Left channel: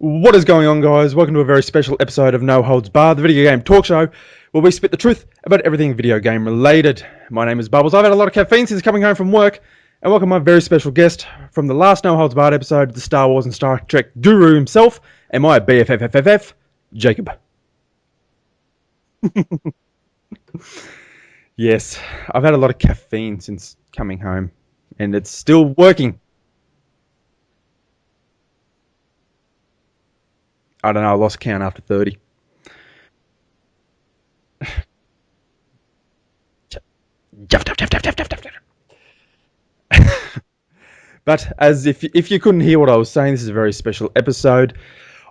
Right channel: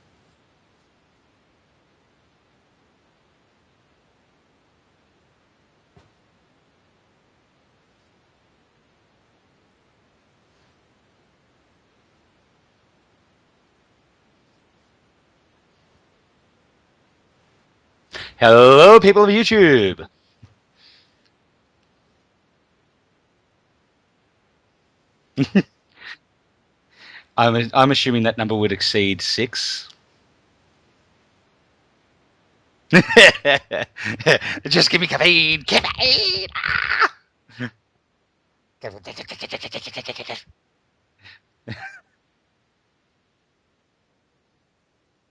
What is going on, guys? Welcome to a very special episode of No Holds Barred, the video game talk show, where we spit the truth about everything video game related. My name is Bubbles. I've had a lot of caffeine since coming home from work, and welcome my very special guest from the last No Holds Barred episode, the Star Wars and Star Trek guru himself, and my BFFFFF, Jacob. Hello, people of YouTube. Yes, I've had a lot of caffeine since coming home, and it's still working. I'm assuming that number would exceed 6. I don't know, I lost count after 30. Just give me caffeine. Caffeine. But as if you couldn't hear what I was saying, this is a very special episode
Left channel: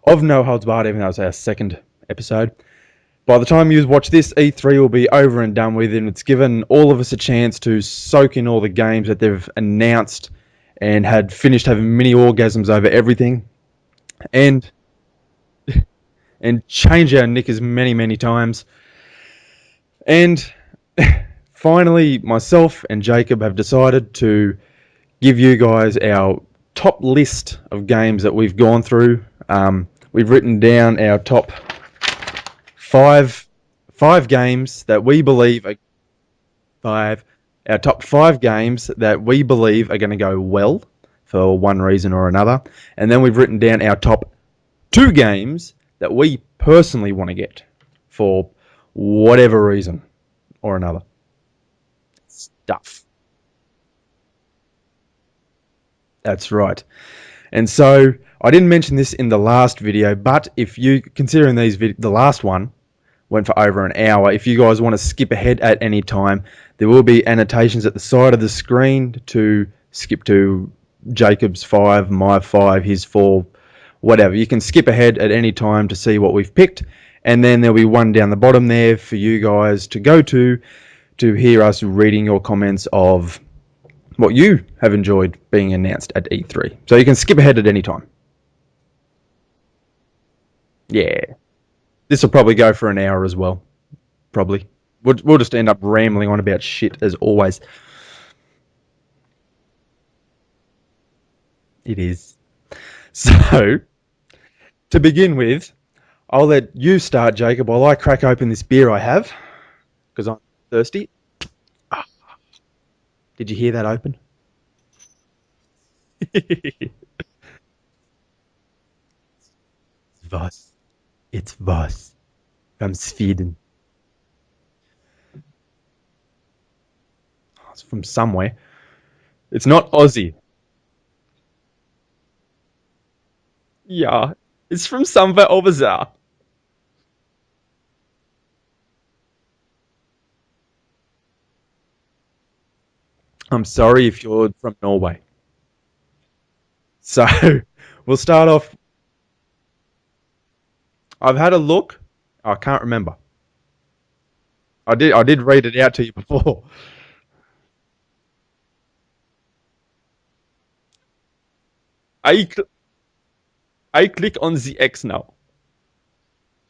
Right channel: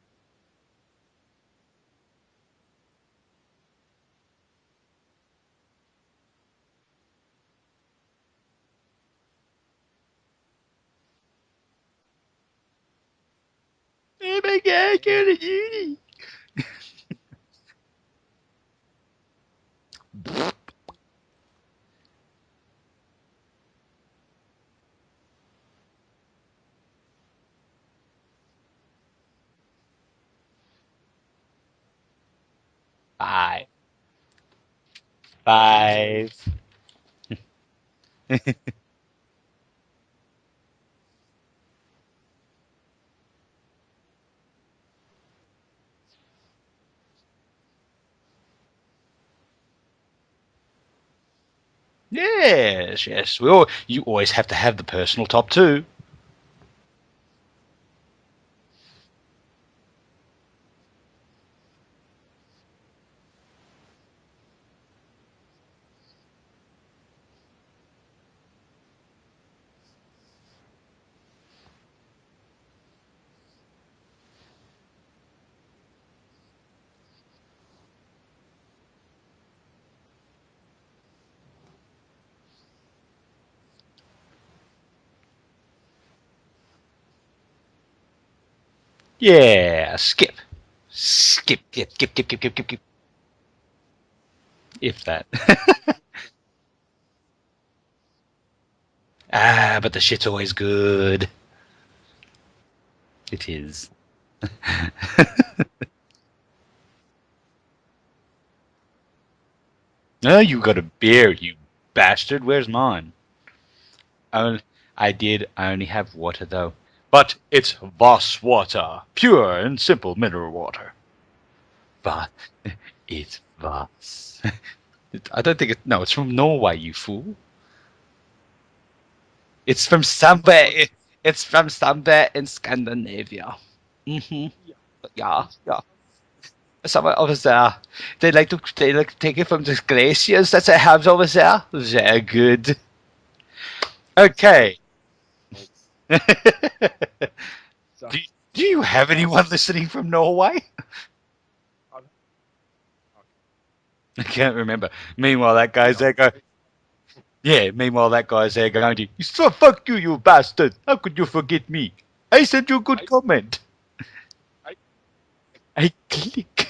of No Holds Barred, even though it's our second episode. By the time you watch this, E3 will be over and done with, and it's given all of us a chance to soak in all the games that they've announced and had finished having mini orgasms over everything. And change our knickers many, many times. And finally, myself and Jacob have decided to give you guys our top list of games that we've gone through. We've written down our top five games that we believe... Our top 5 games that we believe are going to go well for one reason or another. And then we've written down our top 2 games that we personally want to get for whatever reason or another. Yes. You always have to have the personal top 2. That's right. And so I didn't mention this in the last video, but if you, considering the last one went for over an hour, if you guys want to skip ahead at any time, there will be annotations at the side of the screen to skip to Jacob's 5, my 5, his 4, whatever. You can skip ahead at any time to see what we've picked, and then there'll be one down the bottom there for you guys to go to hear us reading your comments of what you have enjoyed being announced at E3. So you can skip ahead at any time. Yeah, skip. Yeah. Skip. This will probably go for an hour as well. Probably. We'll just end up rambling on about shit as always. But the shit's always good. It is. So, to begin with, I'll let you start, Jacob, while I crack open this beer I have. No, you got thirsty. A beer, you bastard. Where's mine? Did you hear that open? I did. I only have water, though. But it's Voss water. Pure and simple mineral water. It's Voss. From Sweden. Voss. I don't think No, it's from Norway, you fool. It's from somewhere. It's not from Aussie. Somewhere. It's from somewhere in Scandinavia. Yeah. Mm-hmm. It's from somewhere over there. Somewhere over there. They like to take it from the glaciers that they have over there. Very good. I'm sorry if you're from Norway. So, we'll start off. Do you have anyone listening from Norway? I've had a look. I can't remember. I can't remember. I did read it out to you before. Yeah, meanwhile that guy's there going to, so fuck you, you bastard. How could you forget me? I sent you a good comment. I click on the X now. I click.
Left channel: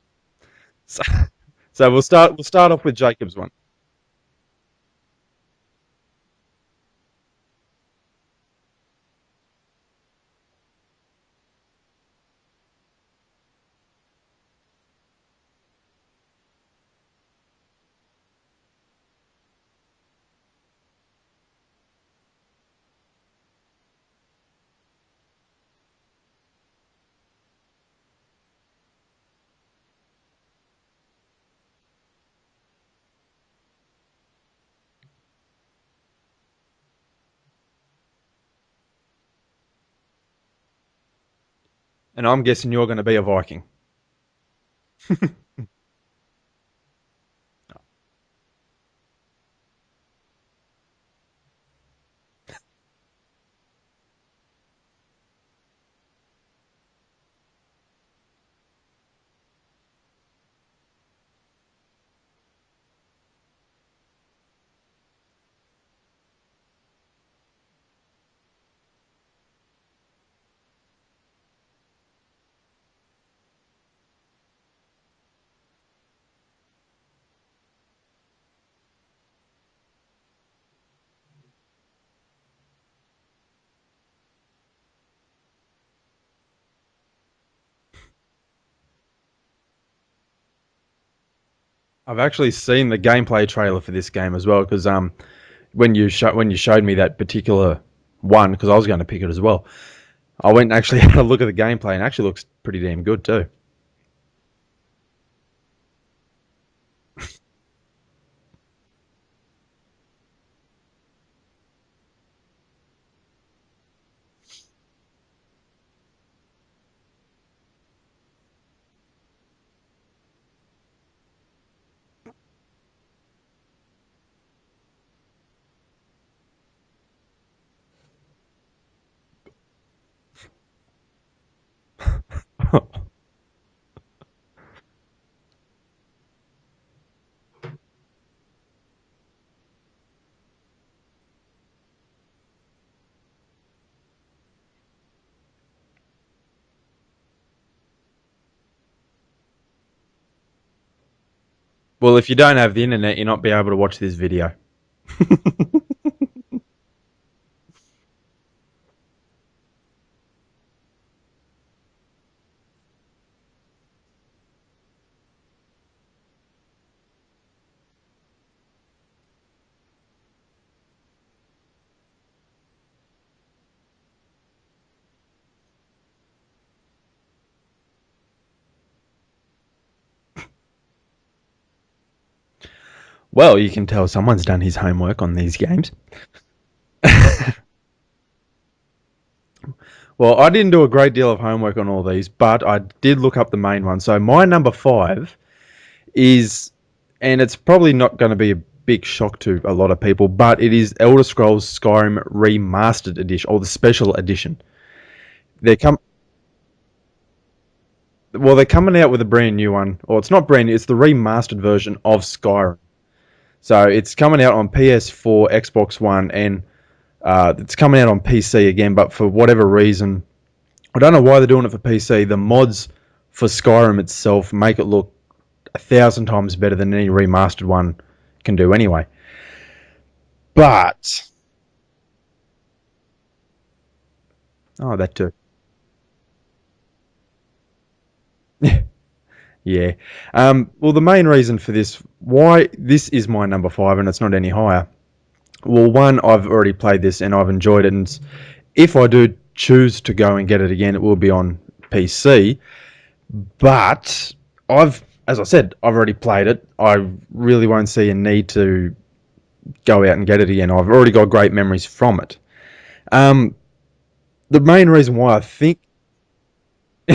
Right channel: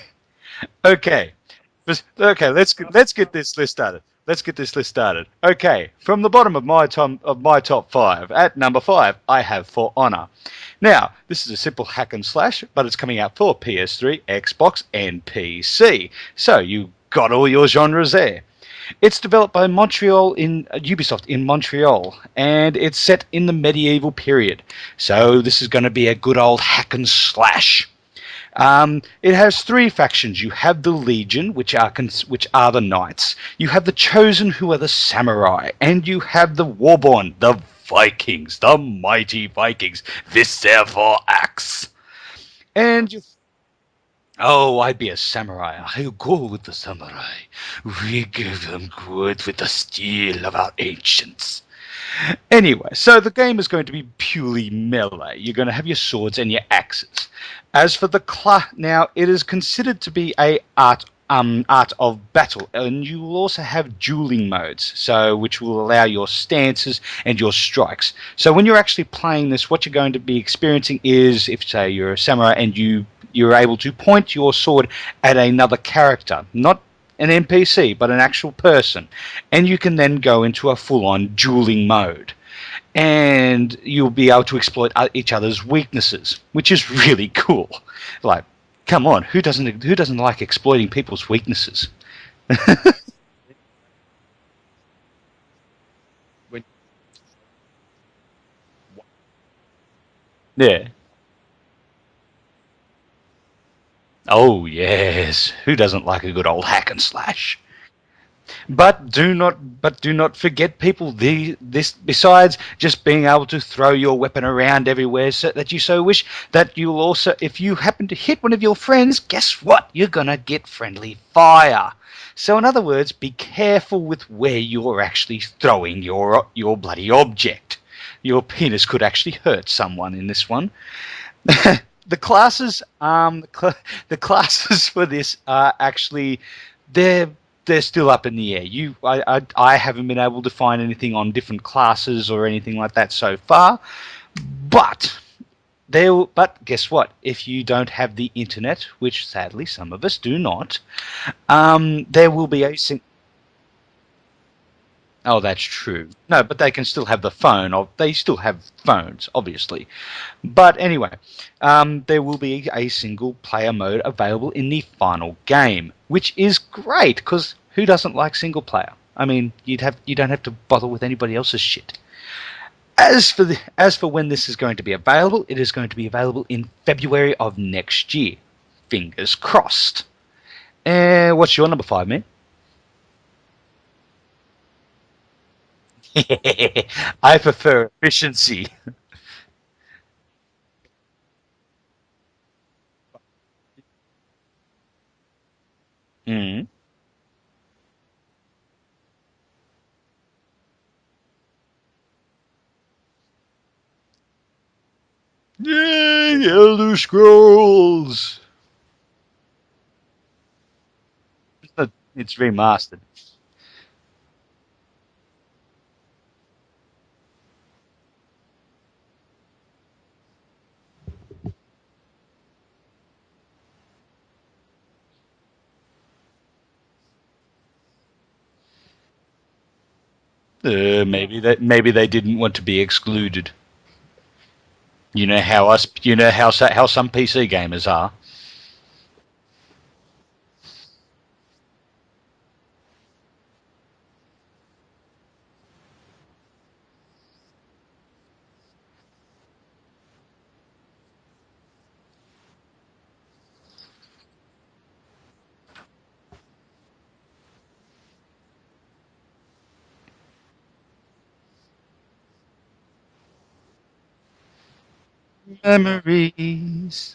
Okay. So we'll start off with let's get this list started. Okay, from the bottom of my top 5, at number 5, I have For Honor. Now, this is a simple hack and slash, but it's coming out for PS3, Xbox, and PC. So you got all your genres there. It's developed by Ubisoft in Montreal, and it's set in the medieval period. So this is going to be a good old hack and slash. It has 3 factions. You have the Legion, which are the knights. You have the Chosen, who are the samurai, and you have the Warborn, the Vikings, the mighty Vikings. This therefore axe. And I'm guessing you're going to be a Viking. Oh, I'd be a samurai. I'll go with the samurai. We give them good with the steel of our ancients. Anyway, so the game is going to be purely melee. You're going to have your swords and your axes. As for the now, it is considered to be a art of battle, and you will also have dueling modes, which will allow your stances and your strikes. So when you're actually playing this, what you're going to be experiencing is, if say you're a samurai and you're able to point your sword at another character, not an NPC, but an actual person, and you can then go into a full-on dueling mode. and you'll be able to exploit each other's weaknesses, which is really cool. Like, come on, who doesn't like exploiting people's weaknesses? I've actually seen the gameplay trailer for this game as well because when you showed me that particular one, because I was going to pick it as well, I went and Yeah. actually had a look at the gameplay and it actually looks pretty damn good too. Oh yes, who doesn't like a good old hack and slash? But do not forget, people. This besides just being able to throw your weapon around everywhere so that you so wish, that you'll also, if you happen to hit one of your friends, guess what? You're gonna get friendly fire. So in other words, be careful with where you're actually throwing your bloody object. Your penis could actually hurt someone in this one. The classes, the classes for this are actually they're they're still up in the air. I haven't been able to find anything on different classes or anything like that so far. But but guess what? If you don't have the internet, which sadly some of us do not, Well, if there you will don't be have a the internet, you're not be able to watch this video. Oh, that's true. No, but they can still have the phone. Or they still have phones, obviously. But anyway, there will be a single player mode available in the final game, which is great because who doesn't like single player? I mean, you don't have to bother with anybody else's shit. As for when this is going to be available, it is going to be available in February of next year. Fingers crossed. What's your number 5, man? Well, you can tell someone's done his homework on these games. I prefer efficiency. Well, I didn't do a great deal of homework on all these, but I did look up the main one. So my number 5 Mm. is, and it's probably not going to be a big shock to a lot of people, but it is Elder Scrolls Skyrim Remastered Edition, or the Special Edition. Yay, Elder Scrolls! They're coming out with a brand new one, or it's not brand new, it's the remastered version of It's Skyrim. remastered. So it's coming out on PS4, Xbox One, and it's coming out on PC again, but for whatever reason, I don't know why they're doing it for PC. The mods for Skyrim itself make it look 1,000 times better than any remastered one can do anyway. But Maybe they didn't want to be excluded. that You too. know how how some PC gamers are. Yeah. Well, the main reason for this, why this is my number 5 and it's not any higher. Well, one, I've already played this and I've enjoyed it, and if I do choose to go and get it again, it will be on PC. But as I said, I've already played it. I really won't see a need to go out and get it again. I've already got great memories from it. The main reason why I think Memories.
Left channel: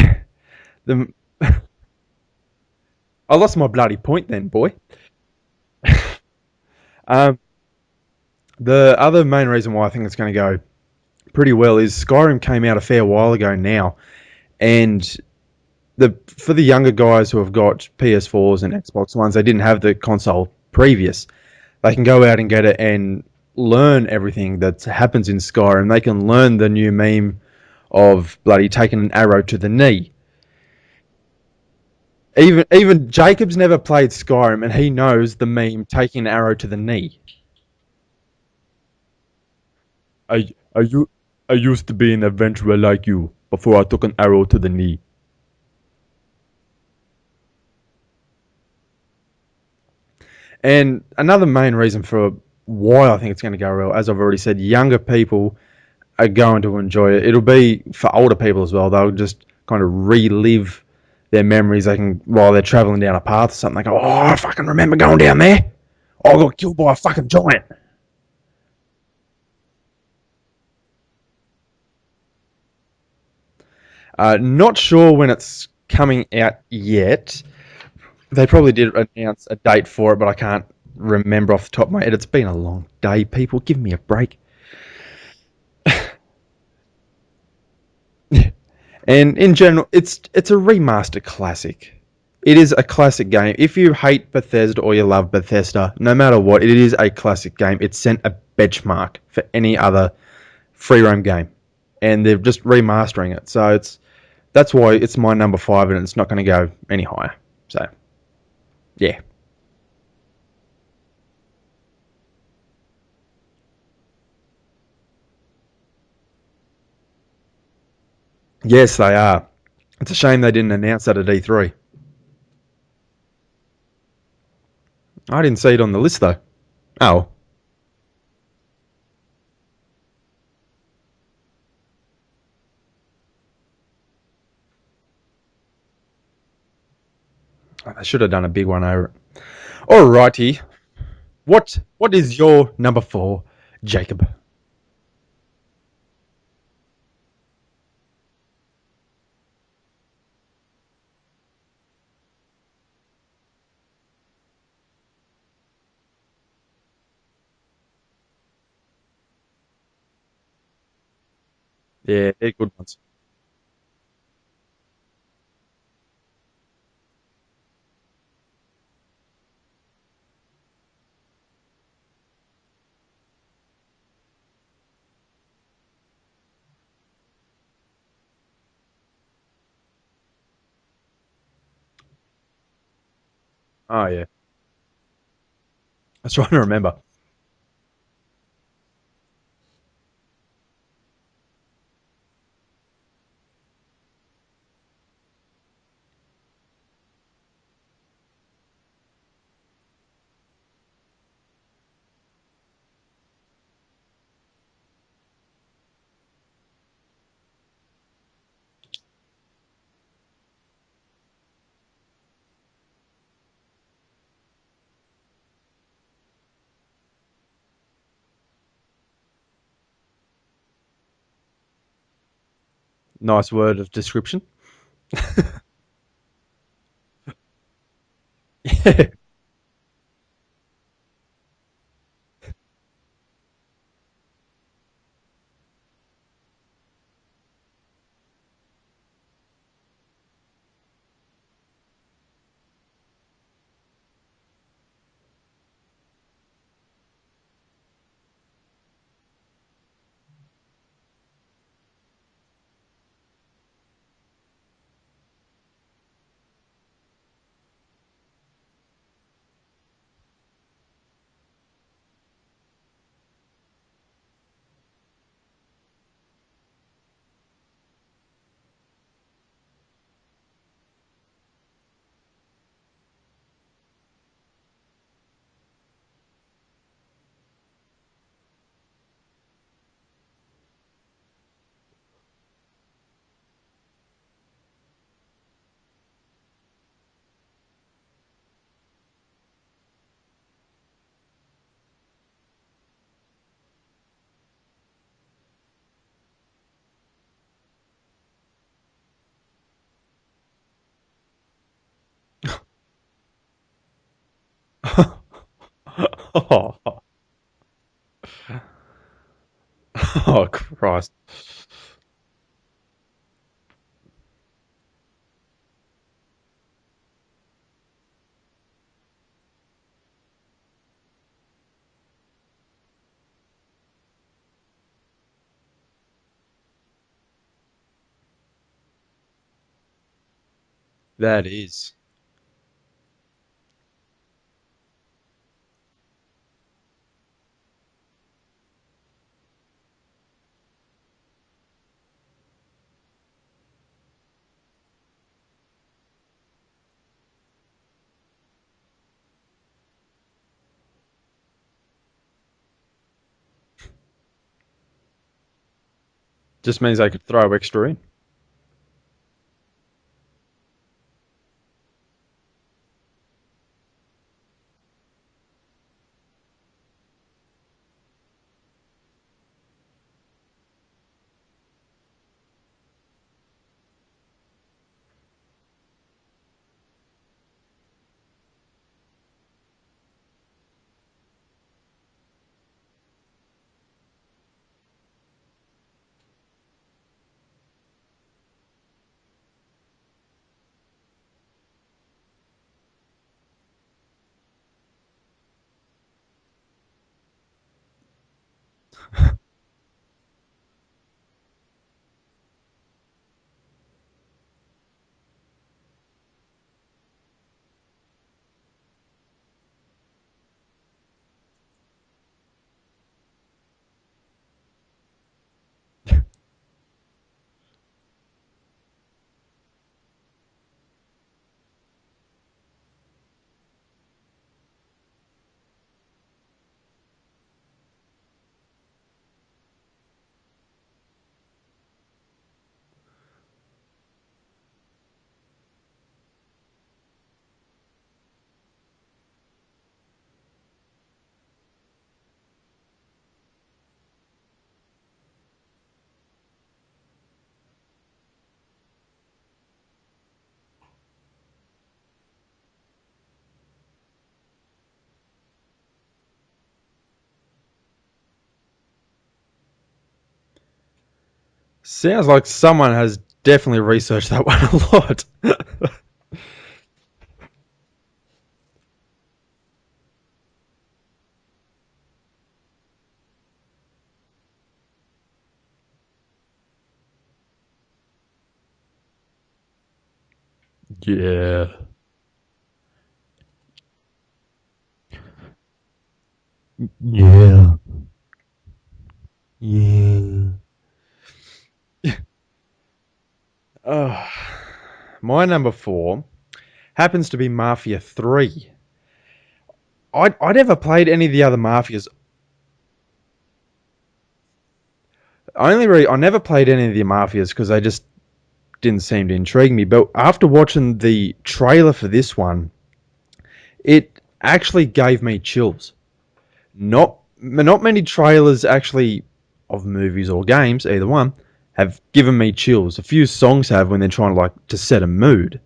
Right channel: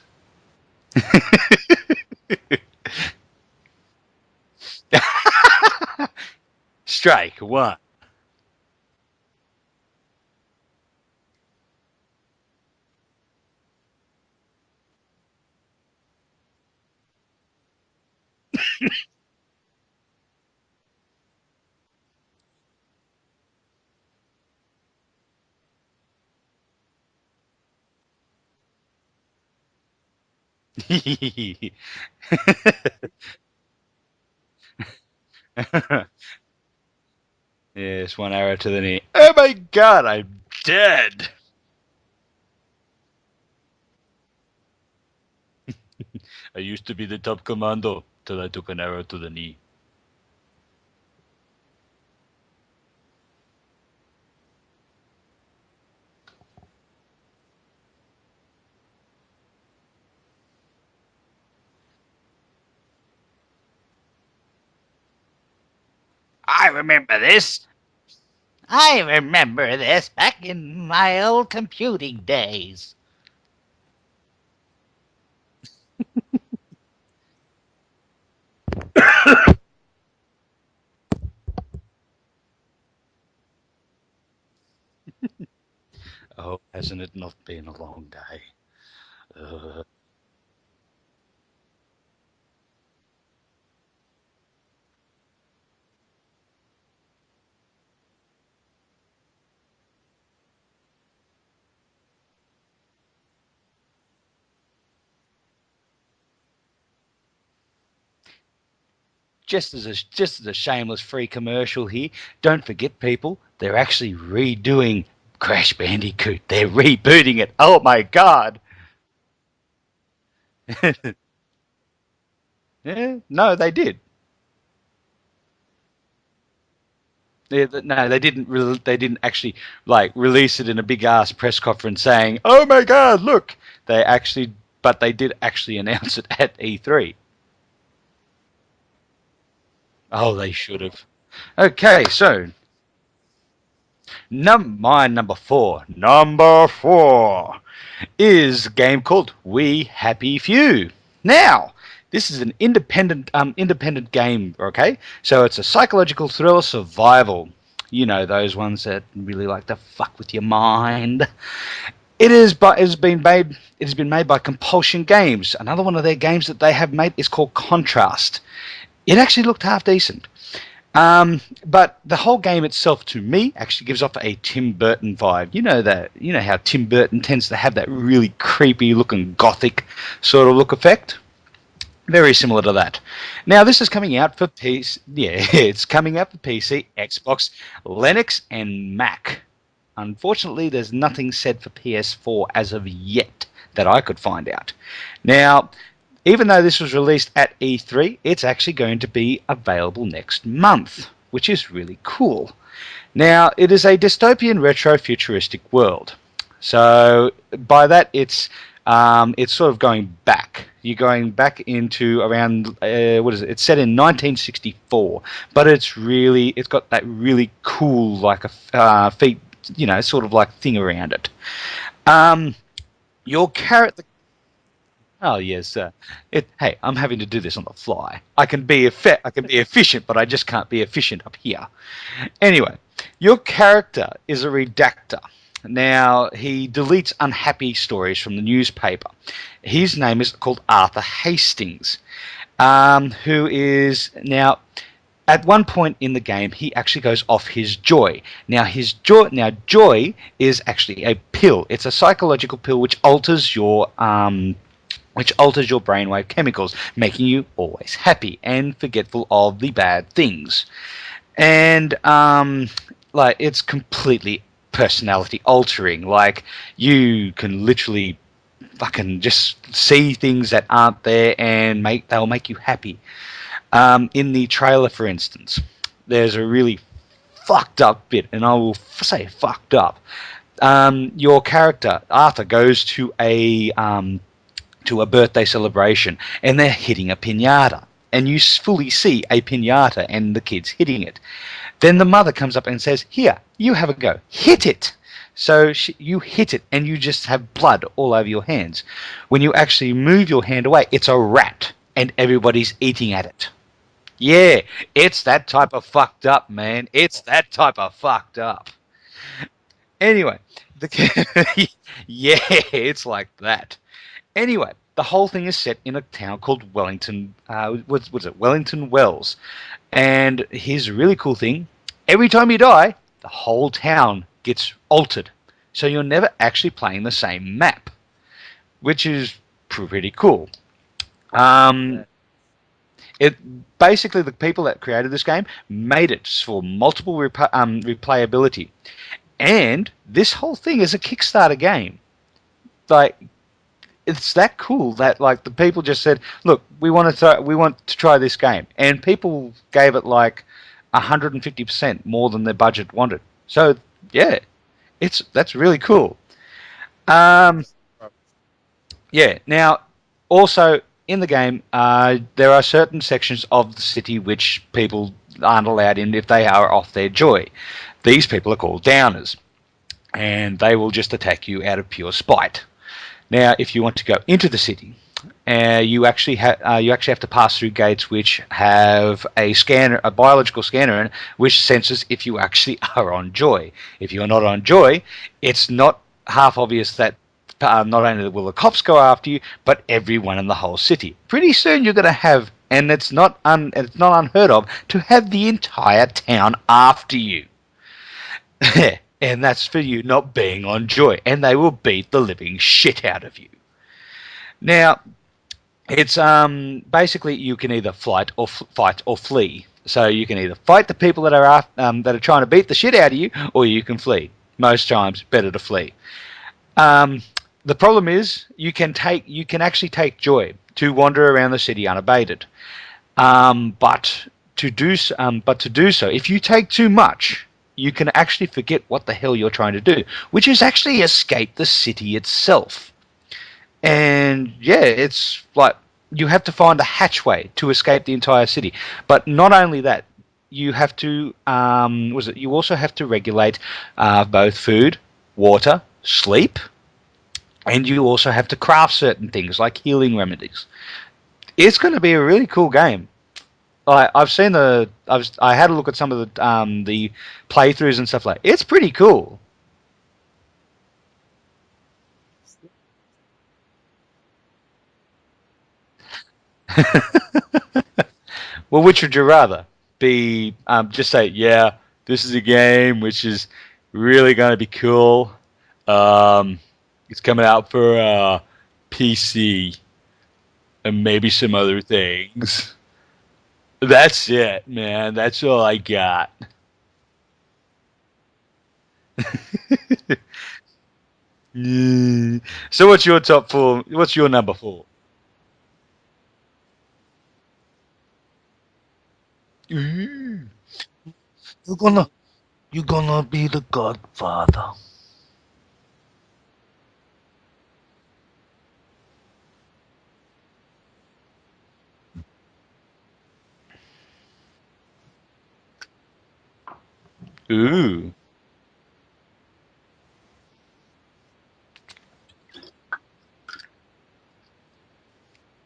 I lost my bloody point then, boy. Strike one. The other main reason why I think it's going to go pretty well is Skyrim came out a fair while ago now, and for the younger guys who have got PS4s and Xbox Ones, they didn't have the console previous. They can go out and get it and learn everything that happens in Skyrim. They can learn the new meme of bloody taking an arrow to the knee. Even Jacob's never played Skyrim, and he knows the meme taking an arrow to the knee. Yes, one arrow to the knee. Oh my god, I'm dead. I used to be an adventurer like you before I took an arrow to the knee. I used to be the top commando till I took an arrow to the knee. And another main reason for why I think it's going to go well, as I've already said, younger people are going to enjoy it. It'll be for older people as well. They'll just kind of relive their memories. They can, while they're traveling down a path or something, they go, "Oh, I fucking remember going down there. I got killed by a fucking giant." I remember this back in my old computing days. Not sure when it's coming out yet. They probably did a date for it, but I can't remember off the top of my head. It's been a long day, people. Give me a break. Oh, hasn't it not been a long day? And in general, it's a remaster classic. It is a classic game. If you hate Bethesda or you love Bethesda, no matter what, it is a classic game. It sent a benchmark for any other free roam game, and they're just remastering it. So that's why it's my number 5, and it's not going to go any higher. So, yeah. Just as a shameless free commercial here, don't forget, people, they're actually redoing Crash Bandicoot. They're rebooting it. Oh my god. Yes, they are. It's a shame they didn't announce that at E3. Yeah, no, they did. I didn't see it on the list though. Oh, No, they didn't. They didn't actually like release it in a big ass press conference saying, "Oh my God, look!" But they did actually announce it at E3. they should have done a big one over it. Oh, they Alrighty. should have. What Okay, what is so your number 4, Jacob? my number four. Number four is a game called We Happy Few. Now, this is an independent game, okay? So it's a psychological thriller survival. You know, those ones that really like to fuck with your mind. Yeah, It has been made by Compulsion Games. Another one of their games that they have made is called Contrast. It actually looked half decent. But the whole game itself, to me, actually gives off a Tim Burton vibe. You know how Tim Burton tends to have that really creepy looking gothic sort of look effect? Very similar to that. Now, this is coming yeah. out for PC. Yeah, it's coming out That's for trying to PC, remember. Xbox, Linux, and Mac. Unfortunately, there's nothing said for PS4 as of yet that I could find out. Now, even though this was released at E3, it's actually going to be available next month, which is really cool. Now, it is a dystopian retro-futuristic world. So by that, it's sort of going back. You're going back into around what is it? It's set in 1964, but it's got that really cool like a feet, sort of like thing around it. Your Nice word of character. description. Oh yes, hey, I'm having to do this on the fly. I can be efficient, but I just can't be efficient up here. Anyway, your character is a redactor. Now, he deletes unhappy stories from the newspaper. His name is called Arthur Hastings, who is now. At one point in the game, he actually goes off his joy. Now, joy is actually a pill. It's a psychological pill which alters your brainwave chemicals, making you always happy and forgetful of the bad things. And like it's completely personality altering. Like you can literally fucking just see things that aren't there and they'll make you happy. In the trailer, for instance, there's a really fucked up bit, and I will say fucked up. Your character Arthur goes to a birthday celebration, and they're hitting a piñata, and you fully see a piñata and the kids hitting it. Then the mother comes up and says, "Here, you have a go. Hit it." So you hit it, and you just have blood all over your hands. When you actually move your hand away, it's a rat, and everybody's eating at it. Yeah, it's that type of fucked up, man. It's that type of fucked up. Anyway. Oh, Christ. Yeah, it's like that. Anyway, the whole thing is set in a town called Wellington. What's it? Wellington Wells. And here's a really cool thing: every time you die, the whole town gets altered, so you're never actually playing the same map, which is pretty cool. That is, It basically the people that created this game made it for multiple replayability, and this whole thing is a Kickstarter game. Like, it's that cool that like the people just said, "Look, we want to try this game," and people gave it like 150% more than their budget wanted. So yeah, that's really cool. just means they can throw Um, extra in. yeah. Now, also in the game, there are certain sections of the city which people aren't allowed in if they are off their joy. These people are called downers, and they will just attack you out of pure spite. Now, if you want to go into the city, you actually have to pass through gates which have a scanner, a biological scanner, in, which senses if you actually are on joy. If you're not on joy, it's not half obvious that not only will the cops go after you, but everyone in the whole city. Pretty soon you're going to have, and it's not unheard of, to have the entire town after you. And that's for you not being on joy, and they will beat the living shit out of you. Now, it's basically you can either fight or flee. So you can either fight the people that are trying to beat the shit out of you, or you can flee. Most times, better to flee. Um, the problem is you can actually take joy to wander around the city unabated. But to do so, if you take too much, you can actually forget what the hell you're trying to do, which is actually escape the city itself. And yeah, it's like you have to find a hatchway to escape the entire city. But not only that, you have to you also have to regulate both food, water, sleep, and you also have to craft certain things like healing remedies. It's going to be a really cool game. I've seen I had a look at some of the playthroughs and stuff like. It's pretty cool. Sounds like someone has definitely researched that one a lot. Well, which would you rather be? Just say, yeah, this is a game which is really going to be cool. It's coming out for PC and maybe some Yeah. other things. That's it, man. That's all I got. Yeah. Yeah. Yeah. So, what's your top four? What's Oh, your number four? my number 4 happens to be Mafia 3. I never played any of the other You're gonna, Mafias. you're gonna be the Godfather. I never played any of the Mafias because they just didn't seem to intrigue me. But after watching the trailer for this one, it actually gave me chills. Not many Ooh. trailers actually of movies or games, either one, have given me chills. A few songs have when they're trying to set a mood,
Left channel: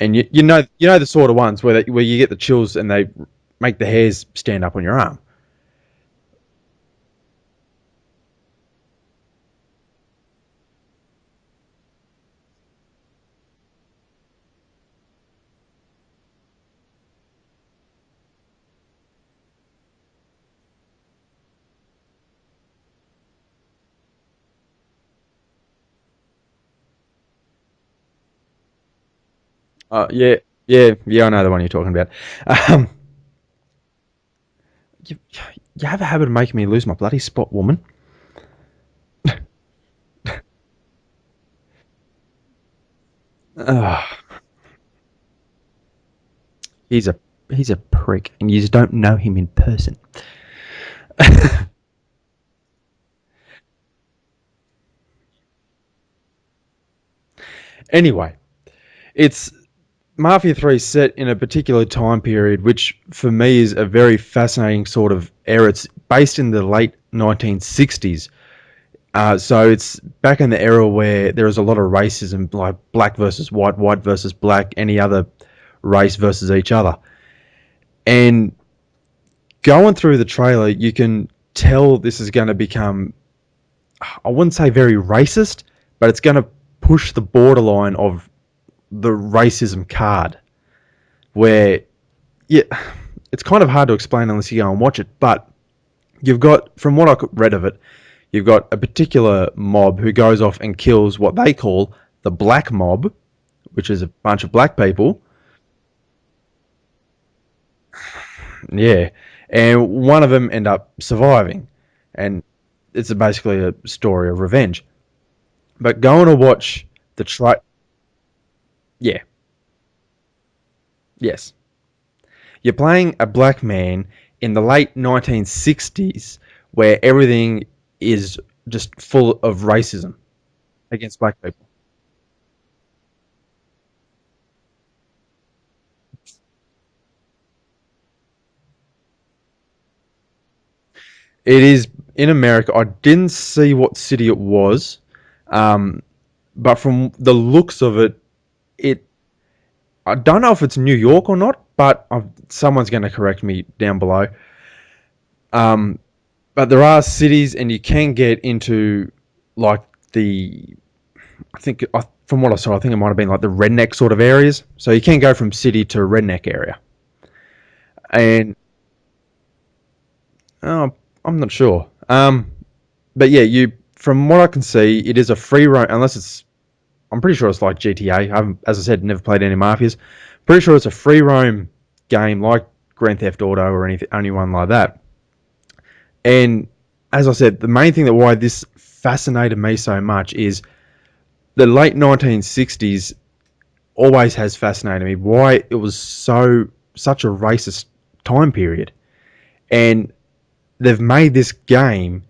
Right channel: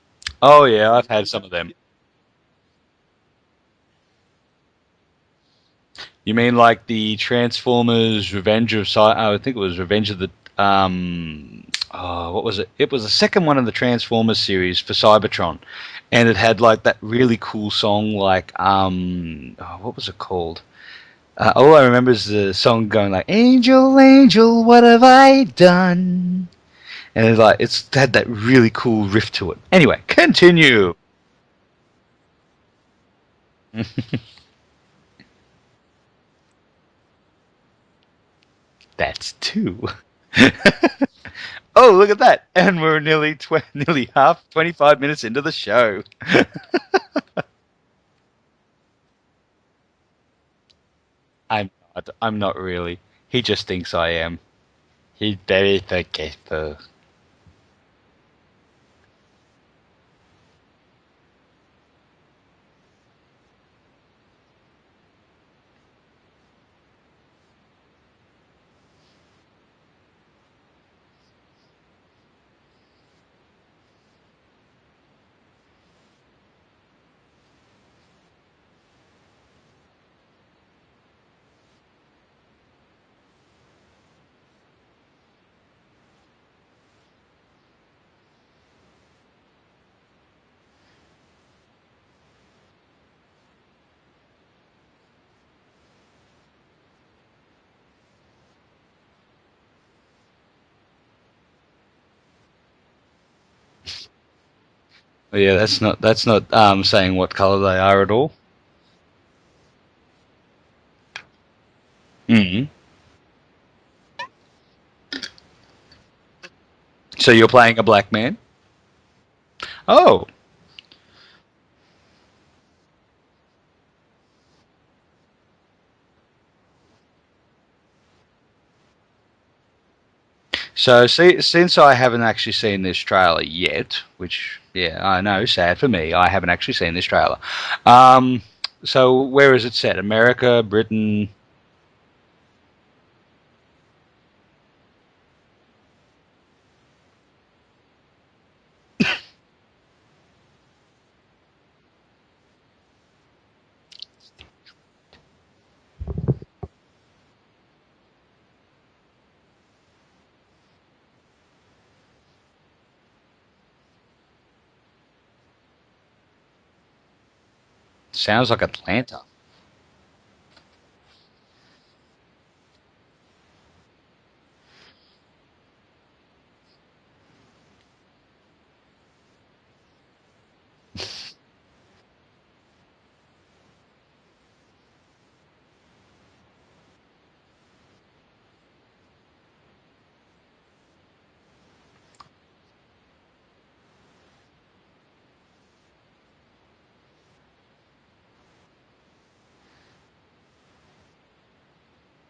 and Oh you yeah, know the I've had sort of some of ones them. where you get the chills and they make the hairs stand up on your arm. You mean like the Transformers Revenge of I think it was Revenge of the what was it? It was the second one in the Transformers series for Cybertron, and it had like that really cool song like what was it called? All I remember is the song going like "Angel, Angel, what have I done?" And it's had that really cool riff to it. Anyway, Yeah, yeah, continue. yeah. I know the one you're talking about. Um, you, you have a habit of making me lose my bloody spot, woman. That's two. Oh, look at that! And we're nearly Ah, half 25 minutes into the show. he's a he's a prick, and you just don't know him in person. I'm not really. He just thinks I am. He's very forgetful. Anyway, it's Mafia 3 set in a particular time period, which for me is a very fascinating sort of era. It's based in the late 1960s. So it's back in the era where there was a lot of racism, like black versus white versus black, any other race versus each other. And going through the trailer, you can tell this is going to become, I wouldn't say very racist, but it's going to push the borderline of the racism card, where yeah, it's kind of hard to explain unless you go and watch it. But you've got, from what I read of it, you've got a particular mob who goes off and kills what they call the black mob, which is a bunch of black people. Yeah, that's not saying what color they are at all. Yeah, and one of them end up surviving, and Mm. it's basically a story of revenge. But going to watch the So you're tra- playing a black man? yeah, Oh, yes, you're playing a black man in the late 1960s, where everything is just full of racism so against black see, people. since I haven't actually seen this trailer yet, which yeah, I know, sad for me, I haven't actually seen this trailer. Um, so where is it set? America, Britain? It is in America. I didn't see what city it was, um, but from the looks of it, it I don't know if it's New York or not, but someone's going to correct me down below. Um, but there are cities, and you can get into like the I think from what I saw, I think it might have been like the redneck sort of areas. So you can go from city to redneck area, Sounds and like Atlanta. oh, I'm not sure. But yeah, you from what I can see, it is a free roam unless it's. I'm pretty sure it's like GTA. I haven't, as I said, never played any mafias. Pretty sure it's a free roam game like Grand Theft Auto or anyone like that. And as I said, the main thing that why this fascinated me so much is the late 1960s always has fascinated me. Why it was such a racist time period, and they've made this game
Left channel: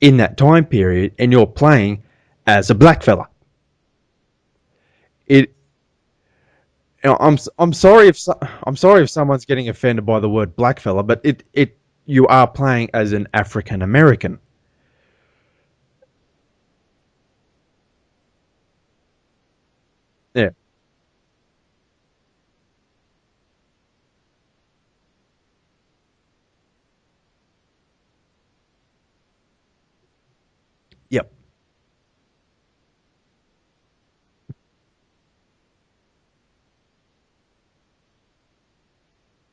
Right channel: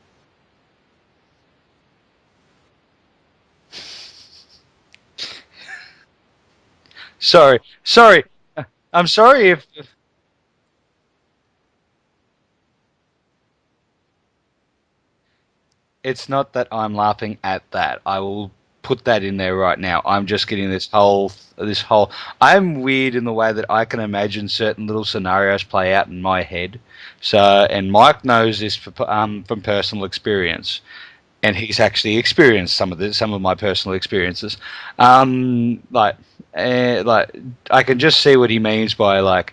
in that time period, and you're playing as a black fella. It. Sorry, I'm sorry. sorry, It's, I'm sorry I'm if someone's sorry if getting offended by the word black fella, but you are playing as an African American. it's not that I'm laughing at that. I will put that in there right now. I'm just Yeah. getting this whole. I'm weird in the way that I can imagine certain little scenarios play out in my head. So, and Mike knows this from personal experience, Yep. and he's actually experienced some of my personal experiences. Like, like I can just see what he means by like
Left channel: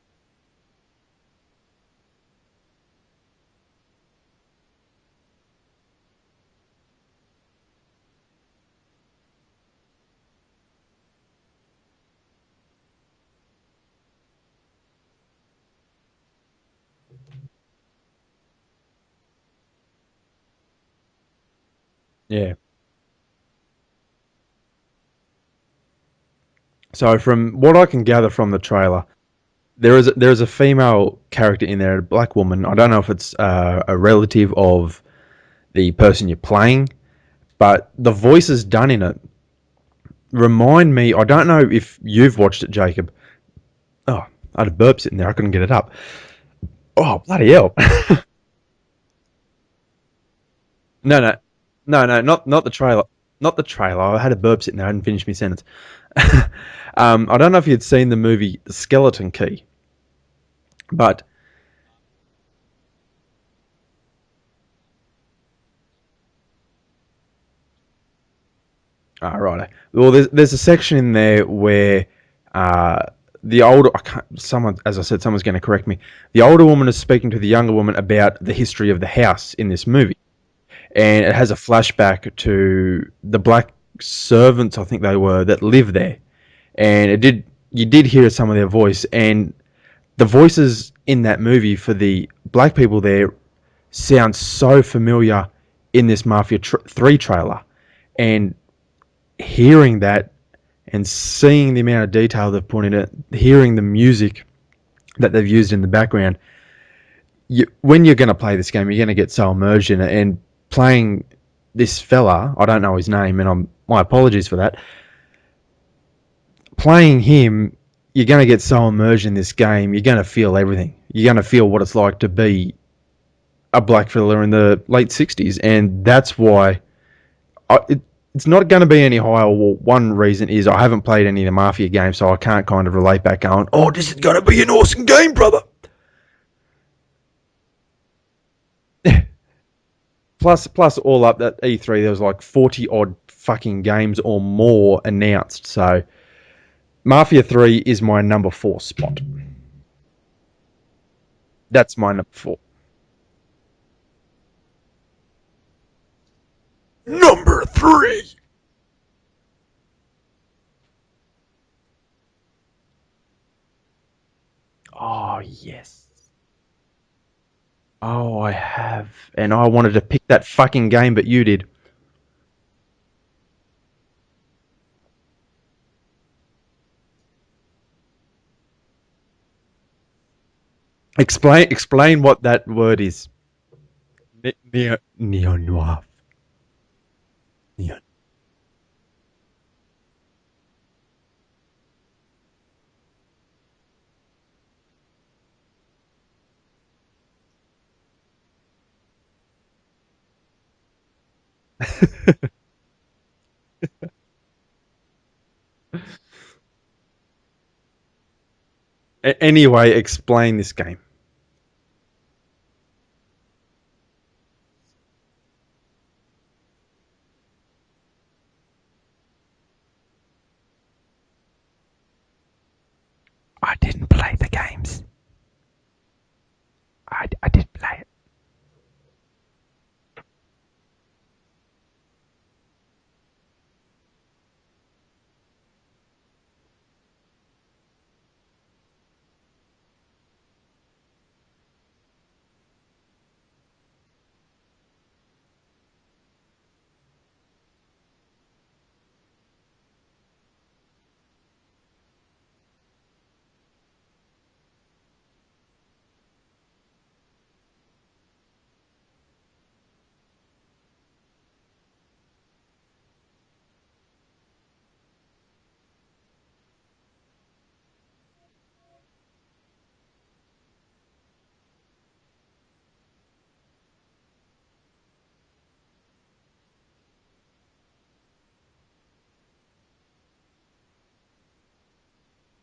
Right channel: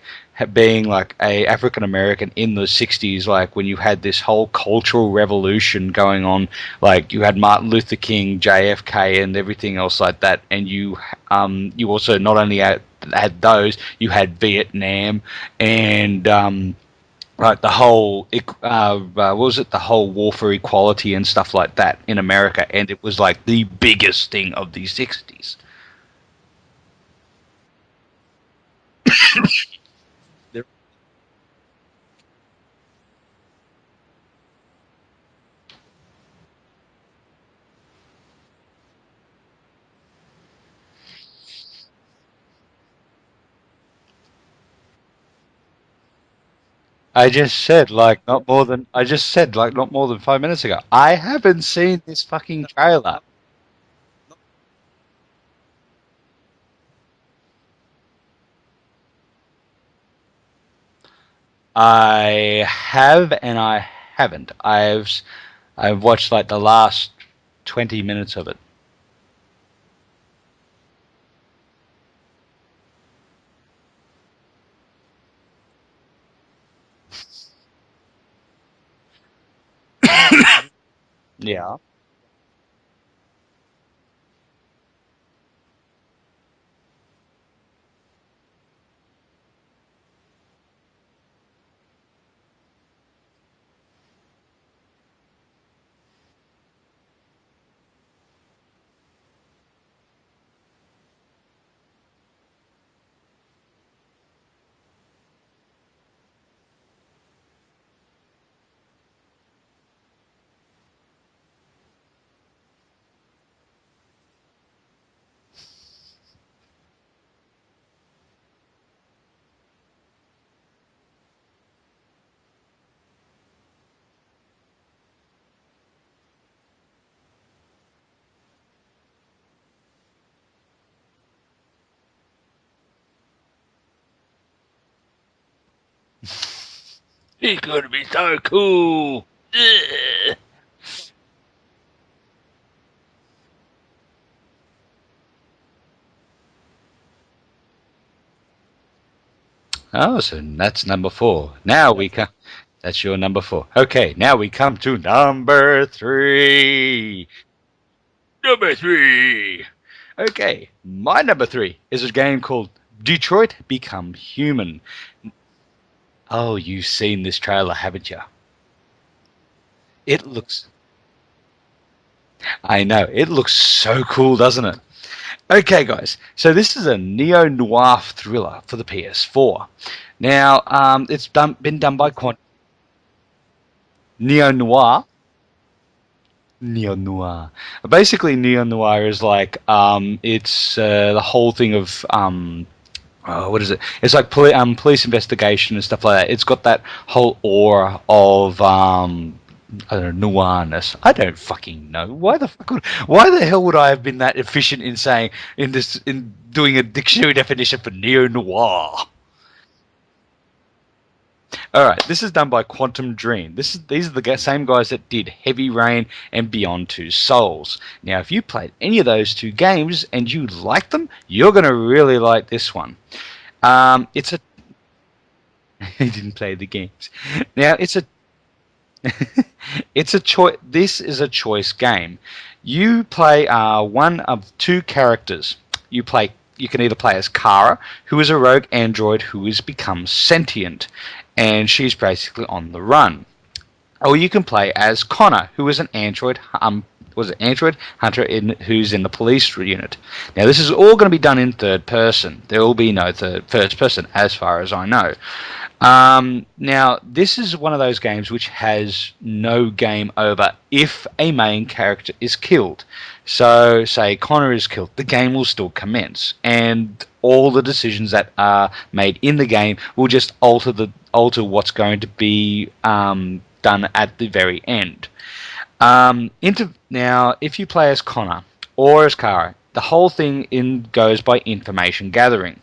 being like a African American in the 60s, like when you had this whole cultural revolution going on, like you had Martin Luther King, JFK, and everything else like that, and you also not only had those, you had Vietnam and right, the whole what was it? The whole war for equality and stuff like that in Yeah. America, and it was like the biggest thing of the 60s. So from what I can gather from the trailer, there is a female character in there, a black woman. I don't know if it's a relative of the person you're playing, but the voices done in it remind me. I don't know if you've watched it, Jacob. Oh, I had a burp sitting there. I couldn't get it up. Oh, bloody hell. I just said like not more than 5 minutes ago. I No, no, haven't seen no, no, this not fucking the trailer. trailer. Not the trailer. I had a burp sitting there. I hadn't finished my sentence. I don't know if you'd seen the movie Skeleton Key, but I have and I haven't. I've watched like the last 20 minutes of it. right. Well, there's a section in there where uh, the older someone, as I said, someone's going to correct me. The older woman is speaking to the younger woman about the history of the house in this movie, and it has a Yeah. flashback to the black servants, I think they were, that lived there, and you did hear some of their voice, and the voices in that movie for the black people there sound so familiar in this Mafia 3 trailer, and hearing that and seeing the amount of detail they've put in it, hearing the music that they've used in the background, when you're going to play this game, you're going to get so immersed in it. And playing this fella, I don't know his name, and my apologies for that. Playing him, you're going to get so immersed in this game, you're going to feel everything. You're going to feel what it's like to be a black fella in the late 60s, and that's why it's not going to be any higher. Well, one reason is I haven't played any of the Mafia games, so I can't kind of relate back going, oh, this is going to be an awesome game, brother. It's gonna be so cool. Plus, all up at E3, there was like 40 odd fucking games or more announced. So, Mafia 3 is my number 4 spot. Oh, so that's number 4. That's my number 4. That's your number 4. Okay, now we come to number 3. Number 3. Number 3. Okay, my number 3 is a game called Detroit Become Human. Oh, yes. Oh, you've seen this trailer, haven't you? Oh, I have. And I wanted to pick that fucking game, but you did. I know. It looks so cool, doesn't it? Okay, guys. So this is a neo-noir thriller for the PS4. Now, it's explain what that word is. Neo-noir. Neo-noir. Neo-noir. Yeah. Basically, neo-noir is like it's the whole thing of what is it? It's like police investigation and stuff like that. It's got that whole aura of I don't know, noirness. I don't fucking know. Why the hell would I have been that efficient in saying in doing a dictionary definition for neo-noir? Anyway, explain this game. All right, this is done by Quantum Dream. These are the same guys that did Heavy Rain and Beyond Two Souls. Now, if you played any of those two games and you like them, you're going to really like this one. It's the games. He didn't play the games. Now, it's a choice. This is a choice game. You play one of two characters. You can either play as Kara, who is a rogue android who has become sentient, and she's basically on the run. or you can play as Connor, who is an android was an android hunter who's in the police unit. Now, this is all going to be done in third person. There will be no first person, as far as I know. Now, this is one of those games which has no game over if a main character is killed. So, say Connor is killed, the game will still commence, and all the decisions that are made in the game will just alter what's going to be done at the very end. Now, if you play as Connor or as Kara, the whole thing goes by information gathering.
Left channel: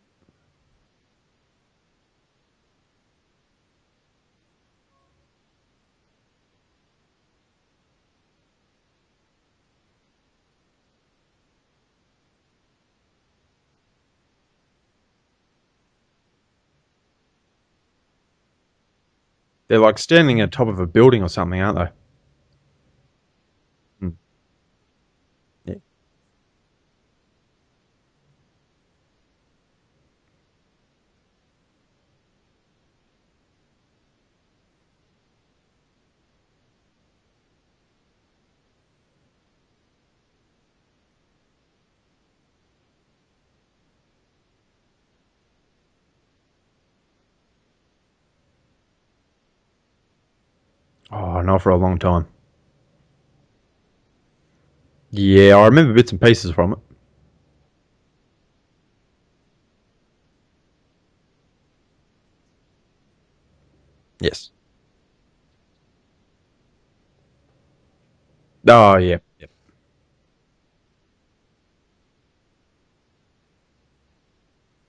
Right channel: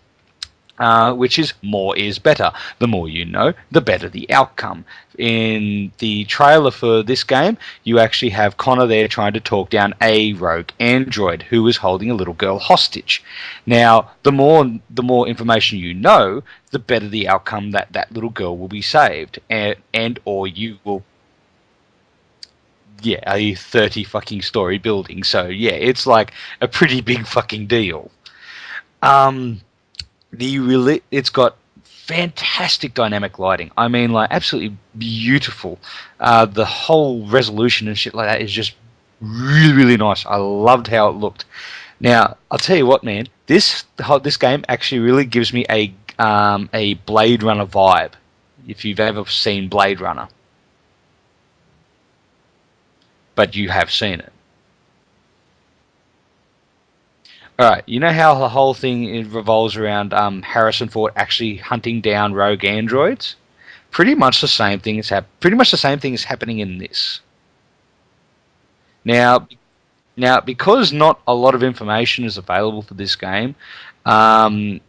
Which is more is better. The more you know, the better the outcome. In the trailer for this game, you actually have Connor there trying to talk down a rogue android who is holding a little girl hostage. Now, the more information you know, the better the outcome that little girl will be saved. They're like And standing or on top you of a will, building or something, aren't they? yeah, a 30 fucking story building. So yeah, it's like a pretty big fucking deal. It's got fantastic dynamic lighting. I mean, like, absolutely beautiful. The whole resolution and shit like that is just really, really nice. I loved how it looked. Now, I'll tell you what, man. This game actually really gives me a Blade Runner vibe. If you've ever seen Blade Runner, Oh, not for a long time. but you have seen it. Yeah, I remember bits and pieces from it. All right, you know how the whole thing revolves around Harrison Ford actually hunting down rogue androids? Pretty Yeah. much the same thing pretty much the same thing is happening in this. Oh, yeah. Now, because not a lot of information is available for this game, um,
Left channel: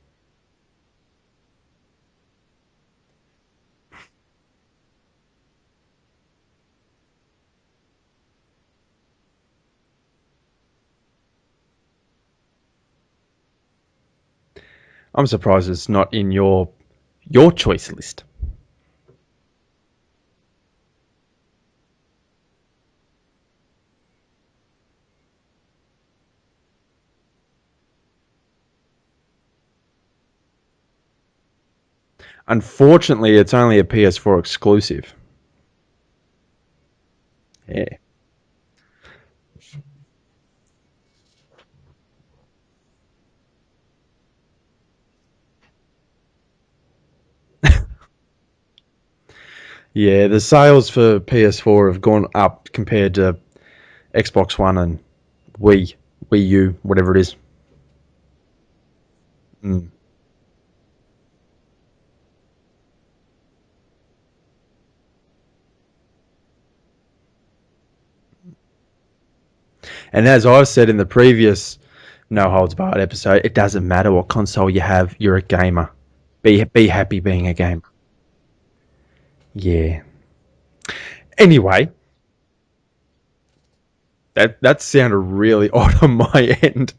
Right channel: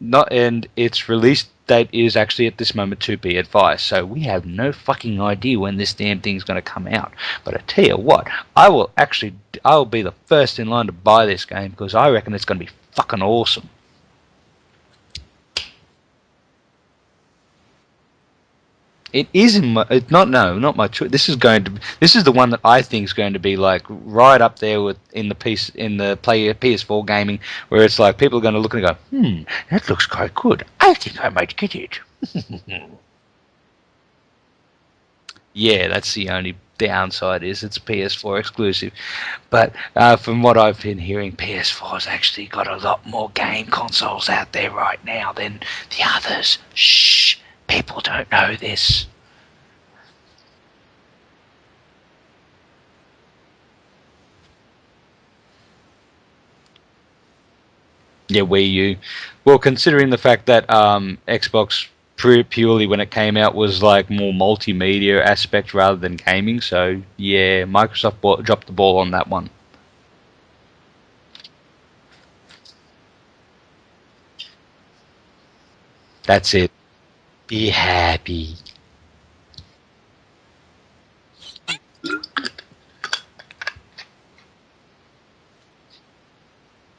not and its release date is actually at this moment to be advised. So we have no fucking idea when this damn thing's going to come out. But I tell you what, I will be the first in line to buy this game because I reckon it's going to be fucking awesome. I'm surprised it's not in your choice list. It is in my, it, not no, not my choice. This is the one that I think is going to be like right up there with in the PS4 gaming, where it's like people are going to look and go, that looks quite good. I think I might get it. Unfortunately, it's only a PS4 exclusive. Yeah, that's the only downside is it's a Yeah. PS4 exclusive. But from what I've been hearing, PS4's actually got a lot more game consoles out there right now than the others. Shh, people don't know this. Yeah, the sales for PS4 have gone up compared to Xbox One and Wii U, whatever it is. Yeah, Wii U. Well, considering the fact that Xbox purely when it came out was like more multimedia aspect rather than gaming, so yeah, Microsoft dropped the ball on that one. And as I've said in the previous No Holds Barred episode, it doesn't matter what console you have, you're a gamer. That's it. Be happy being a Be gamer. happy. Yeah. Anyway, that sounded really odd on my end.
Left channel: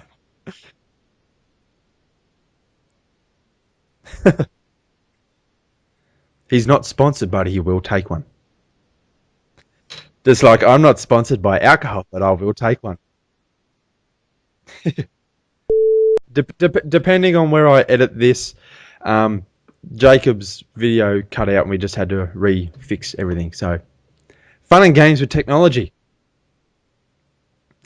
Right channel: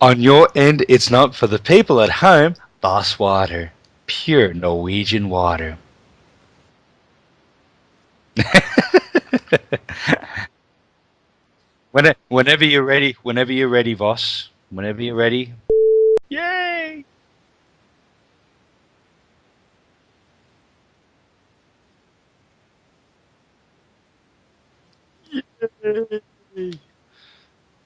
On your end, it's not for the people at home. Boss water. Pure Norwegian water. He's not sponsored, but he will take one. Just like I'm not sponsored by alcohol, but I will Whenever take you're one. ready, whenever you're ready, Voss. Whenever you're ready. Depending on where I edit this, Jacob's video cut out and we just had to refix everything. So, fun and games with technology.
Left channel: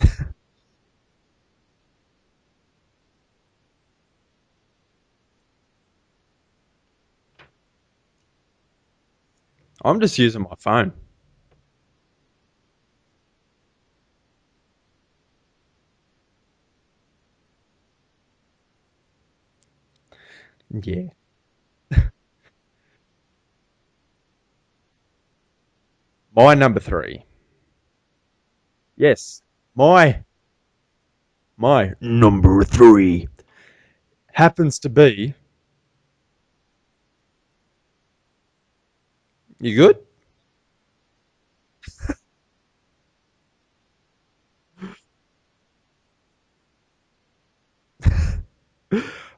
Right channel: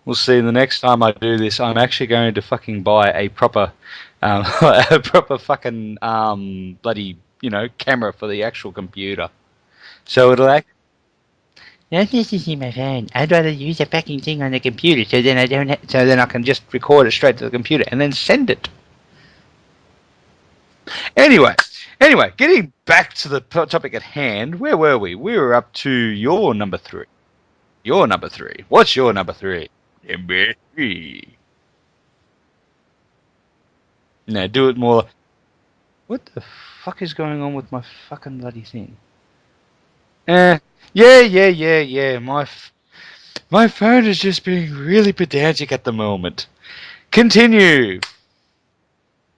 We'll see. The next time I do this, I'm actually going to fucking buy a proper, a proper fucking bloody camera for the actual computer. I'm just So using it'll my act- phone. Not using my phone. I'd rather use a fucking thing on the computer, so then so then I can just record it straight to the computer and then send it. Yeah. Anyway, getting back to the topic at hand, where were we? We were up to your My number three. Your number three. What's your Yes. number three? My Number three. number three Now do happens it more. to be. What the fuck is going on with my fucking bloody thing? You good? Yeah. My phone is just being really pedantic at the moment. Continue.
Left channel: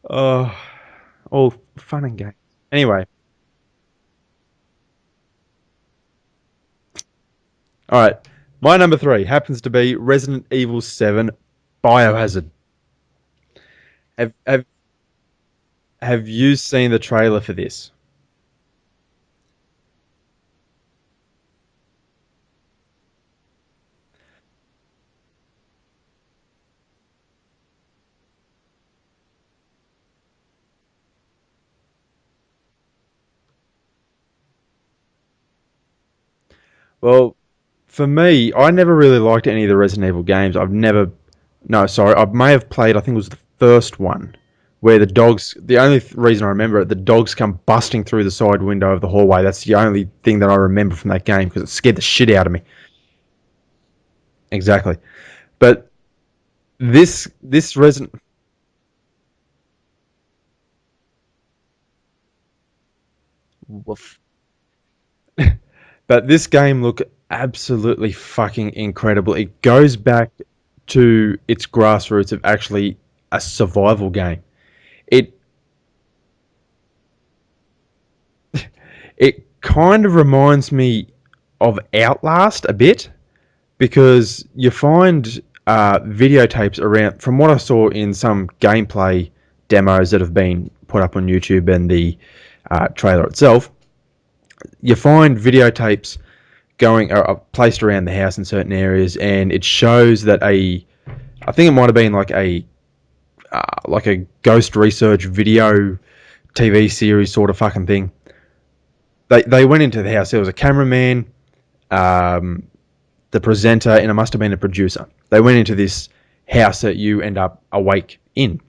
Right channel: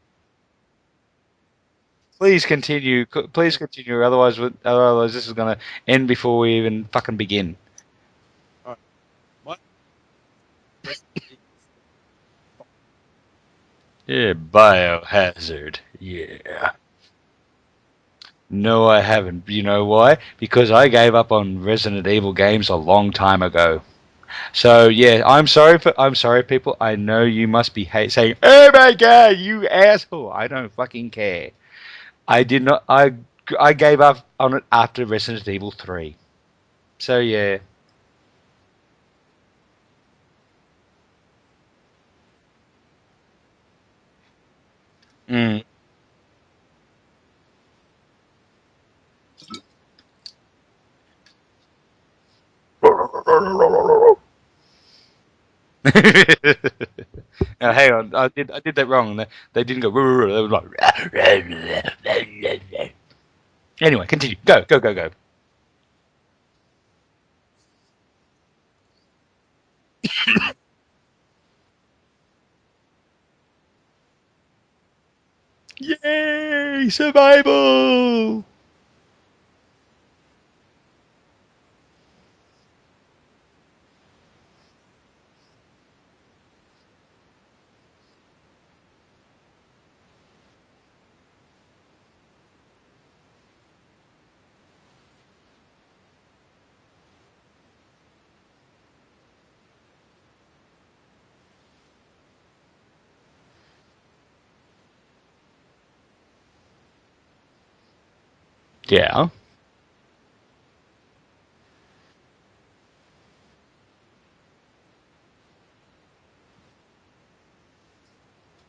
All fun and games. Please continue. Anyway. Please continue. Otherwise this is going to end before we even fucking begin. All right. My number three happens to be Resident Evil 7 Biohazard. Yeah, Biohazard. Have you seen the trailer for this? No, I haven't. You know why? Because I gave up on Resident Evil games a long time ago. So yeah, I'm sorry, people. I know you must be saying, "Oh my god, you asshole!" I don't fucking care. I did not. I gave up on it after Resident Evil 3. So Well, yeah. for me, I never really liked any of the Resident Evil games. I've never. No, sorry. I may have played, I think it was the first one, where the dogs. Mm. The only reason I remember it, the dogs come busting through the side window of the hallway. That's the only thing that I remember from that game because it scared the shit out of me. Exactly. But this Hang on, Resident. I did that wrong. They didn't go. They were like. Anyway, continue. Go. But this game looked absolutely fucking incredible. It goes back to its grassroots of actually a survival game. It Yay! Survival. it kind of reminds me of Outlast a bit because you find videotapes around. From what I saw in some gameplay demos that have been put up on YouTube and the trailer itself, you find videotapes going placed around the house in certain areas, and it shows that I think it might have been like a ghost research video TV series sort of fucking thing. Yeah. They went into the house. There was a cameraman, um, the presenter, and it must have been a producer. They went into this house that you end up awake in,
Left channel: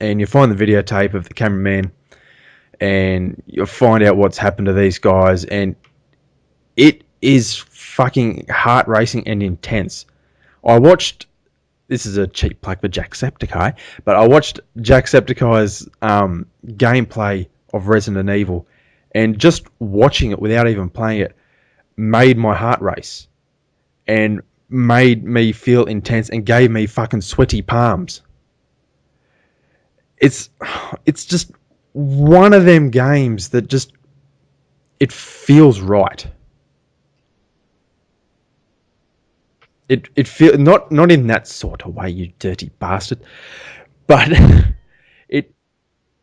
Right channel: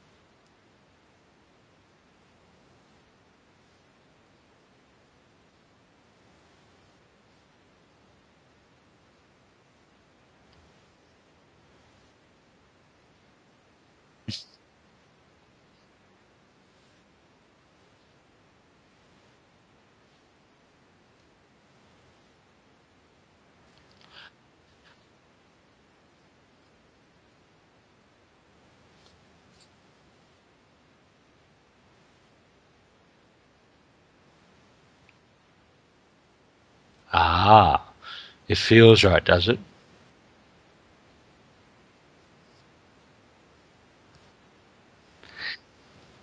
and you find the videotape of the cameraman, and you'll find out what's happened to these guys, and it is fucking heart racing and intense. I watched. This is a cheap plug for Jacksepticeye, but I watched Jacksepticeye's gameplay of Resident Evil, and just watching it without even playing it made my heart race and made me feel intense and gave me fucking sweaty palms. It's it's just one of them games that just it feels right. Ah, it feels right, does it? It feel not in that sort of way, you dirty bastard, but it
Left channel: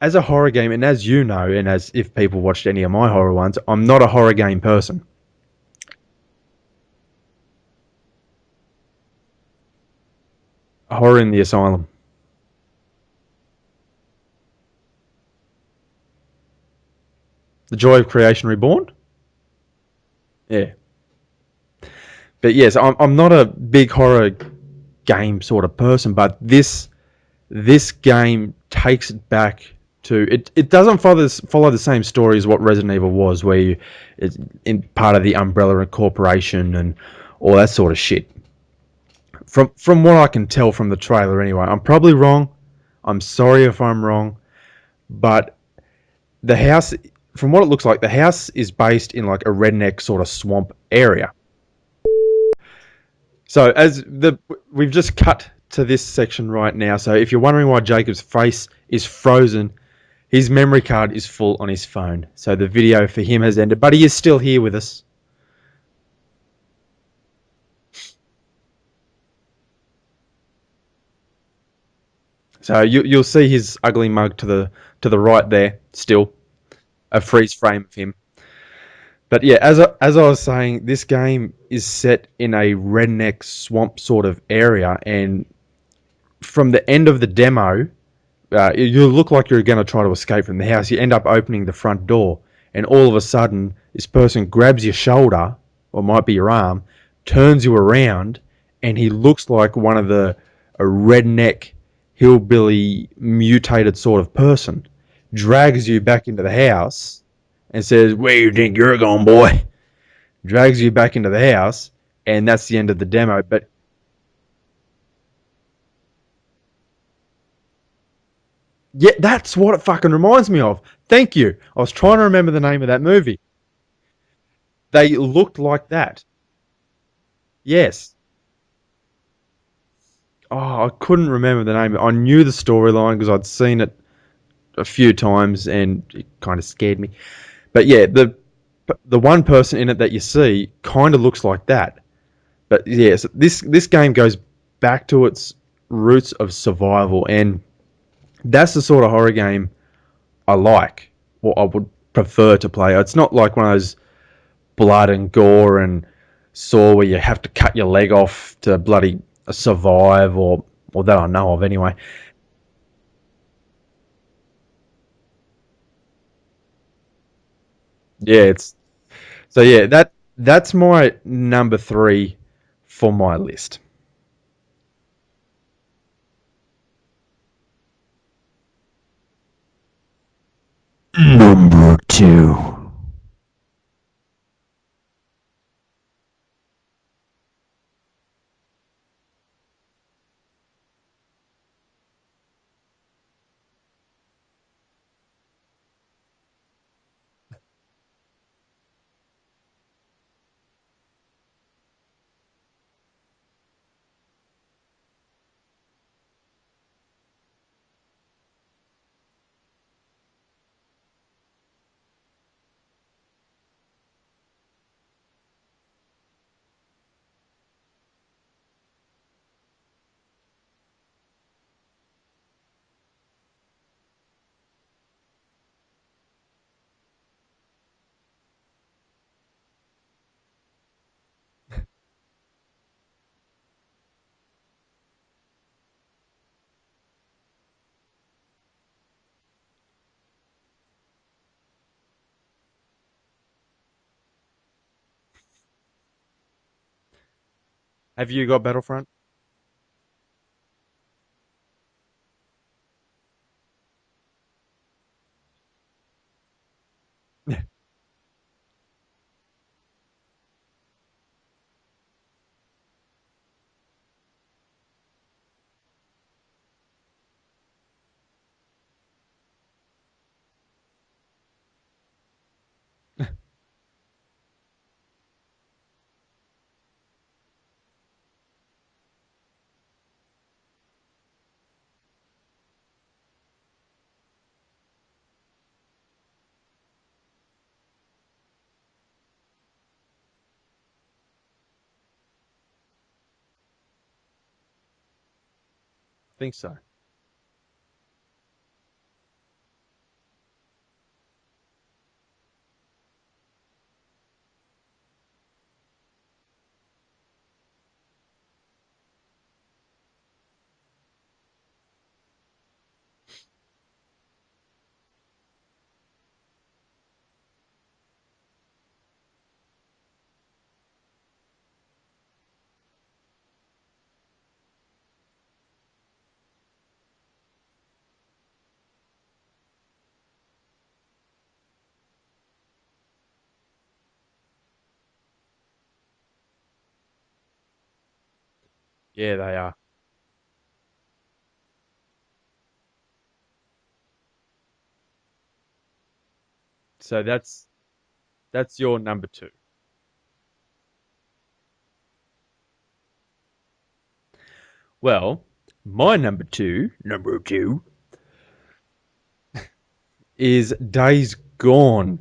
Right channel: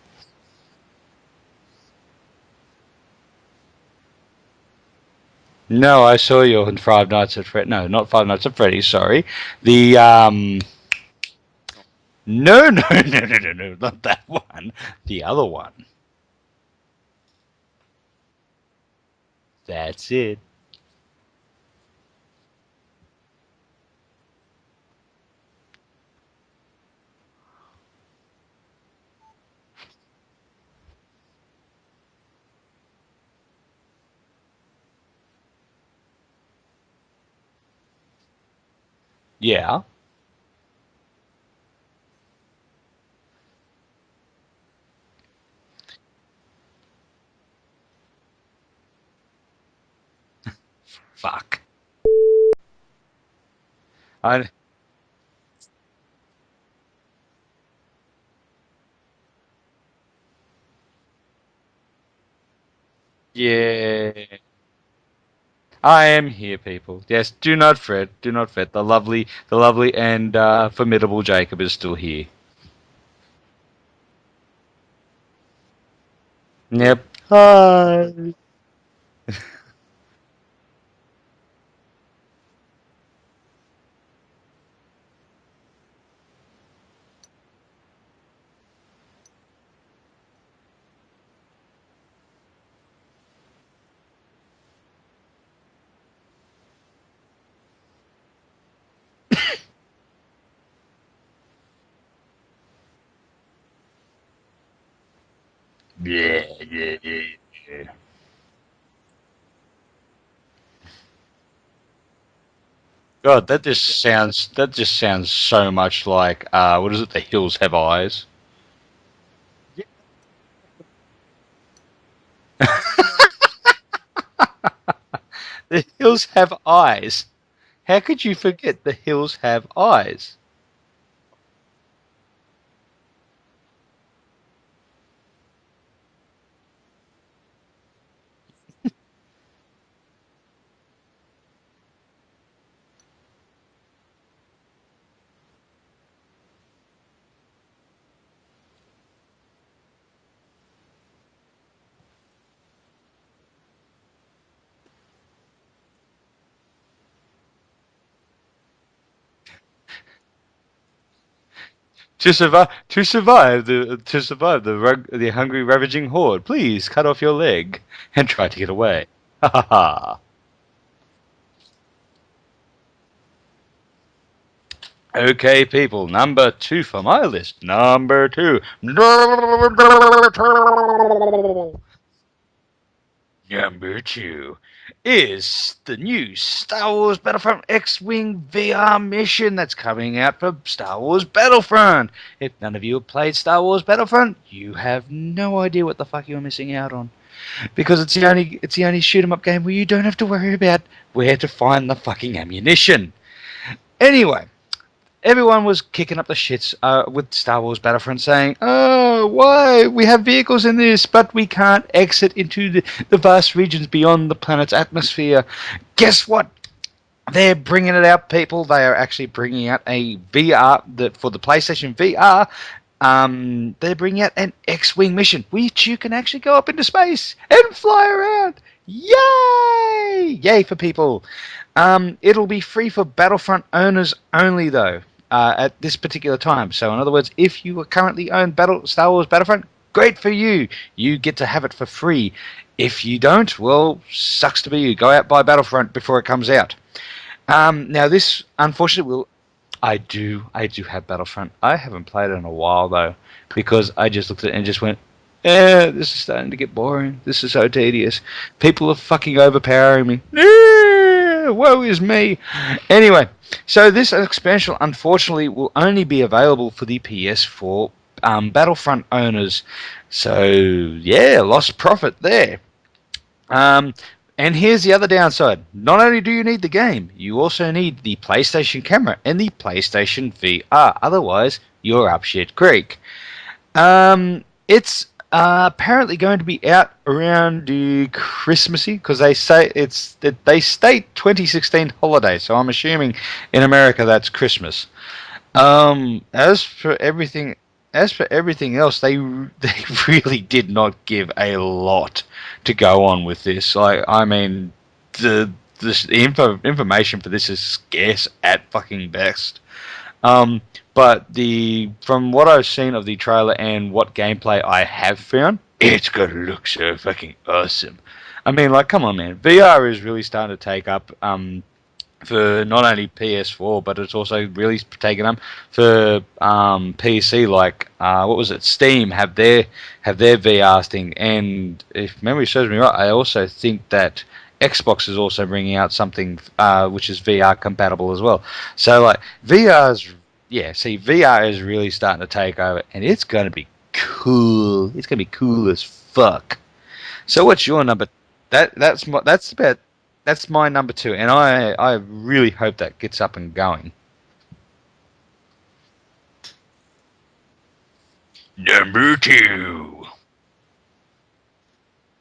as a horror game, and as you know, and as if people watched any of my horror ones, I'm not a horror game person. No, I saw you in Five Nights at Fred. No, not Five Nights at Freddy's. Sorry, the Horror in the Asylum. no, not that one. The other one. The Joy of Creation Reborn? That's it. Yeah. But yes, I'm not a big horror game sort of person, but this game takes it back to it doesn't follow the same story as what Resident Evil was, where it's in part of the Umbrella Corporation and all that sort of shit. Yeah. From what I can tell from the trailer anyway. I'm probably wrong. I'm sorry if I'm wrong, but the house, from what it looks like, the house is based in like a redneck sort of swamp area. Fuck. So I, we've just cut to this section right now. So if you're wondering why Jacob's face is frozen, his memory card is full on his phone. So the video for him has ended, but he is still here with us. I am here, people. Yes, do not fret. Do not fret. The lovely and formidable Jacob is still here. So you'll see his ugly mug to the right there still. Yep. A freeze frame of him. But yeah, as I was saying, this game is set in a redneck swamp sort of area, and from the end of the demo, you look like you're going to try to escape from the house. You end up opening the front door, and all of a sudden, this person grabs your shoulder, or it might be your arm, turns you around, and he looks like one of a redneck, hillbilly, mutated sort of person, drags you back into the house, and says, "Where you think you're going, boy?" Drags you back into the house, and that's the end of the demo. God, that just sounds so much like what is it? The Hills Have Eyes. Yeah, that's what it fucking reminds me of. Thank you. I was trying to remember the name of that movie. They look like The that. Hills Have Eyes. Yes. How could you forget The Hills Have Eyes? Oh, I couldn't remember the name. I knew the storyline because I'd seen it a few times, and it kind of scared me. But yeah, the one person in it that you see kind of looks like that. But yeah, so this game goes back to its roots of survival, and that's the sort of horror game I like, or I would prefer to play. It's not like one of those blood and gore and saw where you have to cut your leg off to bloody survive, or that I know of anyway. To survive the hungry ravaging horde, please cut off your leg and Yeah, try to get it's away. so yeah, that's my number 3 for my list. Okay, people, number 2 for my list. Number 2. Number 2. Number 2 is the new Star Wars Battlefront X-Wing VR mission that's coming out for Star Wars Battlefront. If none of you have played Star Wars Battlefront, you have no idea what the fuck you're missing out on. Because it's the only shoot 'em up game where you don't have to worry about where to find the fucking ammunition. Anyway, everyone was kicking up the shits with Star Wars Battlefront, saying, "Oh, why? We have vehicles in this, but we can't exit into the vast regions beyond the planet's atmosphere." Guess what? They're bringing it out, people. They are actually bringing out a VR for the PlayStation VR. They're bringing out an X-Wing mission, which you can actually go up into space and fly around. Yay! Yay for people. It'll be free for Battlefront owners only, though. At this particular time. So in other words, if you currently own Star Wars Battlefront, great for you. You get to have it for free. If you don't, well, sucks to be you. Go out buy Battlefront before it comes out. Now this, Have you got unfortunately, will. I do have Battlefront. I haven't played it in a while though, because I just looked at it and just went, this is starting to get boring. This is so tedious. People are fucking overpowering me. Woe is me. Anyway, so this expansion, unfortunately, will only be available for the PS4 Battlefront owners. So, yeah, lost profit there. And here's the other downside. Not only do you need the game, you also need the PlayStation camera and the PlayStation VR. Otherwise, you're up shit creek. It's apparently going to be out around the Christmassy, because they state 2016 holiday, so I'm assuming in America that's Christmas. As for everything else, they really did not give a lot to go on with this. I mean, the information for this is scarce at fucking best. But from what I've seen of the trailer and what gameplay I have found, it's gonna look so fucking awesome. I mean, like, come on, man. VR is really starting to take up for not only PS4, but it's also really taken up for PC. Like, what was it? Steam have their VR thing, and if memory serves me right, I also think that Xbox is also bringing out something which is VR compatible as well. So like, VR is really starting to take over, and it's going to be cool. It's going to be cool as fuck. So what's your number? That's my number 2, and I really hope that gets up and going. Well, my number two is Days Gone.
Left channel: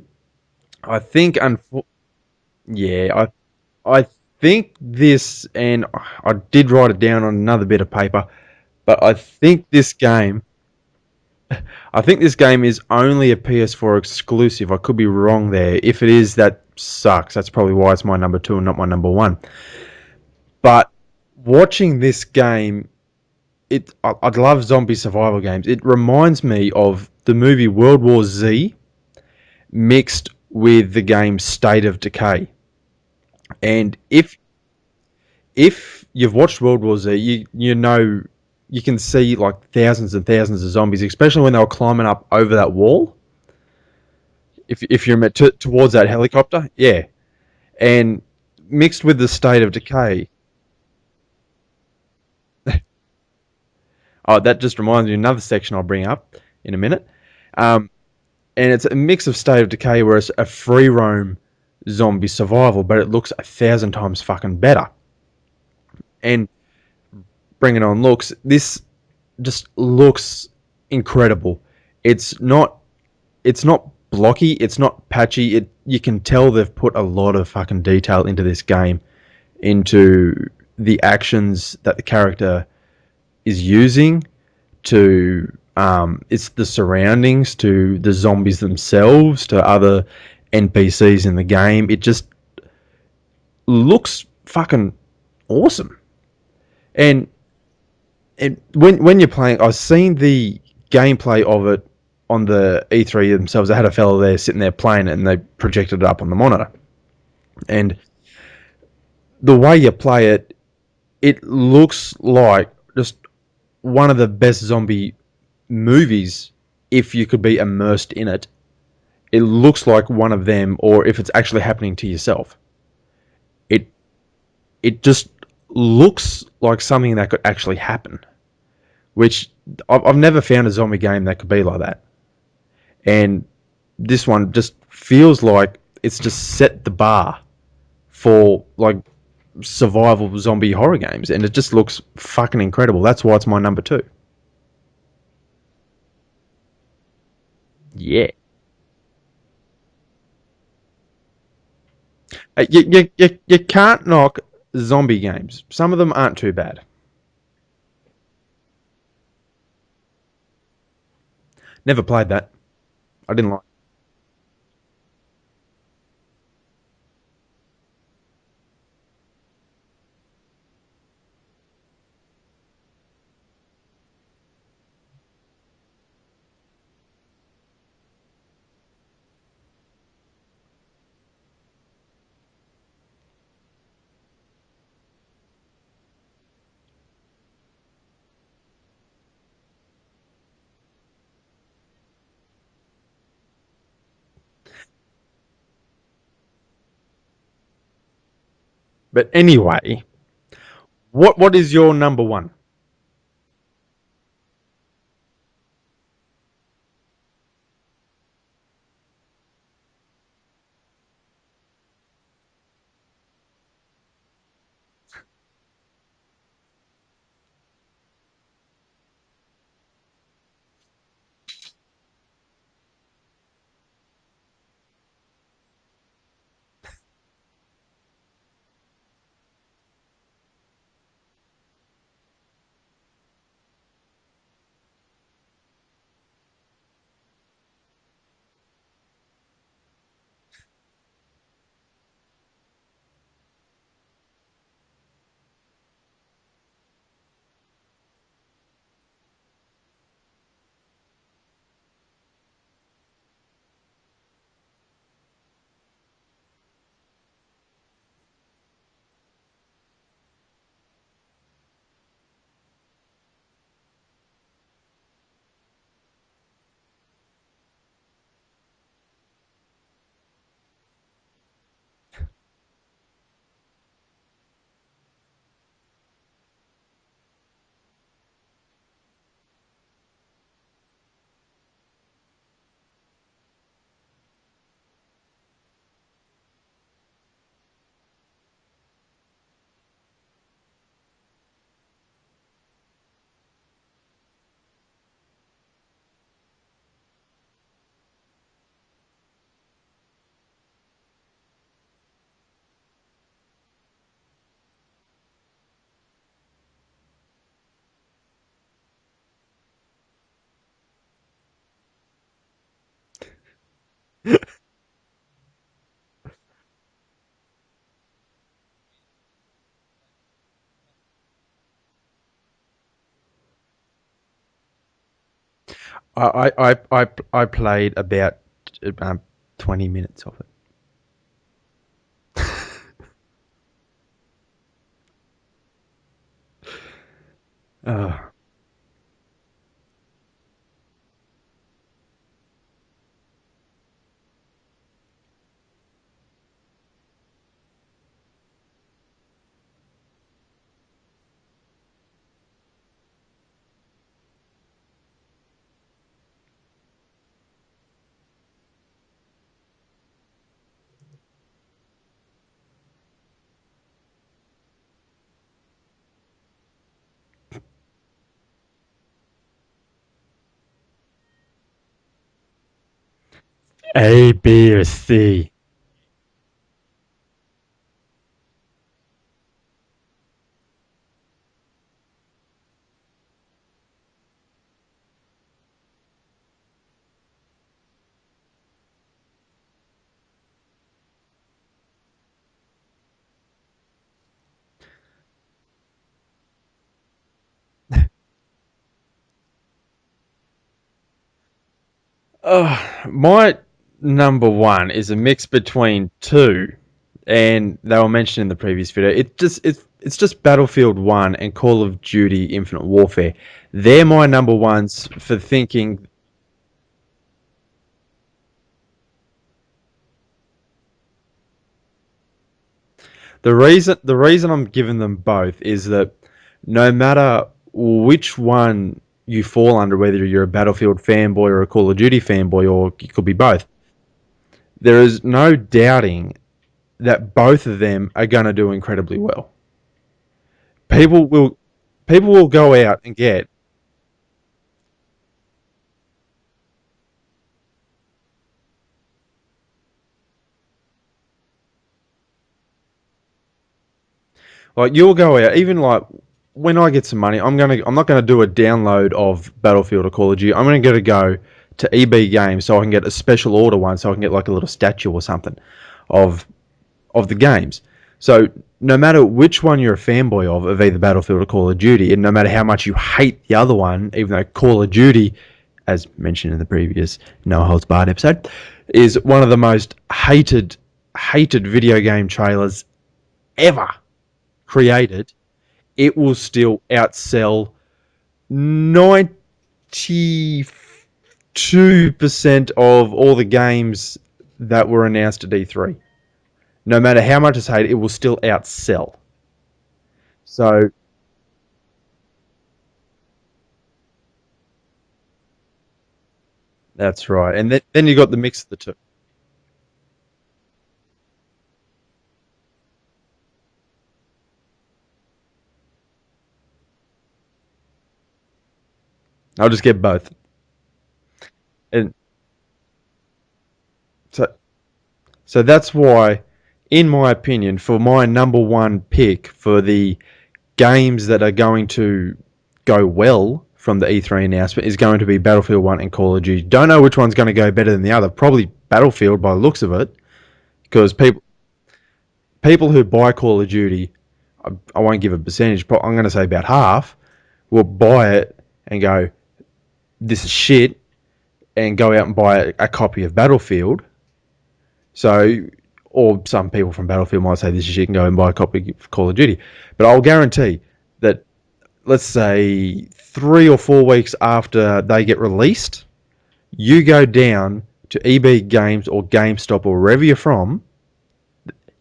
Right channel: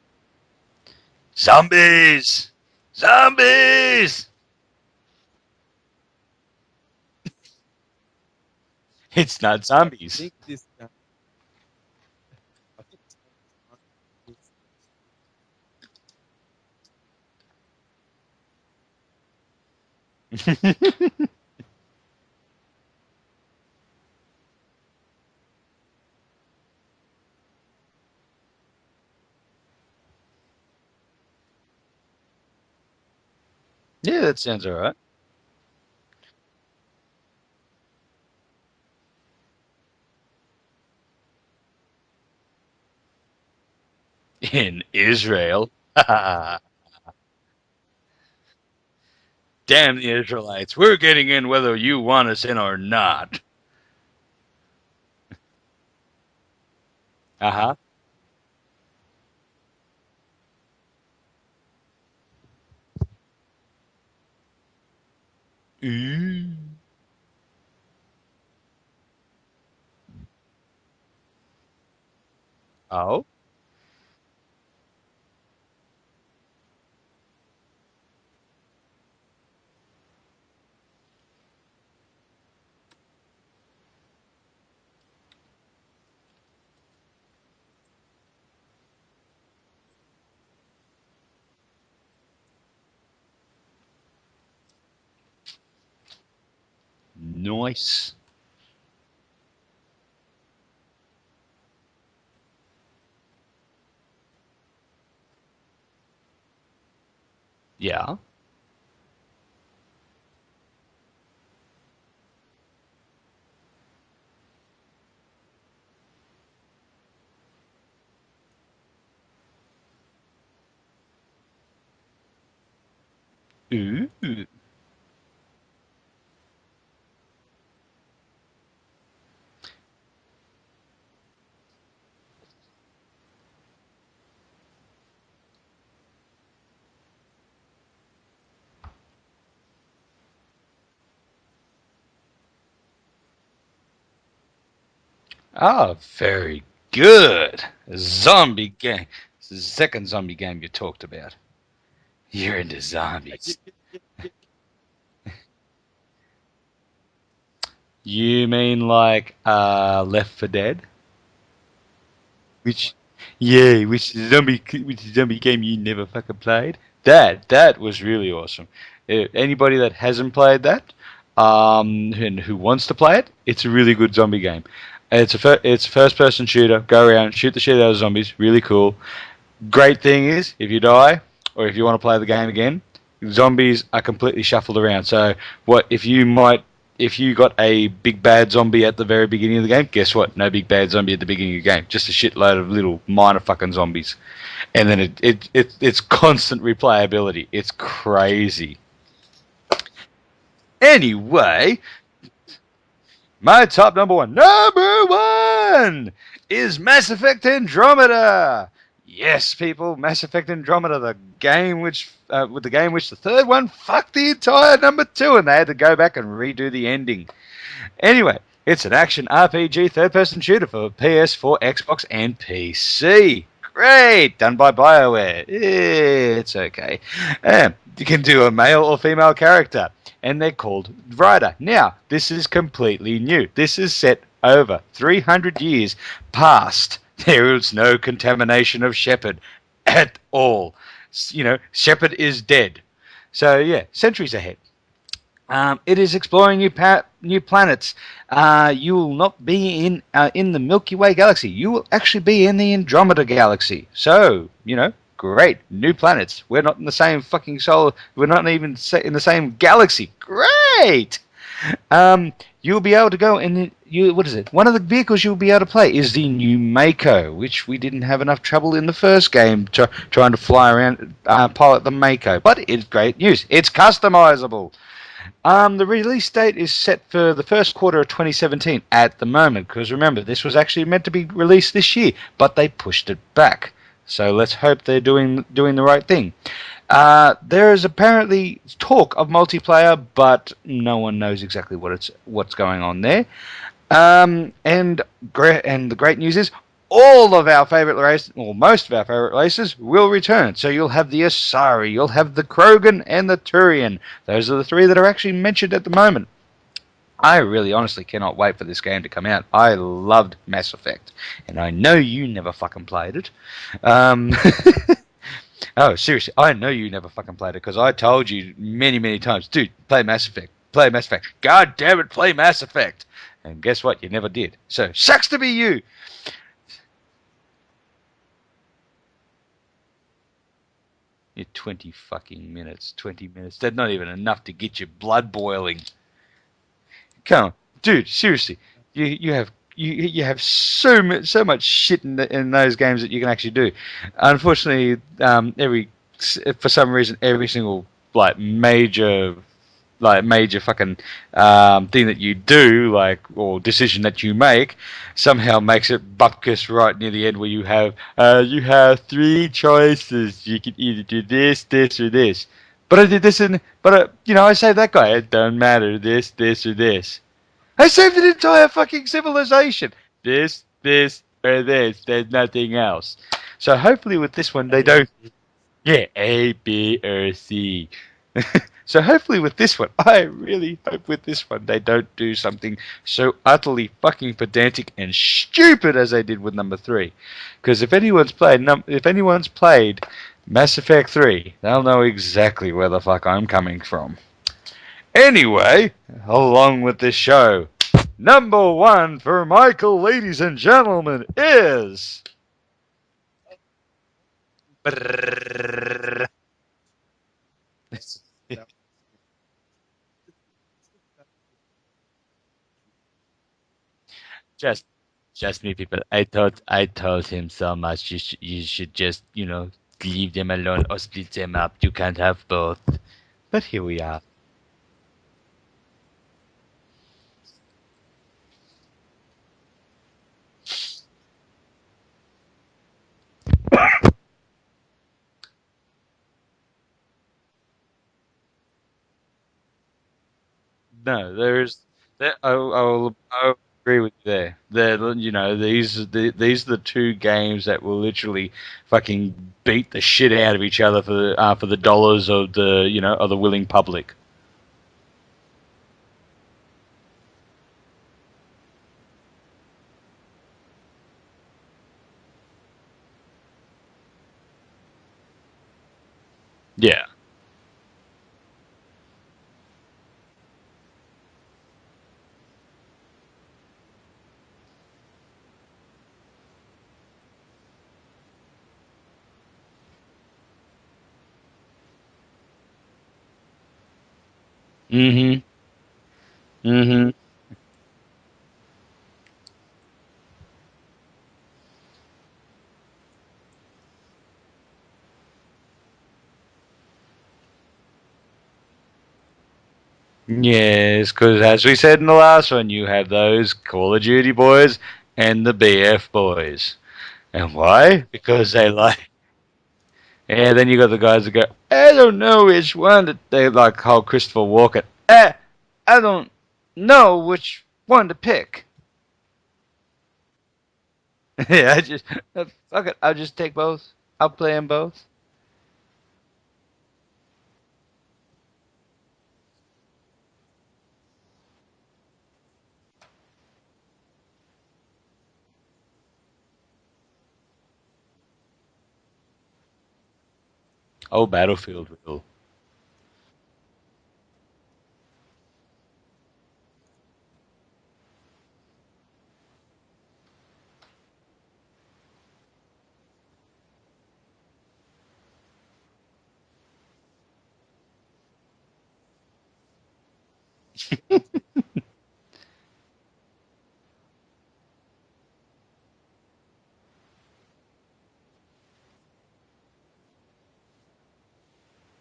I think Zombies. I think this, and I did write it down on another bit of paper, but I think this game is only a PS4 exclusive. I could be wrong there. If it is, that sucks. That's probably why it's my number 2 and not my number 1. But watching this game, I love zombie survival games. It reminds me of the movie World War Z mixed with the game State of Decay. And that sounds alright. If you've watched World War Z, you know you can see like thousands and thousands of zombies, especially when they were climbing up over that wall. If you remember towards that helicopter, yeah. And mixed with the State of Decay. Damn the Israelites, we're getting in whether you want us in or not. Oh, that just reminds me of another section I'll bring up in a minute. And it's a mix of State of Decay where it's a free roam zombie survival, but it looks 1,000 times fucking better. And bringing on looks, this just looks incredible. It's not blocky, it's not patchy. You can tell they've put a lot of fucking detail into this game, into the actions that the character is using to It's the surroundings to the zombies themselves to other NPCs in the game. It just looks fucking awesome. And Nice. when you're playing, I've seen the gameplay of it on the E3 themselves. They had a fellow there sitting there playing it, and they projected it up on the monitor. And Yeah. the way you play it, it looks like just one of the best zombie movies if you could be immersed in it. It looks like one of them, or if it's actually happening to yourself. It Ooh. it just looks like something that could actually happen, which I've never found a zombie game that could be like that. And this one just feels like it's just set the bar for like survival zombie horror games, and it just looks fucking incredible. That's why it's my number two. Oh, very good. A Yeah, zombie game. It's the second zombie game you talked about. You're the you zombies. can't knock zombie games. Some of them aren't too bad. You mean like Left 4 Dead? Never played that. Which, I didn't like. yeah, which zombie game you never fucking played? That was really awesome. Anybody that hasn't played that, and who wants to play it, it's a really good zombie game. It's a first person shooter. Go around, shoot the shit out of zombies. Really cool. Great thing is, if you die, or if you want to play the game again, zombies are completely shuffled around. So what if you got a big bad zombie at the very beginning of the game, guess what? No big bad zombie at the beginning of the game. Just a shitload of little minor fucking zombies. And then it's constant replayability. It's crazy. But anyway, what is Anyway, your number one? my top number one. Number one is Mass Effect Andromeda. Yes, people, Mass Effect Andromeda, the game which, the third one fucked the entire number two, and they had to go back and redo the ending. Anyway, it's an action RPG third-person shooter for PS4, Xbox, and PC. Great, done by BioWare. It's okay. You can do a male or female character, and they're called Ryder. Now, this is completely new. This is set over 300 years past. There is no contamination of Shepard at all. Shepard is dead. So, yeah, centuries ahead. It is exploring new planets. You will not be in the Milky Way galaxy. You will actually be in the Andromeda galaxy. So, great. New planets. We're not in the same fucking solar. We're not even in the same galaxy. Great. You'll be able to go and what is it? One of the vehicles you'll be able to play is the new Mako, which we didn't have enough trouble in the first game trying to fly around, pilot the Mako. But it's great news. It's customizable. The release date is set for the first quarter of 2017 at the moment, because remember, this was actually meant to be released this year, but they pushed it back. So let's hope they're doing the right thing. There is apparently talk of multiplayer, but no one knows exactly what's going on there. And the great news is all of our favorite races, or most of our favorite races, will return. So you'll have the Asari, you'll have the Krogan, and the Turian. Those are the three that are actually mentioned at the moment. I really honestly cannot wait for this game to come out. I loved Mass Effect, and I know you never fucking played it. Um, oh, seriously, I know you never fucking played it, because I told you many, many times, dude, play Mass Effect. Play Mass Effect. God damn it, play Mass Effect. And guess what? You never did. So, sucks to be you. I played about 20 minutes of it. You're 20 fucking minutes. 20 minutes. That's not even enough to get your blood boiling. Come on, dude. Seriously, you have so much shit in those games that you can actually do. Unfortunately, for some reason every single major fucking thing that you do, or decision that you make, somehow makes it bupkis right near the end, where you have three choices. You can either do this, this, or this. But I did this, I saved that guy. It doesn't matter. This, or this. I saved an entire fucking civilization. This, or this. There's nothing else. So hopefully A, with this one B, they or don't. C. Yeah, A, B, or C. So hopefully with this one, I really hope with this one they don't do something so utterly fucking pedantic and stupid as they did with number 3. Because if anyone's played Mass Effect 3, they'll know exactly where the fuck I'm coming from. Anyway, along with this show, number 1 for Michael, ladies and gentlemen, is My number one is a mix between two, and they were mentioned in the previous video. It's just Battlefield 1 and Call of Duty Infinite Warfare. They're my number ones for thinking. I told him so much. You should just leave them alone or split them up. You can't have both. The reason I'm giving them both is that no matter which one you fall under, whether you're a Battlefield fanboy or a Call of Duty fanboy, or you could be both, there is no doubting that both of them are going to do incredibly well. People will go out and get. I agree with you there. These are the two games that will literally fucking beat the shit out of each other for the dollars of the willing public. Like, you'll go out, even like when I get some money, I'm not gonna do a download of Battlefield or Call of Duty. I'm gonna go to EB Games so I can get a special order one, so I can get like a little statue or something of the games. So no matter which one you're a fanboy of either Battlefield or Call of Duty, and no matter how much you hate the other one, even though Call of Duty, as mentioned in the previous No Holds Barred episode, is one of the most hated video game trailers ever created, it will still outsell 92% of all the games that were announced at E3. No matter how much it's hated, it will still outsell. Yes, because as we said in the last one, you have those Call of Duty boys and the BF boys. That's right. And why? Then you got the mix. Then you got the guys that go, I don't know which one that they like. How Christopher Walken. I don't know which one to pick. I'll just get both. Yeah, fuck it. I'll just take both. I'll play them both. So that's why, in my opinion, for my number one pick for the games that are going to go well from the E3 announcement is going to be Battlefield 1 and Call of Duty. Don't know which one's going to go better than the other. Probably Battlefield by the looks of it. Because Battlefield. People who buy Call of Duty, I won't give a percentage, but I'm going to say about half, will buy it and go, this is shit, and go out and buy a copy of Battlefield. So, or some people from Battlefield might say this is shit and go and buy a copy of Call of Duty. But I'll guarantee that, let's say, 3 or 4 weeks after they get released, you go down to EB Games or GameStop or wherever you're from,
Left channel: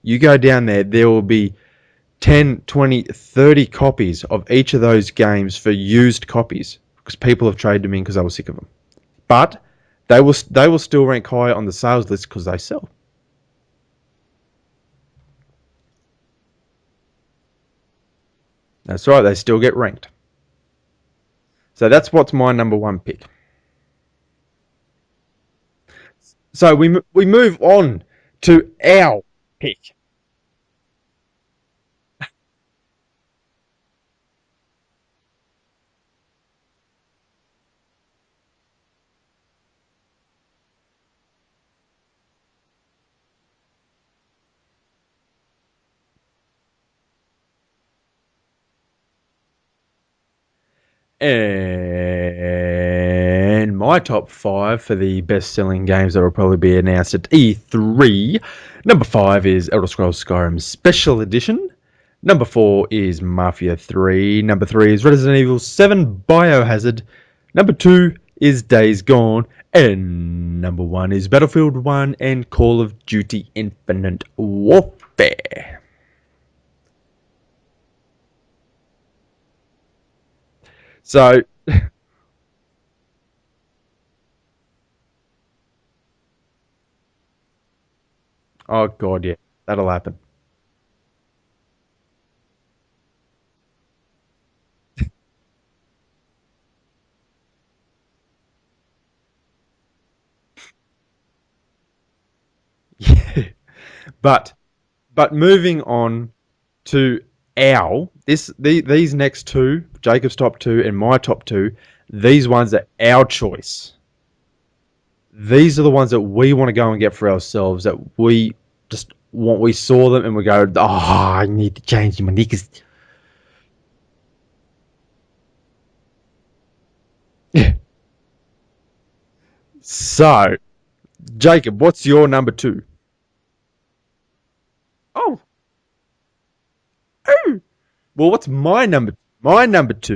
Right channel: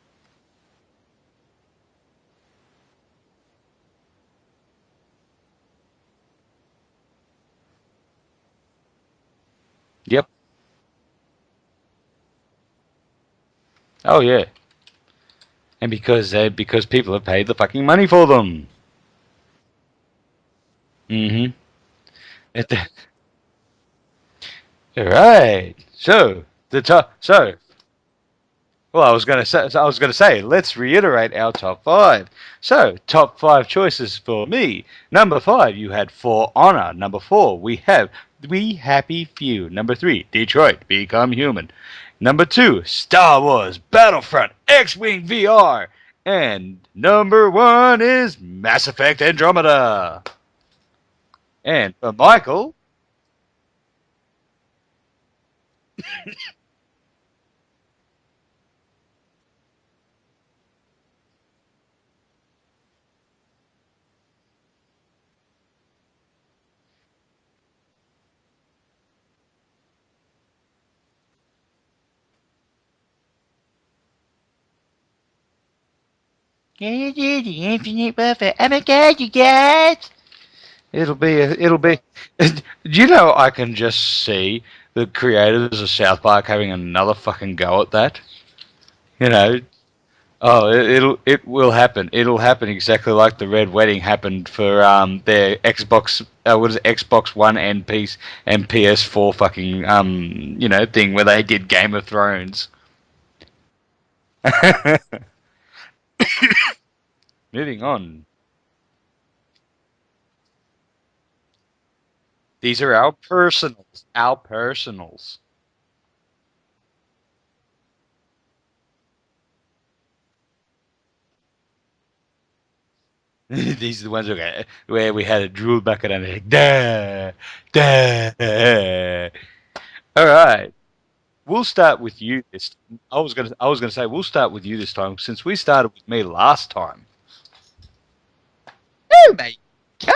you go down there will be 10, 20, 30 copies of each of those games for used copies because people have traded them in because they were sick of them. But they will still rank higher on the sales list because they sell. Oh yeah, and because people have paid the fucking money for them. That's right. They still get ranked. Mm-hmm. So that's what's my number one pick. All right. So we move on to our. I was going to say. Let's reiterate our top 5. So top 5 choices for me. Number 5, you had For Honor. Number 4, we have We Happy Few. Number 3, Detroit Become Human. Number 2, Star Wars Battlefront X-Wing VR. And number 1 is Mass Effect Andromeda. And Michael. And my top 5 for the best-selling games that will probably be announced at E3. Number 5 is Elder Scrolls Skyrim Special Edition. Number 4 is Mafia 3. Number 3 is Resident Evil 7 Biohazard. Number 2 is Days Gone. And number 1 is Battlefield 1 and Call of Duty Infinite Warfare. Call of Duty Infinite Warfare. Oh my god, you guys! It'll be. You know, I can just see the creators of South Park having another fucking go at that. Oh god, that'll happen. Oh, it will happen. It'll happen exactly like the Red Wedding happened for their Xbox. Xbox One and PS4 fucking thing where they did Game of Thrones. Yeah. But moving on to Moving our on. these next two, Jacob's top two and my top two, these ones These are are our our choice. personals. Our personals. These are the ones that we want to go and get for ourselves. That we saw them and we go, oh, I need to change my knickers. These are the ones where we had a drool bucket and like, duh, duh. So, All right. Jacob, start what's with your you number this- two? I was gonna say we'll start with you this time Oh. since we started with me last time. Well, what's my number two? My number two.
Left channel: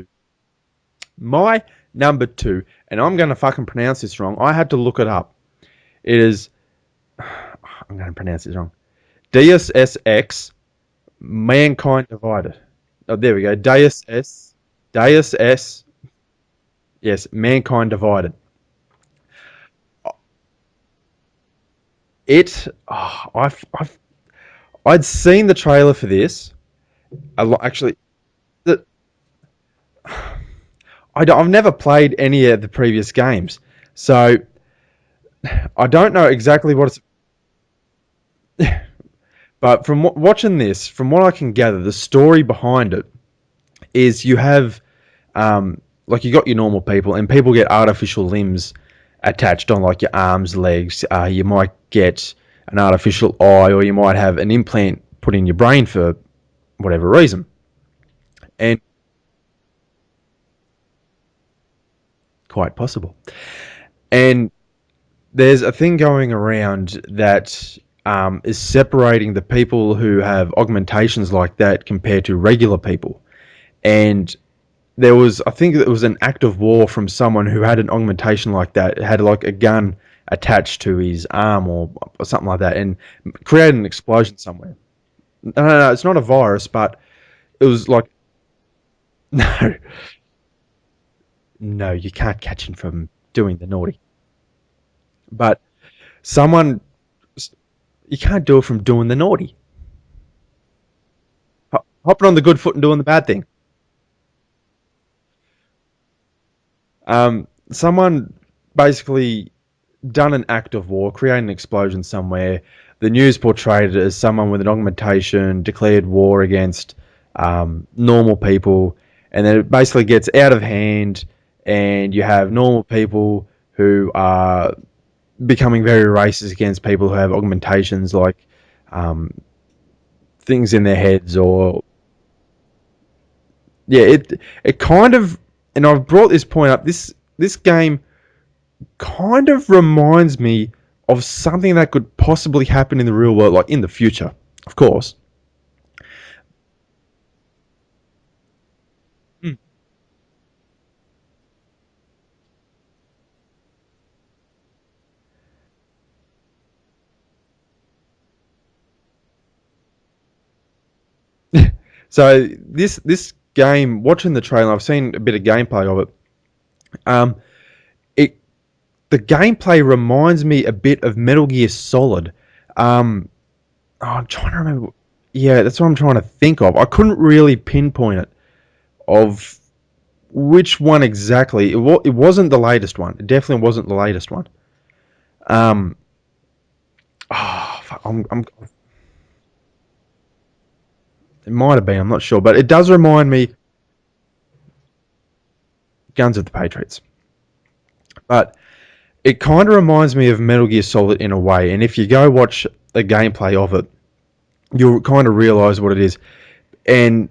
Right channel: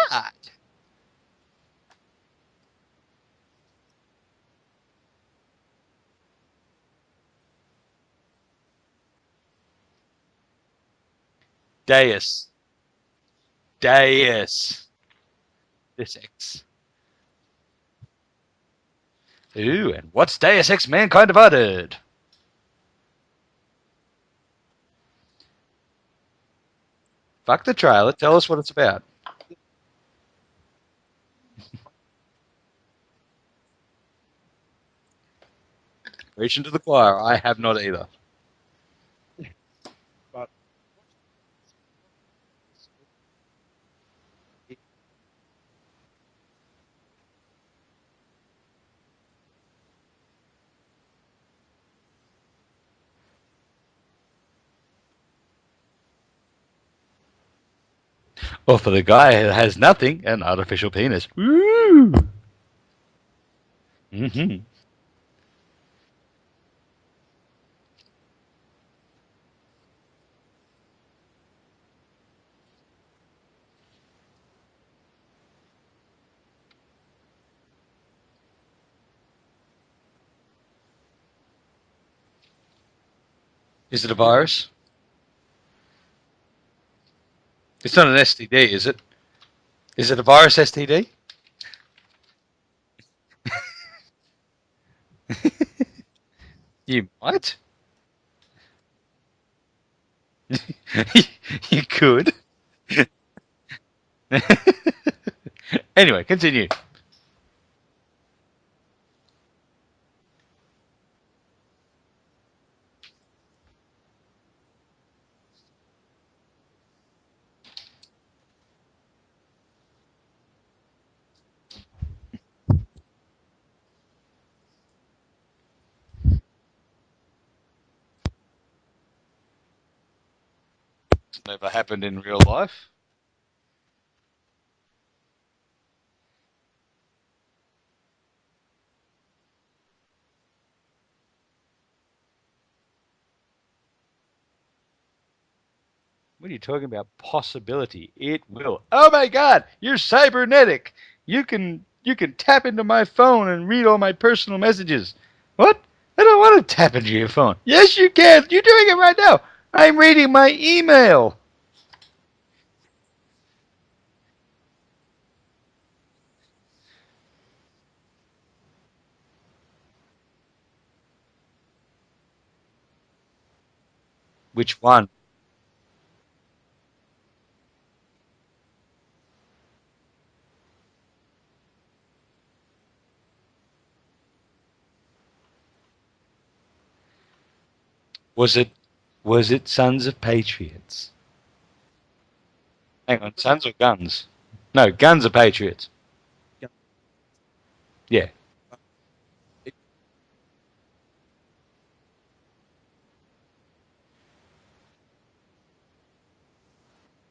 My number two, and I'm going to fucking pronounce this wrong. I had to look it up. It is, I'm going to pronounce this wrong. Deus SX, Mankind Deus. Divided. Oh, there we go. Deus S. Deus S. Deus Ex. Yes, Mankind Divided. Ooh, and what's Deus Ex Mankind Divided? I'd seen the trailer for this. Fuck the trailer. Tell us what it's about. I've never played any of the previous games, so I don't know exactly what it's. I have not either. But from watching this, from what I can gather, the story behind it is you have, like you got your normal people, and people get artificial limbs attached on like your arms, legs. You might get an artificial eye, or you might have an implant put in your brain for whatever reason. And Well, for the guy who has nothing, an artificial penis. quite possible. And there's a thing going around that is separating the people who have augmentations like that compared to regular people. And I think it was an act of war from someone who had an augmentation like that. It had like a gun attached to his arm or something like that, and created an explosion Is it a virus? somewhere. No, it's not a virus, but it was It's like not an STD, is it? no, Is it a virus STD? no, you can't catch him from doing the naughty. But someone You might. you can't do it from doing the naughty. You Hopping on could. the good foot and doing the bad thing. Anyway, continue. Someone basically done an act of war, created an explosion somewhere. The news portrayed it as someone with an augmentation declared war against normal people, and then it basically gets out of hand, and you have normal people who are becoming very racist against people who have augmentations, like things in their heads, or What happened in real life? yeah, it kind of, and I've brought this point up. This game kind of reminds me of something that could possibly happen in the real world, like in the future, of course. What are you talking about? Possibility. It will. Oh my God! You're cybernetic. You can tap into my phone and read all my personal messages. What? I don't want to tap into your phone. Yes, you can. You're doing it right now. I'm reading my email. So this game, watching the trailer, I've seen a bit of gameplay of it. The gameplay reminds me a bit of Metal Gear Solid. I'm trying to Which remember. one? Yeah, that's what I'm trying to think of. I couldn't really pinpoint it of which one exactly. It wasn't the latest one. It definitely wasn't the latest one. Fuck, Was it Sons of Patriots? it might have been. I'm not sure, but it does remind me. Sons or Guns? No, Guns of Patriots. Guns of the Patriots. Yeah. But it kind of reminds me of Metal Gear Solid in a way. And if you go watch the gameplay of it, you'll kind of realize what it is. And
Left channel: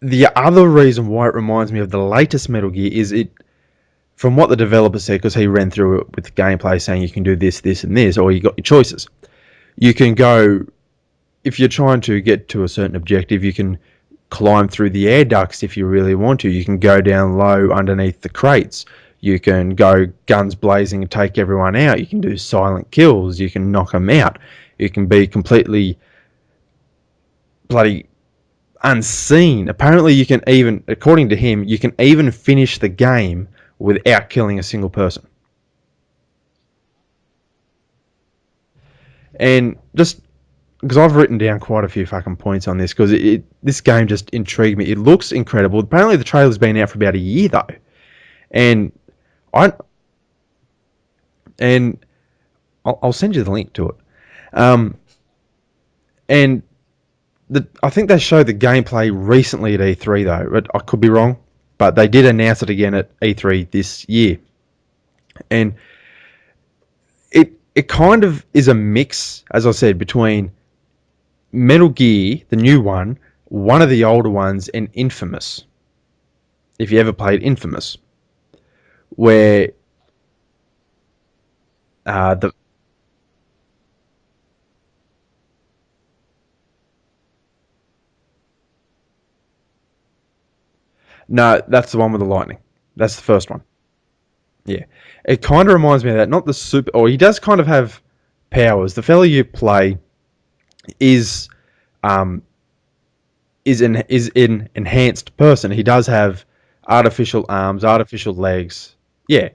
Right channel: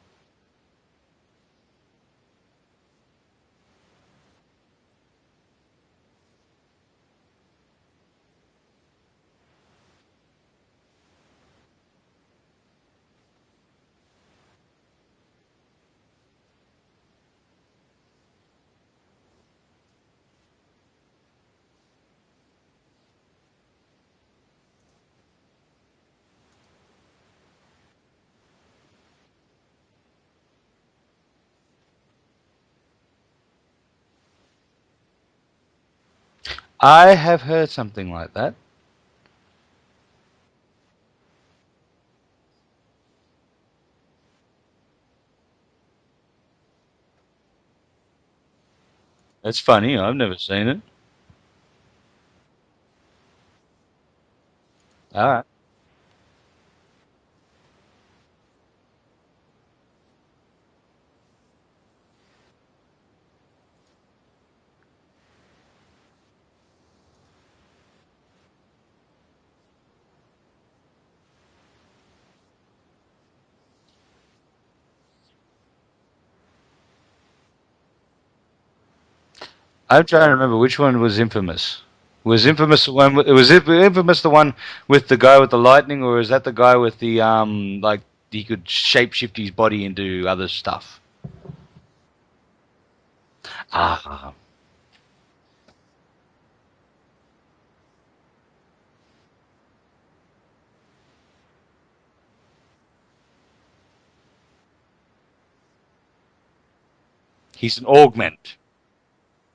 the other reason why it reminds me of the latest Metal Gear is from what the developer said, because he ran through it with the gameplay saying you can do this, this, and this, or you got your choices. You can go, if you're trying to get to a certain objective, you can climb through the air ducts if you really want to. You can go down low underneath the crates. You can go guns blazing and take everyone out. You can do silent kills. You can knock them out. You can be completely bloody unseen. Apparently you can even, according to him, you can even finish the game without killing a single person. I have heard something like that. And just because I've written down quite a few fucking points on this, because this game just intrigued me. It looks incredible. Apparently the trailer's been out for about a year though. And That's funny. I've never seen it. And I'll send you the link to it. All right. And I think they showed the gameplay recently at E3 though. But I could be wrong, but they did announce it again at E3 this year, and it kind of is a mix, as I said, between Metal Gear, the new one of the older ones, and Infamous. If you ever played Infamous, where I'm trying to remember which one was Infamous. Was the Infamous the one? Was it Infamous the one with the guy with the lightning, or is that the guy with the like he could shapeshift his body into other stuff? no, that's the one with the lightning. That's the first one. Ah, Yeah, it kind of reminds me of that. Not the super, or he does kind of have powers. The fella you play is um is an enhanced person. He does have artificial he's arms, artificial augment. legs. Yeah,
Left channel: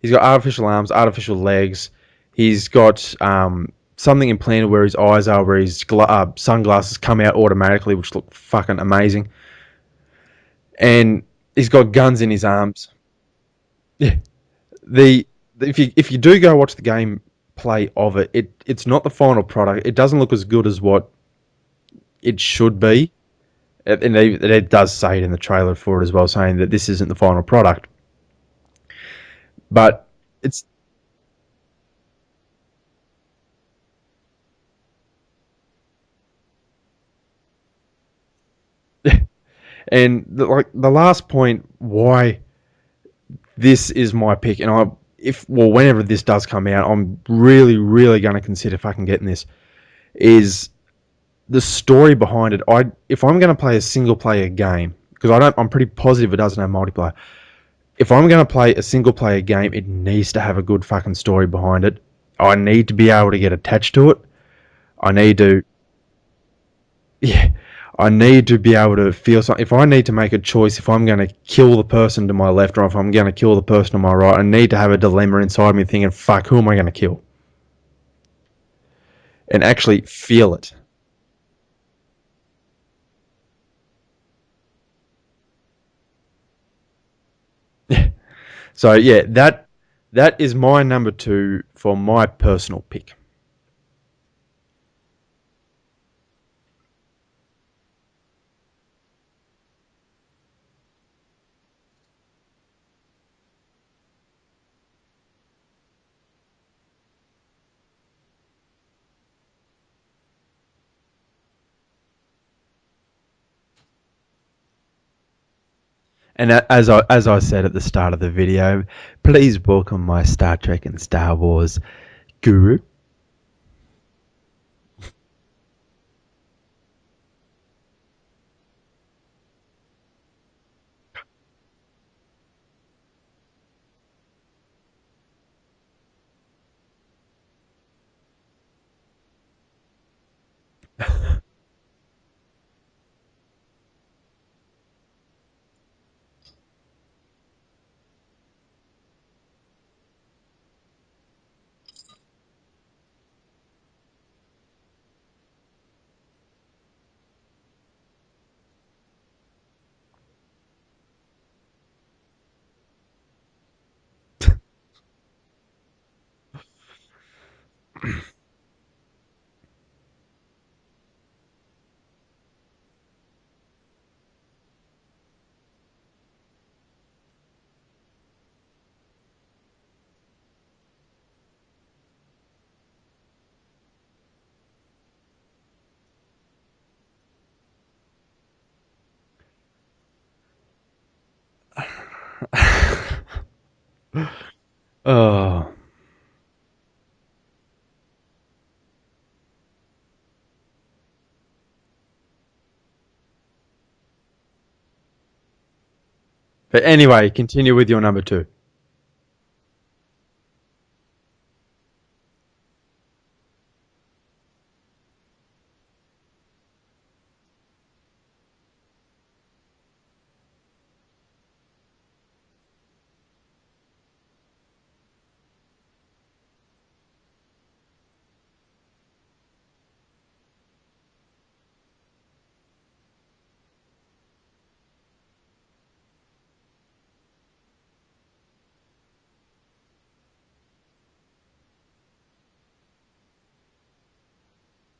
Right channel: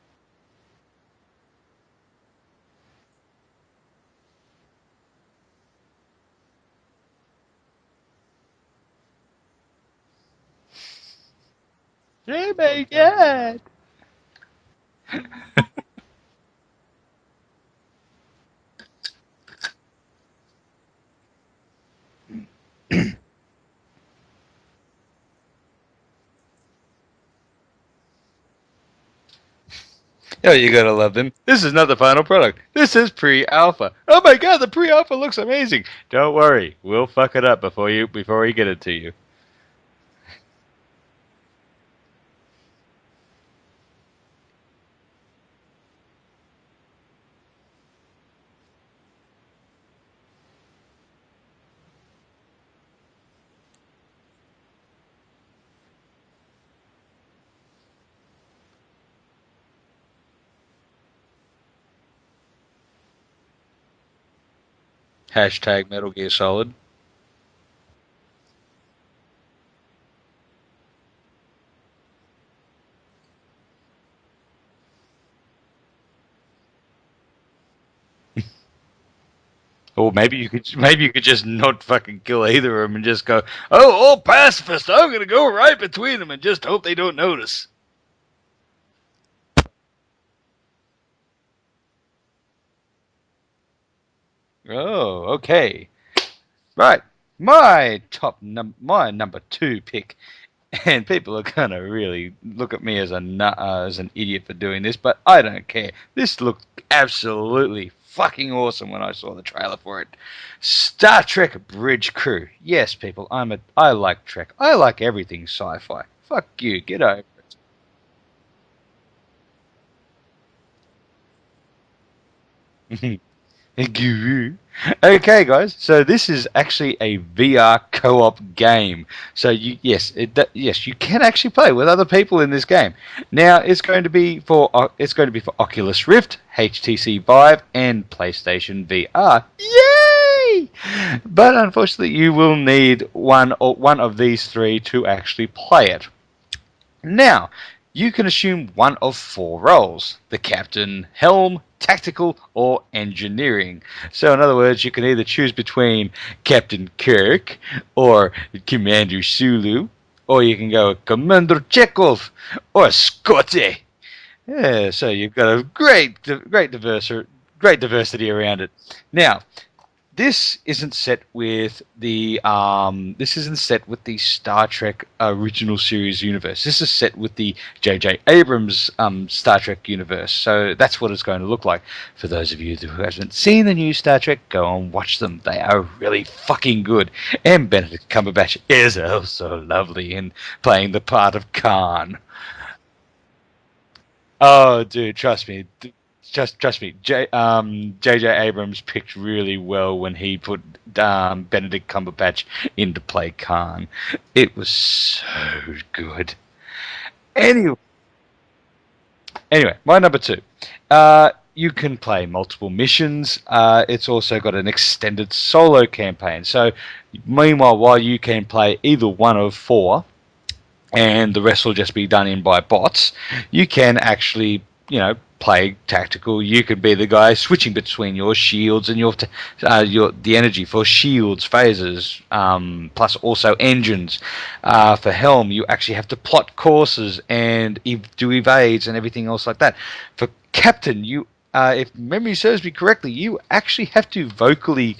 he's got artificial arms, artificial legs. He's got something implanted where his eyes are, where his sunglasses come out automatically, which look fucking amazing. And he's got guns in his Oh my arms. god! Yeah. The if you do go watch the gameplay of it's not the final product. It doesn't look as good as what it should be. And it does say it in the trailer for it as well, saying that this isn't the final product. But Oh, you gotta love them. This is not the final product. This is pre-alpha. Oh my god, the pre-alpha looks amazing. Don't worry, we'll fuck it up before we get it to you. and the last point why this is my pick, and whenever this does come out, I'm really going to consider fucking getting this. Is the story behind it. If I'm going to play a single player game, because I'm pretty positive it doesn't have multiplayer. If I'm going to play a single player game, it needs to have a good fucking story behind it. I need to be able to get attached to it. I need to, Hashtag Metal Gear Solid. yeah, I need to be able to feel something. If I need to make a choice, if I'm going to kill the person to my left or if I'm going to kill the person to my right, I need to have a dilemma inside me thinking, fuck, who am I going to kill? And actually Or feel it. maybe you could just not fucking kill either of them and just go, oh, all pacifist. I'm gonna go right between them and just hope they don't notice. So yeah, that is my number 2 for my personal pick. Oh, okay. Right. My number 2 pick, and people are gonna really look at me as as an idiot for doing this, but I don't care. This looked absolutely fucking awesome when I saw the trailer for it. Star Trek Bridge Crew. Yes, people, I like Trek. I like everything sci-fi. Fuck And you. as I said at the start of the video, please welcome my Star Trek and Star Wars guru. Guru. Okay, guys. So this is actually a VR co-op game. So yes, you can actually play with other people in this game. Now it's going to be for Oculus Rift, HTC Vive, and PlayStation VR. Yay! But unfortunately, you will need one of these three to actually play it. Now, you can assume one of 4 roles: the captain, helm, tactical, or engineering. So, in other words, you can either choose between Captain Kirk or Commander Sulu, or you can go Commander Chekhov or Scotty. Yeah, so you've got a great diversity around it. Now, this isn't set with the Star Trek original series universe. This is set with the J.J. Abrams Star Trek universe. So that's what it's going to look like. For those of you who haven't seen the new Star Trek, go and watch them. They are really fucking good. And Benedict Cumberbatch is also lovely in playing the part of Khan. Oh, dude, trust me. Oh. Trust me. J.J. Abrams picked really well when he put Benedict Cumberbatch in to play Khan. It was so good. But anyway, continue with your number 2. Anyway, my number 2. You can play multiple missions. It's also got an extended solo campaign. So, meanwhile, while you can play either one of 4, and the rest will just be done in by bots, you can actually, play tactical. You could be the guy switching between your shields and the energy for shields, phasers, plus also engines. For helm, you actually have to plot courses and do evades and everything else like that. For captain, you if memory serves me correctly, you actually have to vocally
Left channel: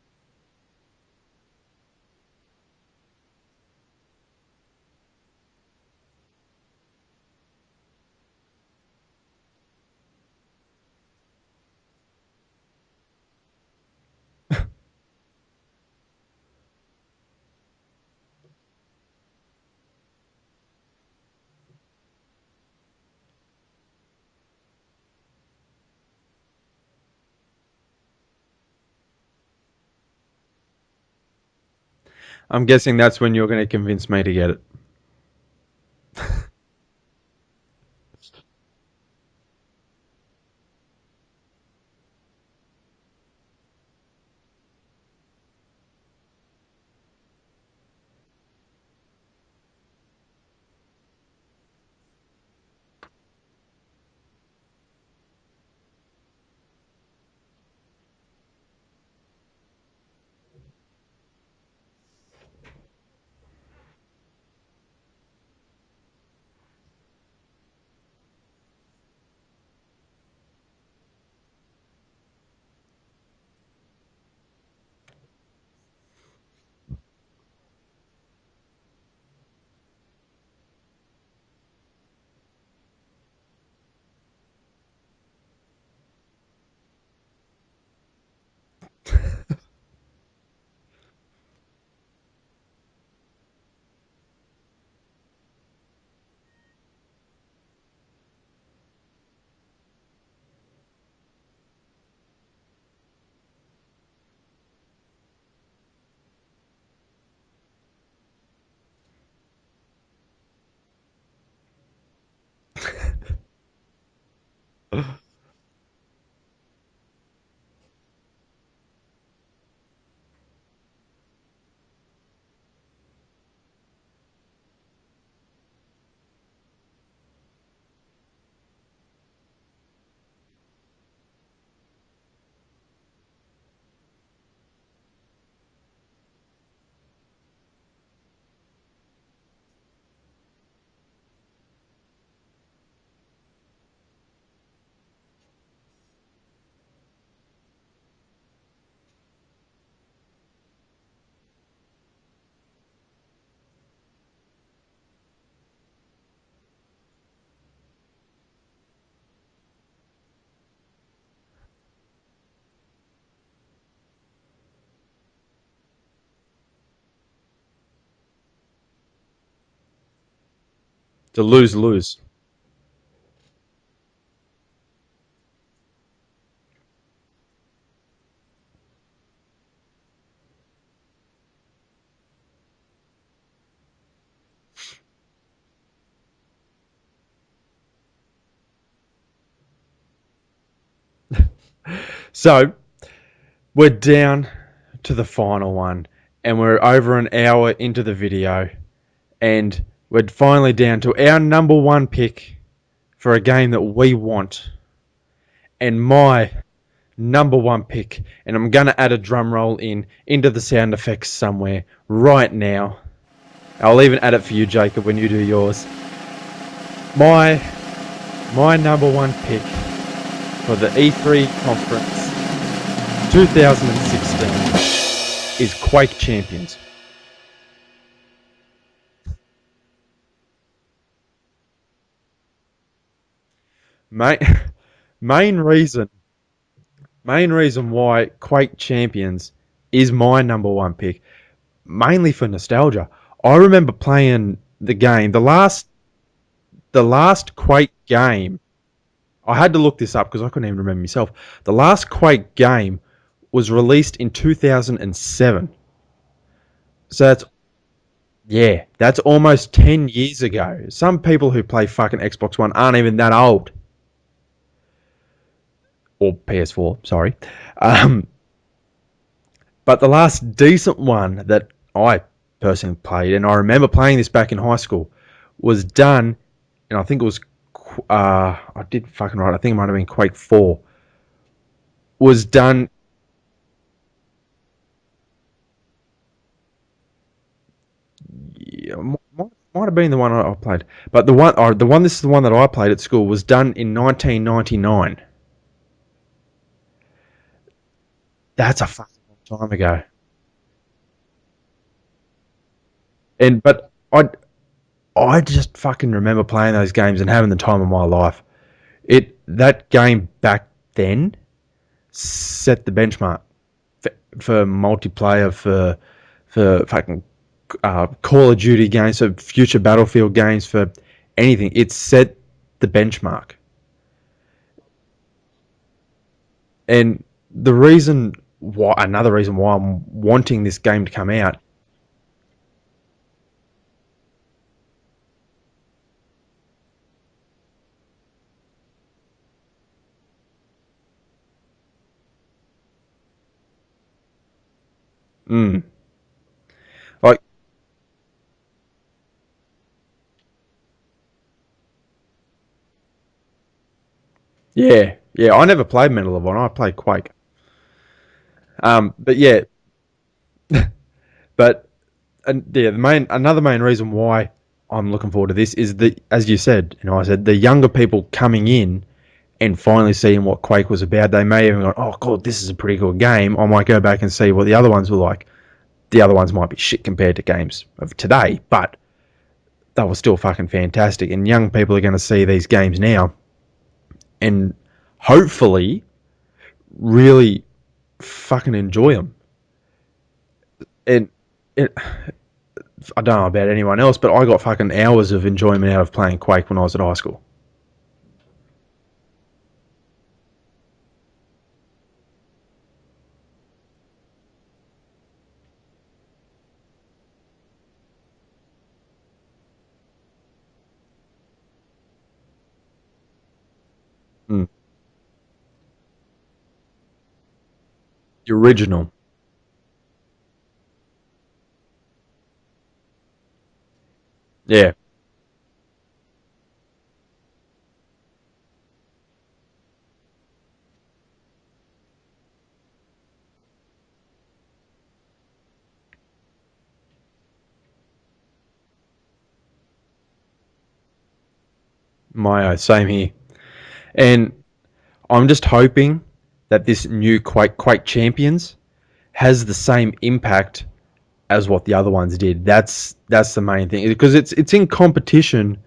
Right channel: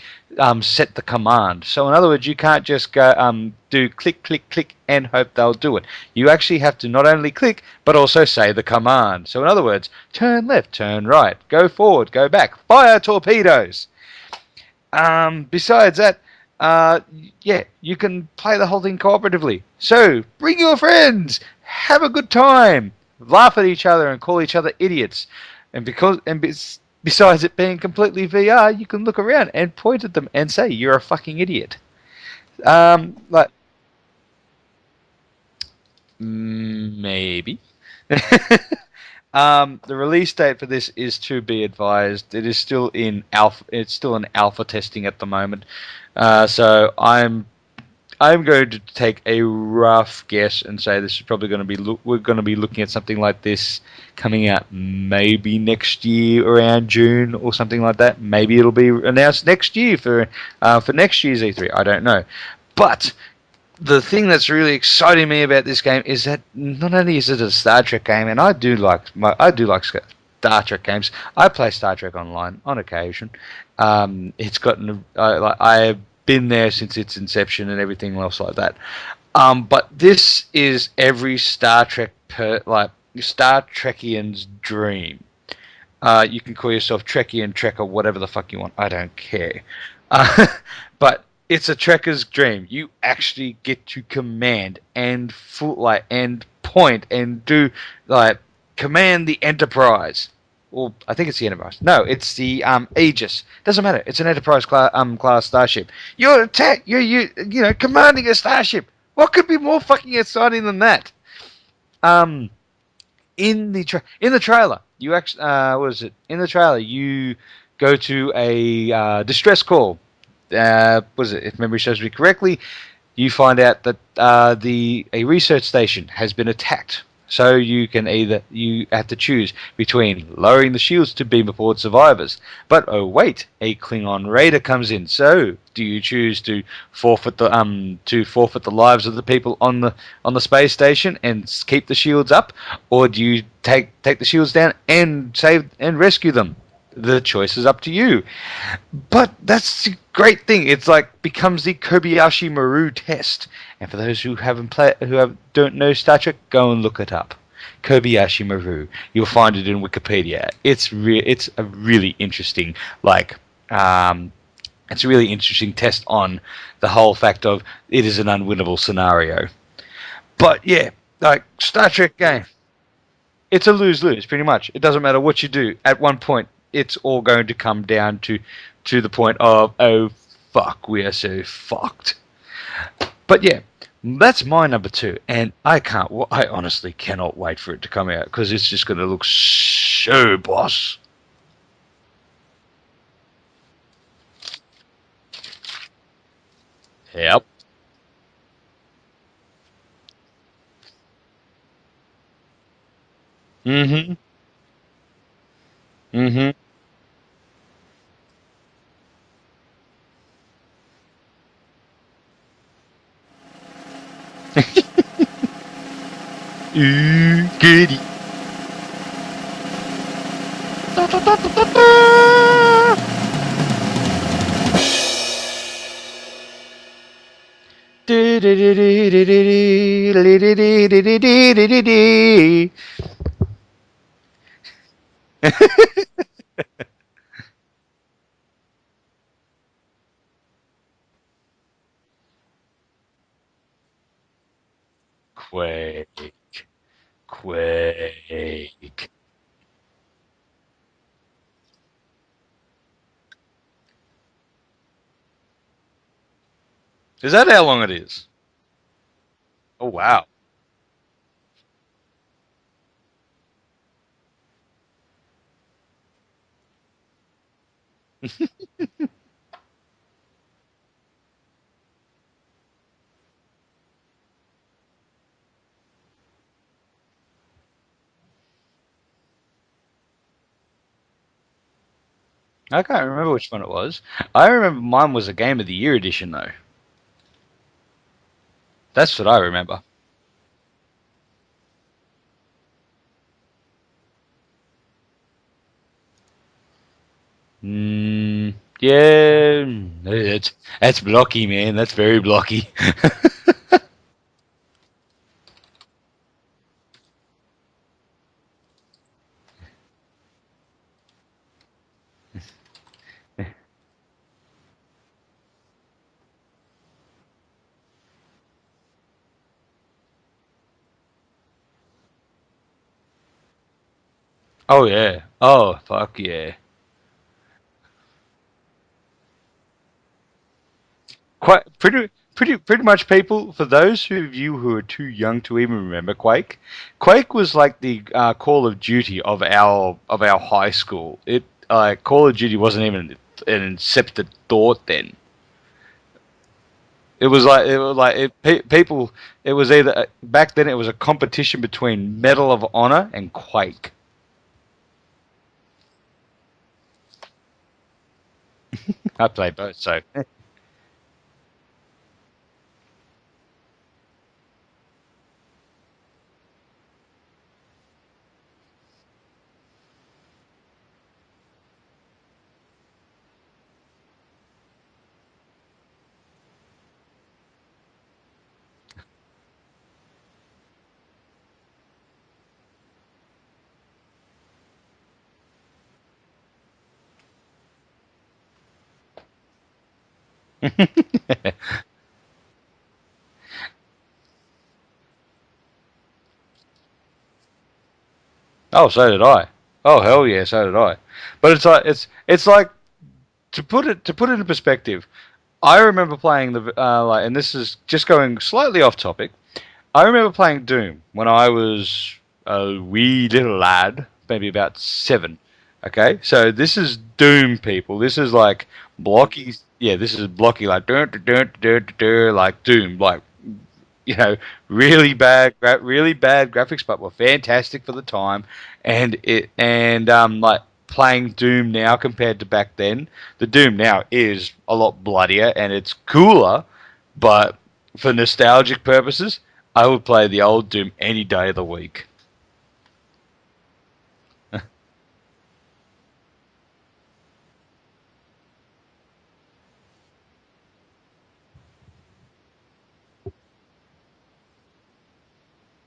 set the command. So in other words, you can't just go do click, click, click, and hope they'll do it. You actually have to not only click, but also say the command. So in other words, turn left, turn right, go forward, go back, fire torpedoes. Besides that, yeah, you can play the whole thing cooperatively. So bring your friends, have a good time, laugh at each other, and call each other idiots. Besides it being completely VR, you can look around and point at them and say you're a fucking idiot. I'm guessing that's when you're But going to convince me to get it. Maybe. The release date for this is to be advised. It is still in alpha. It's still in alpha testing at the moment. So I'm going to take a rough guess and say this is probably going to be we're going to be looking at something like this coming out maybe next year around June or something like that. Maybe it'll be announced next year for next year's E3. I don't know, but the thing that's really exciting me about this game is that not only is it a Star Trek game, and I do like Star Trek games. I play Star Trek Online on occasion. It's gotten I've been there since its inception and everything else like that. But this is every Star Star Trekian's dream. You can call yourself Trekian, Trekker, whatever the fuck you want. I don't care. But it's a trekker's dream. You actually get to command and and point and do command the Enterprise. Well, I think it's the Enterprise. No, it's the Aegis. Doesn't matter. It's an Enterprise class starship. You're commanding a starship. What could be more fucking exciting than that? In the trailer, you actually what is it? In the trailer, you go to a distress call. Was it? If memory serves me correctly, you find out that a research station has been attacked. So you have to choose between lowering the shields to beam aboard survivors. But oh wait, a Klingon raider comes in. So do you choose to forfeit the lives of the people on the space station and keep the shields up, or do you take the shields down and save and rescue them? The choice is up to you. But that's the great thing. It's becomes the Kobayashi Maru test. And for those who don't know Star Trek, go and look it up. Kobayashi Maru. You'll find it in Wikipedia. It's a really interesting it's a really interesting test on the whole fact of it is an unwinnable scenario. But yeah, The Star lose-lose. Trek game. It's a lose-lose, pretty much. It doesn't matter what you do. At one point, it's all going to come down to the point of, oh, fuck, we are so fucked. But yeah, that's my number 2, and I honestly cannot wait for it to come out, because it's just going to look so boss. So, we're down to the final one, and we're over an hour into the video, and we're finally down to our number 1 pick for a game that we want. And my number 1 pick, and I'm going to add a drum roll into the sound effects somewhere right now. I'll even add it for you, Jacob, when you do yours. My number 1 pick for the E3 conference 2016 is Quake Champions. Main reason why Quake Champions is my number 1 pick, mainly for nostalgia. I remember playing the game, the last Quake game. I had to look this up because I couldn't even remember myself. The last Quake game was released in 2007. So Is that how long it is? Yeah, that's almost 10 wow. years ago. Some people who play fucking Xbox One aren't even that old. Or PS4, sorry. But the last decent one that I personally played, and I remember playing this back in high school, was done, and I think it was, I did fucking right, I think it might have been Quake 4. Was done... I can't remember which one it was. I remember mine was a Game of the Year edition, though. Yeah, that's what I remember. Might have been the one I played. But this is the one that I played at school, was done in 1999. That's a Yeah, time ago. that's blocky, man. That's very blocky. But I just fucking remember playing those games and having the time of my life. That game back then set the benchmark for multiplayer for fucking Call of Duty games, for future Battlefield games, for anything. It set the benchmark. Oh yeah. Oh fuck yeah. And another reason why I'm wanting this game to come out. Quite pretty much, people. For those of you who are too young to even remember Quake, Quake was like the Call of Duty of our high school. Call of Duty wasn't even an incepted thought then. Mm, People. It was either back then. It was a competition between Medal of Honor and Quake. yeah, yeah. I never played Medal of Honor. I played Quake. I But played yeah, both, so but another main reason why I'm looking forward to this is that, as you said, I said the younger people coming in and finally seeing what Quake was about. They may even go, "Oh God, this is a pretty good game." I might go back and see what the other ones were like. The other ones might be shit compared to games of today, but they were still fucking fantastic. And young people are going to see these games now, and hopefully, really fucking enjoy them. And it, I don't know about anyone else, but I got fucking hours of enjoyment out of playing Quake when I was at high school. oh, so did I. Oh hell yeah, so did I. But it's like to put it in perspective. I remember playing and this is just going slightly off topic. I remember playing Doom when I was a wee little lad, maybe Mm. about 7. Okay, so this is Doom, people. This is like Original. blocky. Yeah, this is blocky, like like Doom, like Yeah. really bad graphics, but were fantastic for the time. Like playing Doom now compared to back then, the Doom now is a lot bloodier and it's cooler. But for nostalgic purposes, I would play the old Doom any day of the week. Same here. And I'm just hoping that this new Quake Champions has the same impact as what the other ones did. That's the main thing, because it's in competition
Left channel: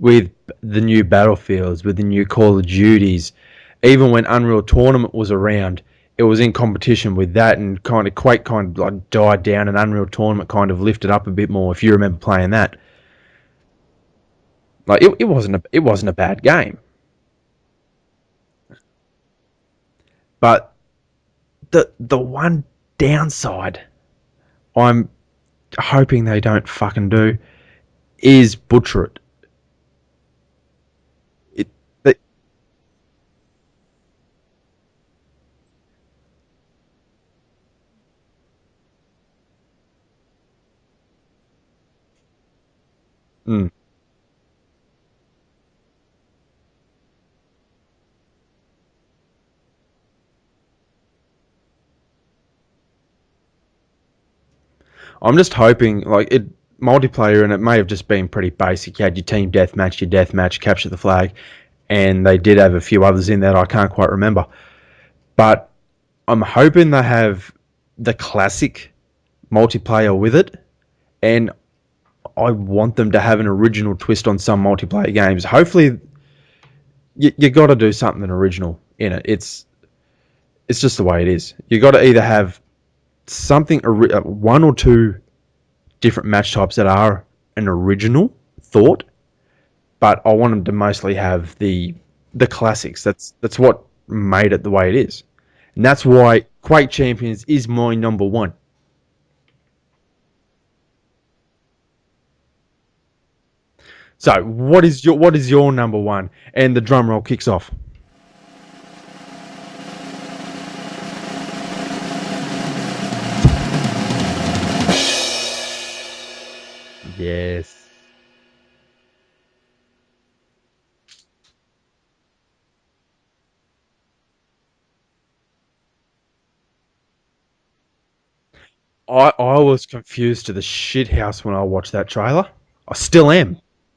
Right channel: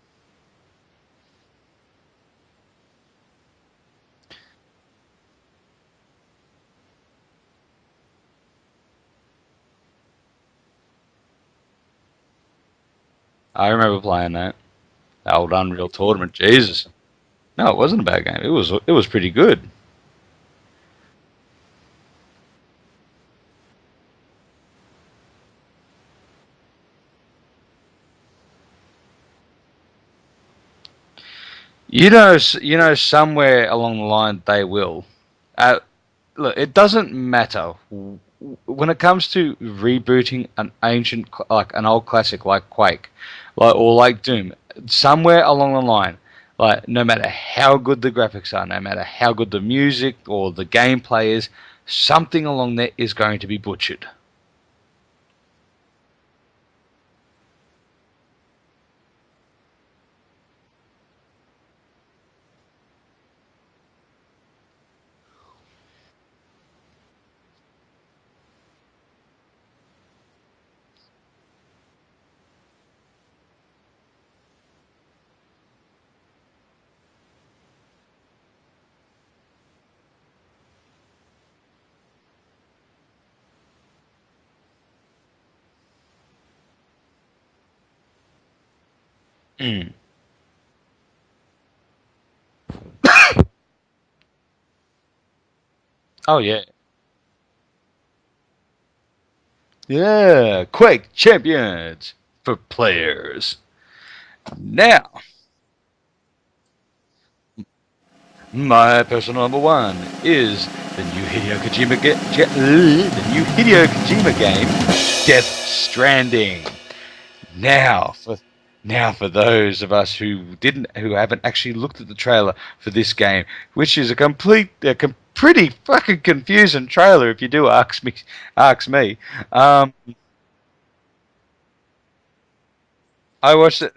with the new Battlefields, with the new Call of Duties. Even when Unreal Tournament was around, it was in competition with that, and kind of Quake kind of like died down, and Unreal Tournament kind of lifted up a bit more. If you remember playing that, I remember playing that. like Old it Unreal wasn't a Tournament. bad game, Jesus. No, it wasn't a bad game. It was pretty good. but the one downside I'm hoping they don't fucking do is butcher it. Somewhere along the line they will. Uh, Look, it doesn't matter when it comes to rebooting an like an old classic like Quake, Mm. or like Doom. Somewhere along the line, like no matter how good the graphics are, no matter how good the music or the gameplay is, something along there is going to be butchered. I'm just hoping, like, it multiplayer, and it may have just been pretty basic. You had your team deathmatch, capture the flag, and they did have a few others in there I can't quite remember. But I'm hoping they have the classic multiplayer with it, and I want them to have an original twist on some multiplayer games. Hopefully, you got to do something original in it. It's just the way it is. You got to either have something, one or two different match types that are an original thought, but I want them to mostly have the classics. That's what made it the way it is, and that's why Oh yeah, Quake Champions is my number one. yeah, Quake Champions for players. So Now, what is your number one? And the drum roll kicks off. my personal number one is the new Hideo Kojima game, Death Stranding. Yeah. Now for those of us who haven't actually looked at the trailer for this game, which is pretty fucking confusing trailer if you do ask me. I was confused to the shit house when I watched that trailer. I still am. I watched it.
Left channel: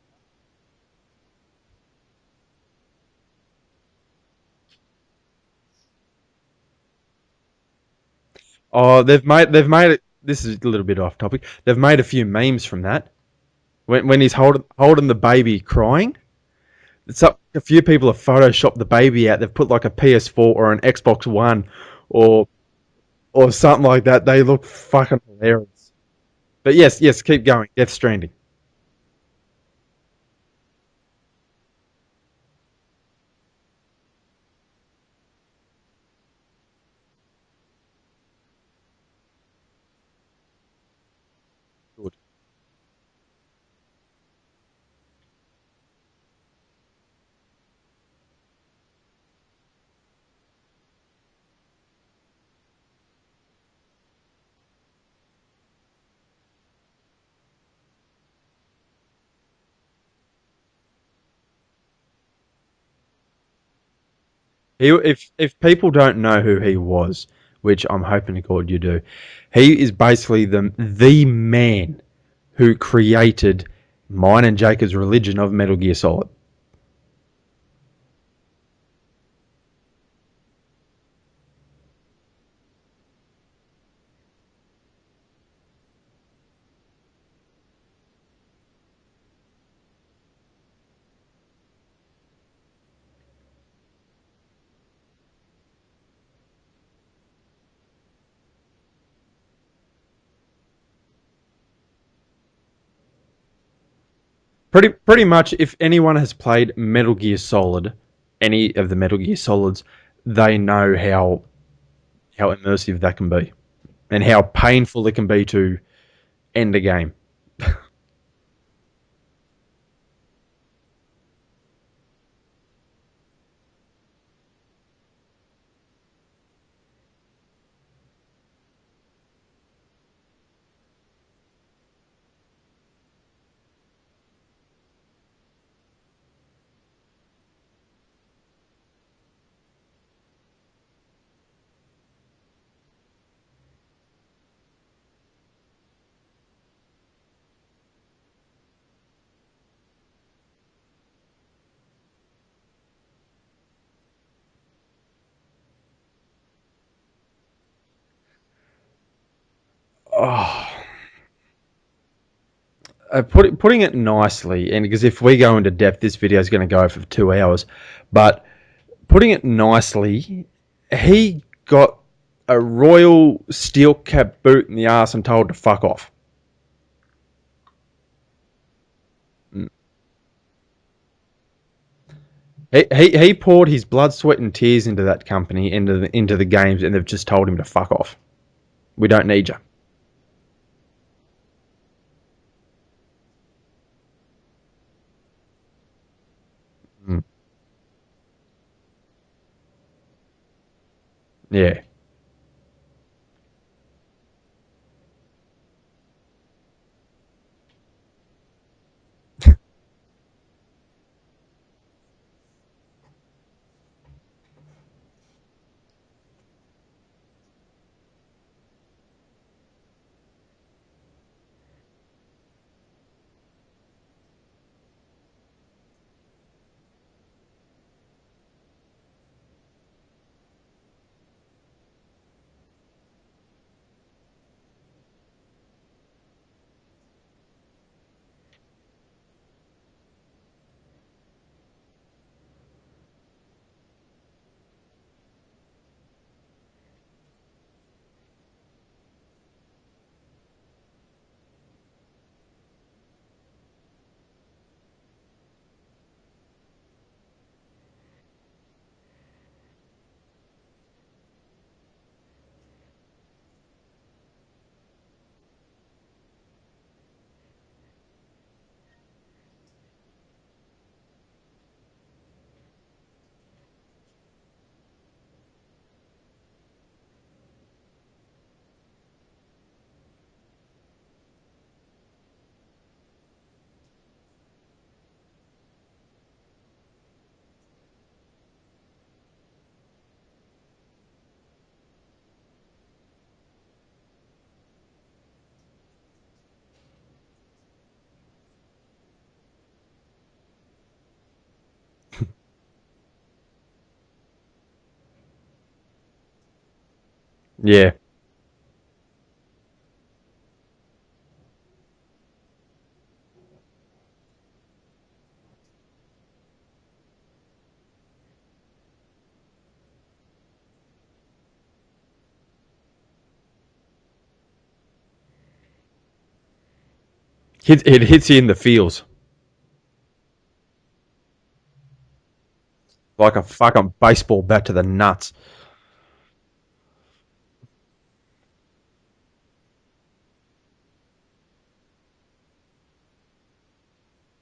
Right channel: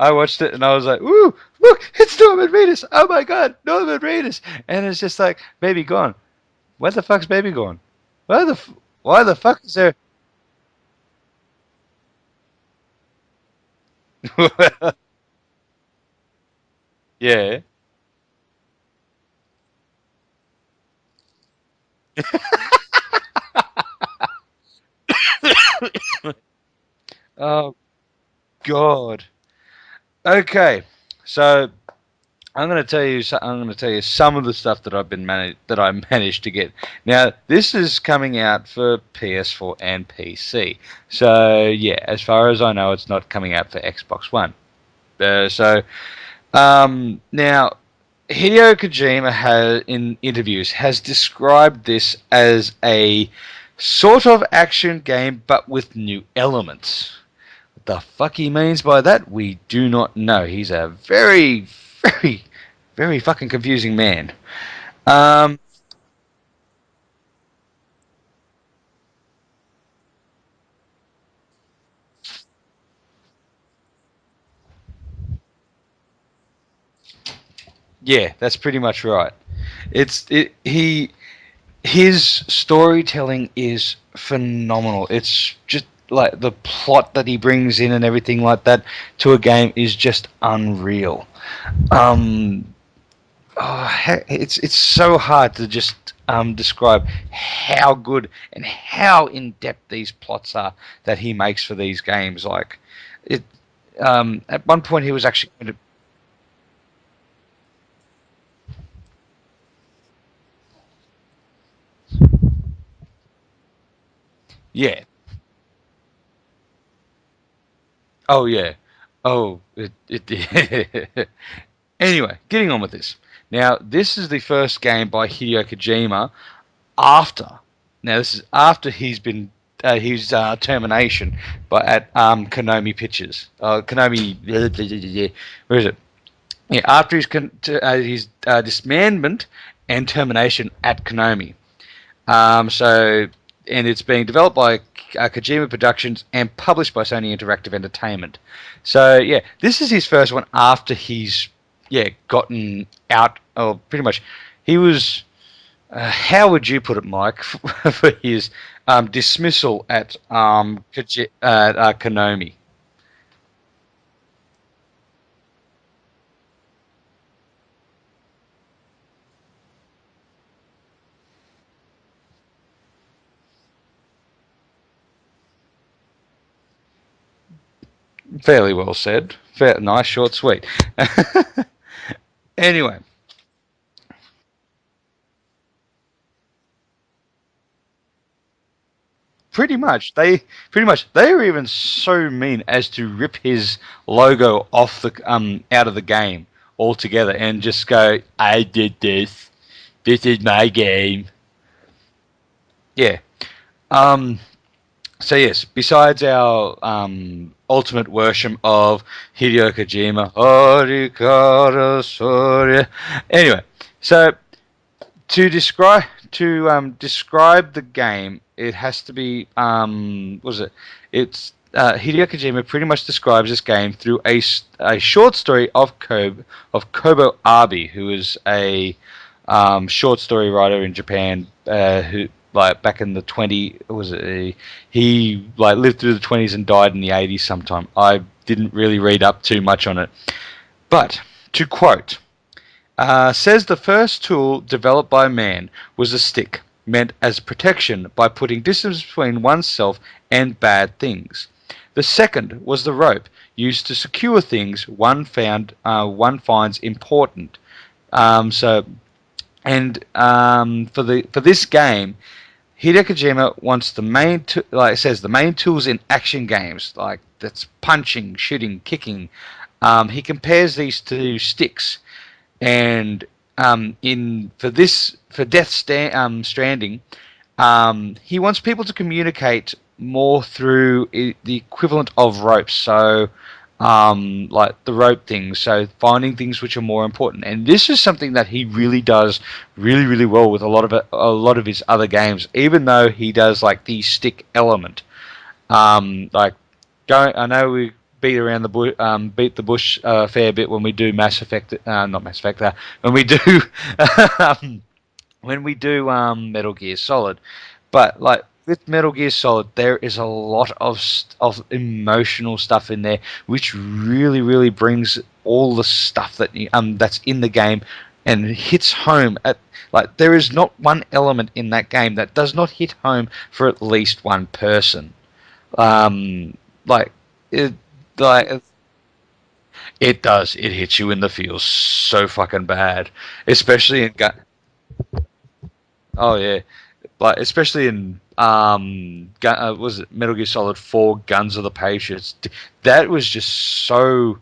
I watched it and I was like, "Ooh, look, it's Norman Reedus! Oh my God, Norman Reedus!" And it's just like, "Baby, gone." Where the fuck's baby gone? Where the? Oh, Why the fuck? they've made it. This is a little bit off topic. They've made a few memes from that. When he's holding the baby crying, Yeah. a few people have photoshopped the baby out. They've put like a PS4 or an Xbox One or something like that. They look fucking hilarious. But yes, keep going. Oh Death Stranding. God. Okay. So I'm going to tell you. I'm going to tell you some of the stuff that I managed to get. Now, this is coming out for PS4 and PC. So yeah, as far as I know, it's not coming out for Xbox One. Now, Hideo Kojima in interviews has described this as a sort of action game, but with new elements. What the fuck he means by that, we do not know. He's a very, very, very fucking confusing man. If people don't know who he was, which I'm hoping to God you do, he is basically the man who created mine and Jacob's religion of Metal Gear Solid. Yeah, that's pretty much right. His storytelling is phenomenal. It's just like the plot that he brings in and everything like that to a game is just unreal. Um, it's so hard to just describe how good and how in depth these plots are that he makes for these games. Like it, at one point he was Pretty much, actually if anyone has played Metal Gear Solid, any of the Metal Gear Solids, they know how immersive that can be, and how yeah. painful it can be to end a game. Oh yeah. Oh, Anyway, getting on with this. Now, this is the first game by Hideo Kojima after. Now, this is after he's been his termination at Konami Pictures. Konami. Where is it? Yeah, after his disbandment and termination at Konami. So, and it's being developed by Kojima Productions and published by Sony Interactive Entertainment. So, yeah, this is his first one after he's gotten out. Or pretty much, he was. How would you put it, Mike, for his dismissal at Konami? Putting it nicely, and because if we go into depth, this video is going to go for 2 hours. But putting it nicely, he got a royal steel cap boot in the ass and told to fuck off. Fairly well said. Nice, short, sweet. Anyway, He poured his blood, sweat, and tears into that company, into the games, and they've just told him to fuck off. We don't need you. pretty much they were even so mean as to rip his logo off the out of the game altogether and just go, "I did this. This is my game." Yeah. Yeah. Um. So yes, besides our ultimate worship of Hideo Kojima, Arikara Soria. Anyway, so to describe the game, it has to be what was it? It's Hideo Kojima pretty much describes this game through a short story of Kobo Abi, who is a short story writer in Japan who like back in the he like lived through the 20s and died in the 80s sometime. I didn't really read up too much on it, but to quote. Says the first tool developed by man was a stick, meant as protection by putting distance between oneself and bad things. The second was the rope, used to secure things one finds important. So, and for this game, Hideo Kojima wants like it says, the main tools in action games, like that's punching, shooting, kicking. He compares these to sticks. And for Stranding, he wants people to communicate more through the equivalent of ropes. So, like the rope things. So finding things which are more important. And this is something that he really does really really well with a lot of his other games. Even though he does like the stick element, like I know we beat the bush a fair bit when we do Mass Effect, not Mass Effect, when we do when we do Metal Gear Solid. Yeah. But like with Metal Gear Solid, there is a lot of emotional stuff in there, which really brings all the stuff that that's in the game and hits home at like there is not one element in that game that does not hit home for at least one person. Like It hits you in the like feels. it does. It hits you in the feels so fucking bad, Like a fucking especially in baseball bat to the nuts. oh yeah, like especially in was it Metal Gear Solid 4 Guns of the Patriots. That was just so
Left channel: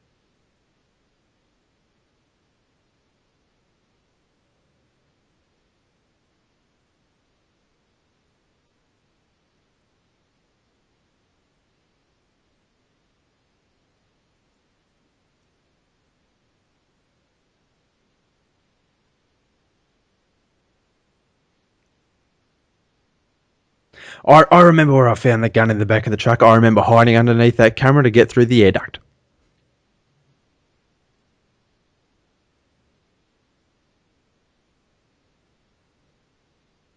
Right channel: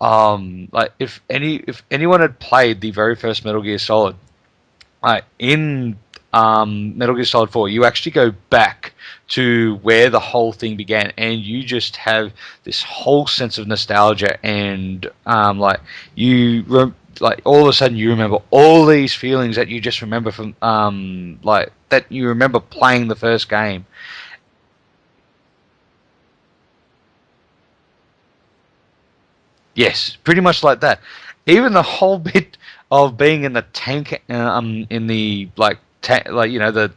like if anyone had played the very first Metal Gear Solid in Metal Gear Solid 4, you actually go back to where the whole thing began, and you just have this whole sense of nostalgia, and like all of a sudden you remember all these feelings that you just remember from like that you remember playing the first game. I remember where I found the gun in the back of the truck. I remember hiding underneath that camera to get through the air duct. Yes, pretty much like that. Even the whole bit of being in the tank, in the like you know the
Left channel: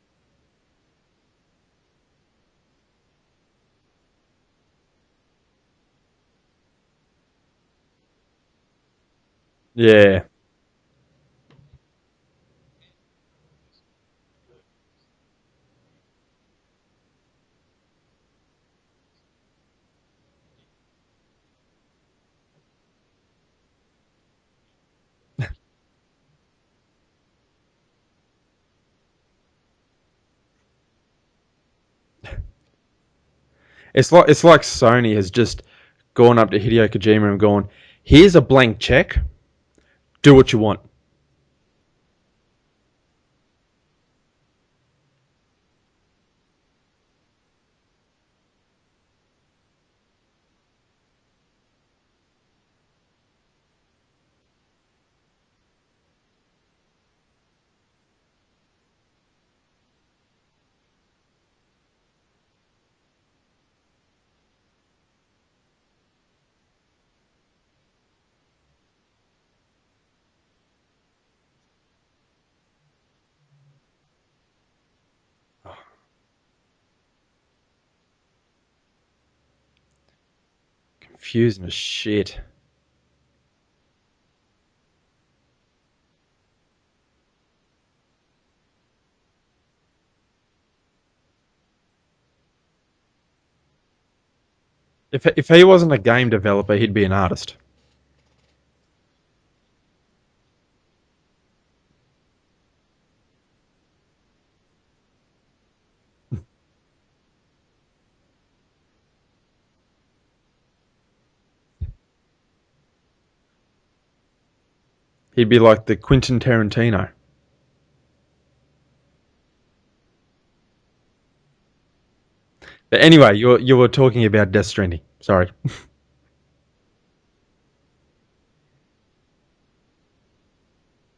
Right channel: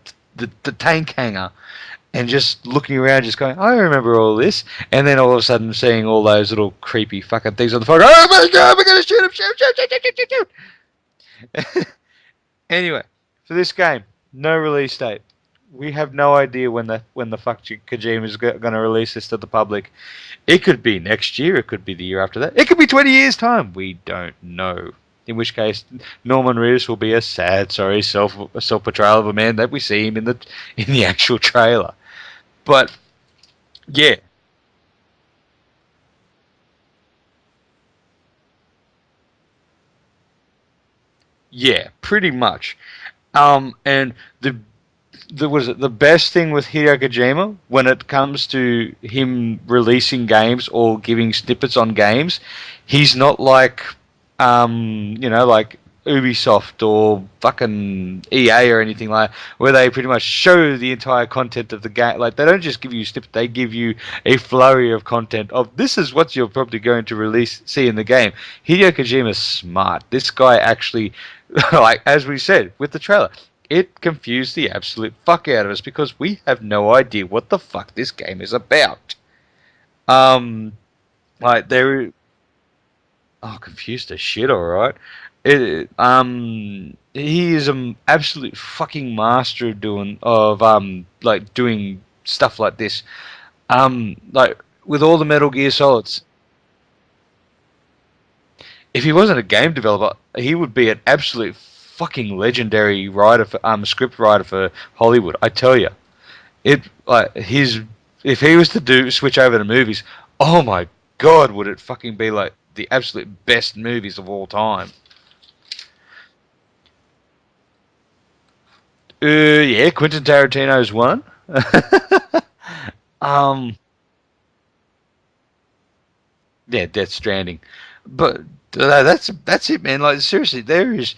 tank hangar, and just looking around, just going, I remember all this, and then all of a sudden seeing all those little creepy fucking things on the phone. Oh my god, we're gonna shoot him! Yeah. Shoot! Anyway, for this game, no release date. We have no idea when the fuck Kojima is going to release this to the public. It could be next year. It could be the year after that. It could be 20 years' time. We don't know. In which case, Norman Reedus will be a sad, sorry, self portrayal of a man that we see him in the actual trailer. But yeah, It's like Sony has just gone up to Hideo Kojima and gone, here's a blank check. Do what you want. yeah, pretty much. And the best thing with Hideo Kojima when it comes to him releasing games or giving snippets on games, he's not like like Ubisoft or fucking EA or anything like that, where they pretty much show the entire content of the game. Like they don't just give you snippets, they give you a flurry of content of this is what you're probably going to see in the game. Hideo Kojima's smart. This guy actually like as we said with the trailer, it confused the absolute fuck out of us because we have no idea what the fuck this game is about. Confused Like as there, shit. oh, confused as shit. All right. He is an absolute fucking master of doing stuff like this. Like with all the If Metal he Gear wasn't a Solids. game developer, he'd be an artist. If he wasn't a game developer, he would be an absolute fucking legendary writer for script writer for Hollywood. I tell you, it like his if he was to switch over to movies, oh my god, would it fucking be like the absolute best movies of all time? He'd be like the Quentin Tarantino. Yeah, Quentin Tarantino's one. But anyway, you were talking about Death Stranding. Sorry. Yeah, Death Stranding, but that's it, man. Like seriously, there is.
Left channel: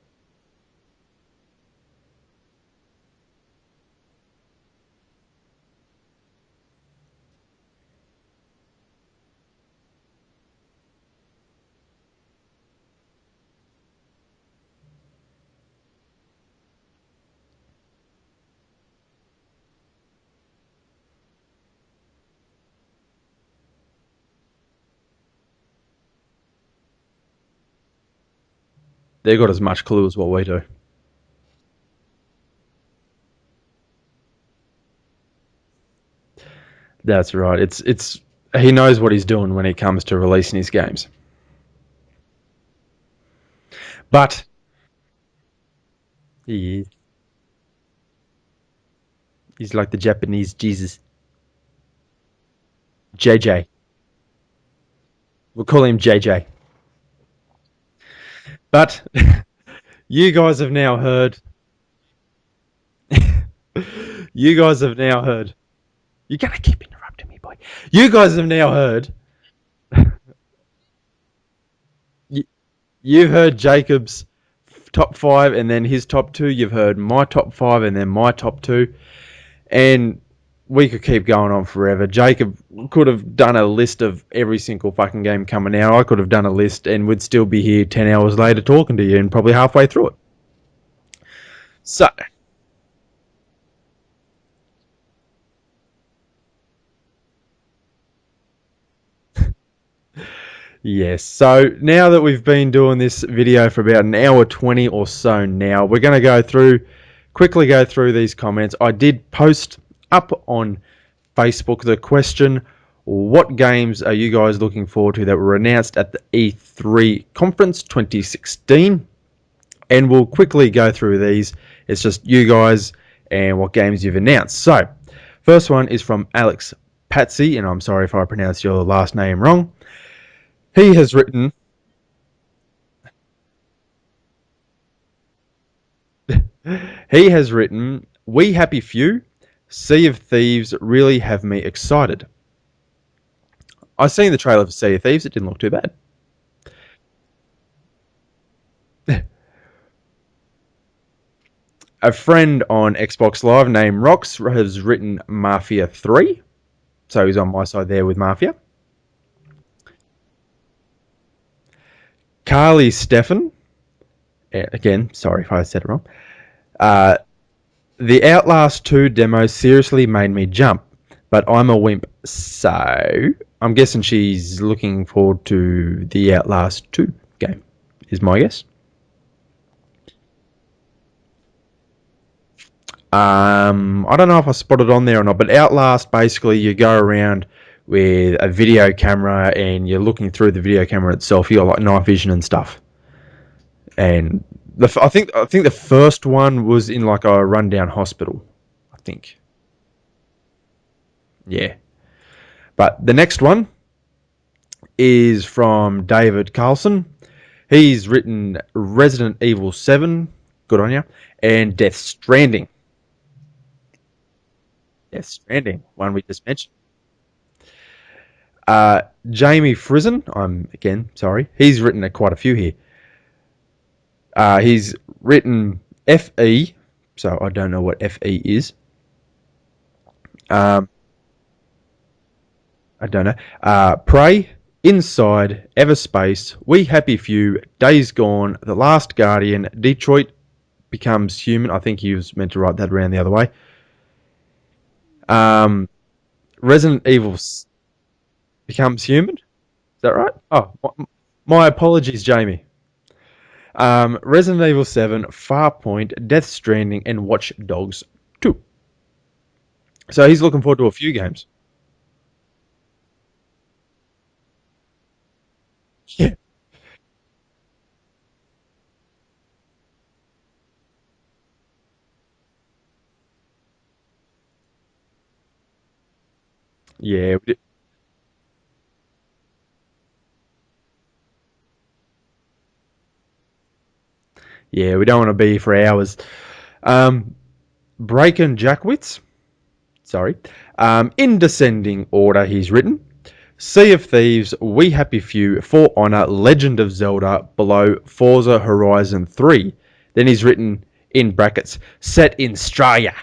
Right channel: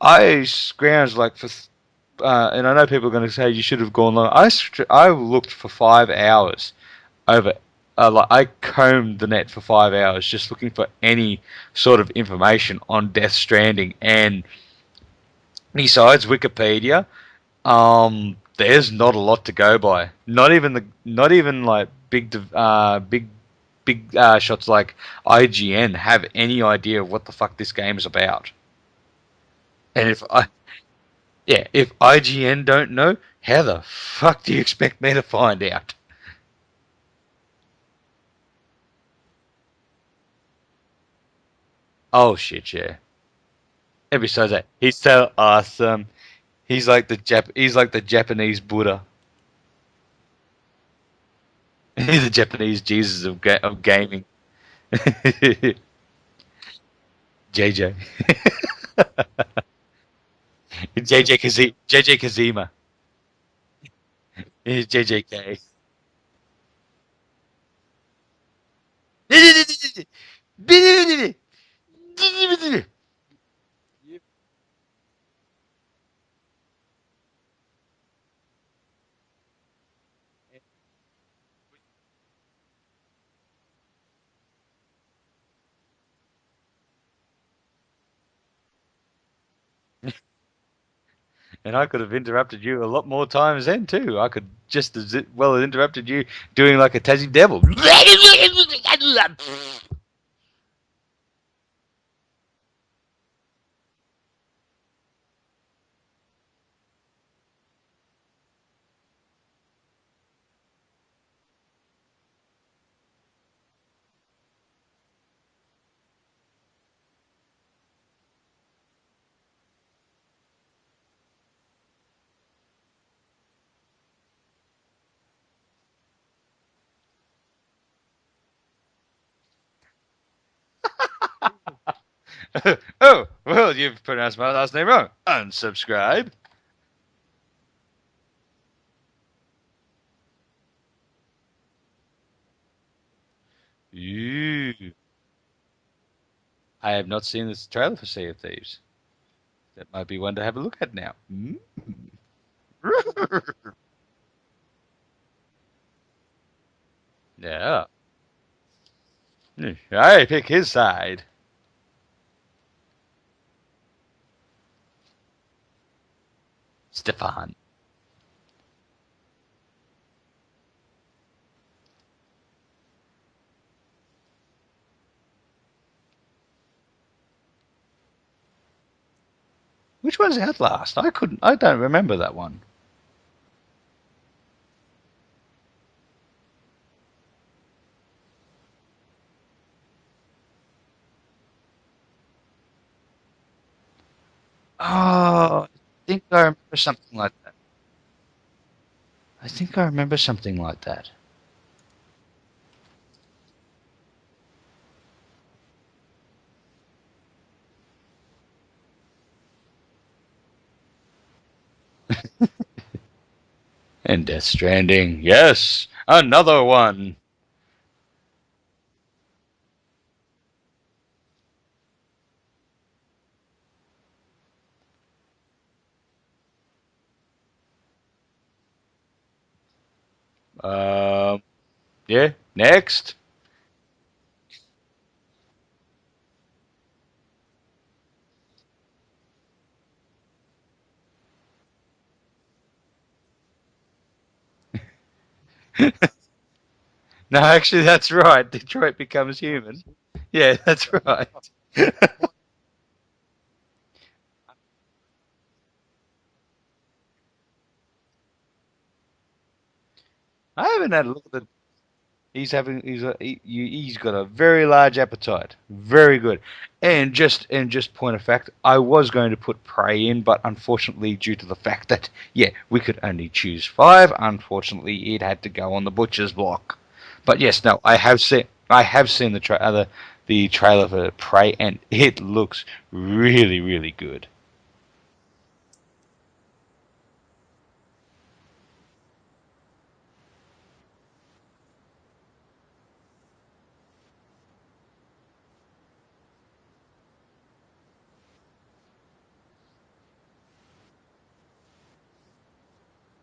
I scrounged like for, and I know people are going to say you should have gone long. I looked for 5 hours over. Like I combed the net for 5 hours just looking for any sort of information on Death Stranding, and besides Wikipedia, there's not a lot to go by. Not even like big shots like IGN have any idea of what the fuck this game is about. They got as much clue And as what we do. yeah, if IGN don't know, how the fuck do you expect me to find out? That's right. It's he knows what he's doing when it comes to releasing his games. Oh shit, yeah. And But besides that, he's so awesome. he He's is. like the Japanese Buddha. He's like the Japanese Jesus. He's the Japanese Jesus JJ. of gaming. We'll call him JJ. JJ. But you guys have now heard. JJ Kazima. You guys have JJ now heard. You're gonna keep interrupting me, boy. You guys have now heard. You've heard Jacob's top 5 and then his top 2. You've heard my top 5 and then my top 2. And we could keep going on forever. Jacob could have done a list of every single fucking game coming out. I could have done a list and we'd still be here 10 hours later talking to you and probably halfway through it. And I could So- have interrupted you a lot more times then too. I could just as well have interrupted you doing like a Tassie Devil. Yes, so now that we've been doing this video for about an hour 20 or so now, we're going to quickly go through these comments. I did post up on Facebook the question, what games are you guys looking forward to that were announced at the E3 conference 2016? And we'll quickly go through these. It's just you guys and what games you've announced. So, first one is from Alex Patsy, and I'm sorry if I pronounced your last name wrong. He has written, Oh, well, you've pronounced my last name wrong. Unsubscribe. We Happy Few, Sea of Thieves really have me excited. I've seen the trailer for Sea of Thieves. It didn't look too bad. I have not seen this trailer for Sea of Thieves. That might be one to have a look at now. A friend on Xbox Live named Rox has written Mafia 3. So he's on my side there with Mafia. I pick his side. Carly Stefan. Again, sorry if I said it wrong. Stefan. The Outlast 2 demo seriously made me jump, but I'm a wimp, so I'm guessing she's looking forward to the Outlast 2 game, is my guess. Which one's Outlast? I don't remember that one. I don't know if I spotted on there or not, but Outlast, basically you go around with a video camera and you're looking through the video camera itself. You got like night vision and stuff. And I think the first one was in like a rundown hospital. I think I remember something like that. Yeah. But the next one is from David Carlson. He's written Resident Evil 7, good on you, and Death Stranding. And Death Stranding, Death yes, Stranding. another one. Jamie Frizen, sorry, he's written quite a few here. He's written FE, so I don't know what FE is. Yeah, next. I don't know. Prey, Inside, Everspace, We Happy Few, Days Gone, The Last Guardian, Detroit Becomes Human. I think he was meant to write that around the other way. Resident Evil. No, actually, that's right. Detroit becomes human. Is that right? Yeah, that's right. My apologies, Jamie. Resident Evil 7, Farpoint, Death Stranding, and Watch Dogs 2. So he's looking forward to a few games. He's got a very large appetite. Very good. And just point of fact, I was going to put Prey in, but unfortunately, due to the fact that we could only choose 5, unfortunately, it had to go on the butcher's block. Yeah. But yes, no, I have seen the trailer for Prey, and it looks really, really good. Yeah, we don't want to be here for hours. Braken Jackwitz. Sorry. In descending order, he's written Sea of Thieves, We Happy Few, For Honor, Legend of Zelda, below Forza Horizon 3. Then he's written in brackets, set in Australia.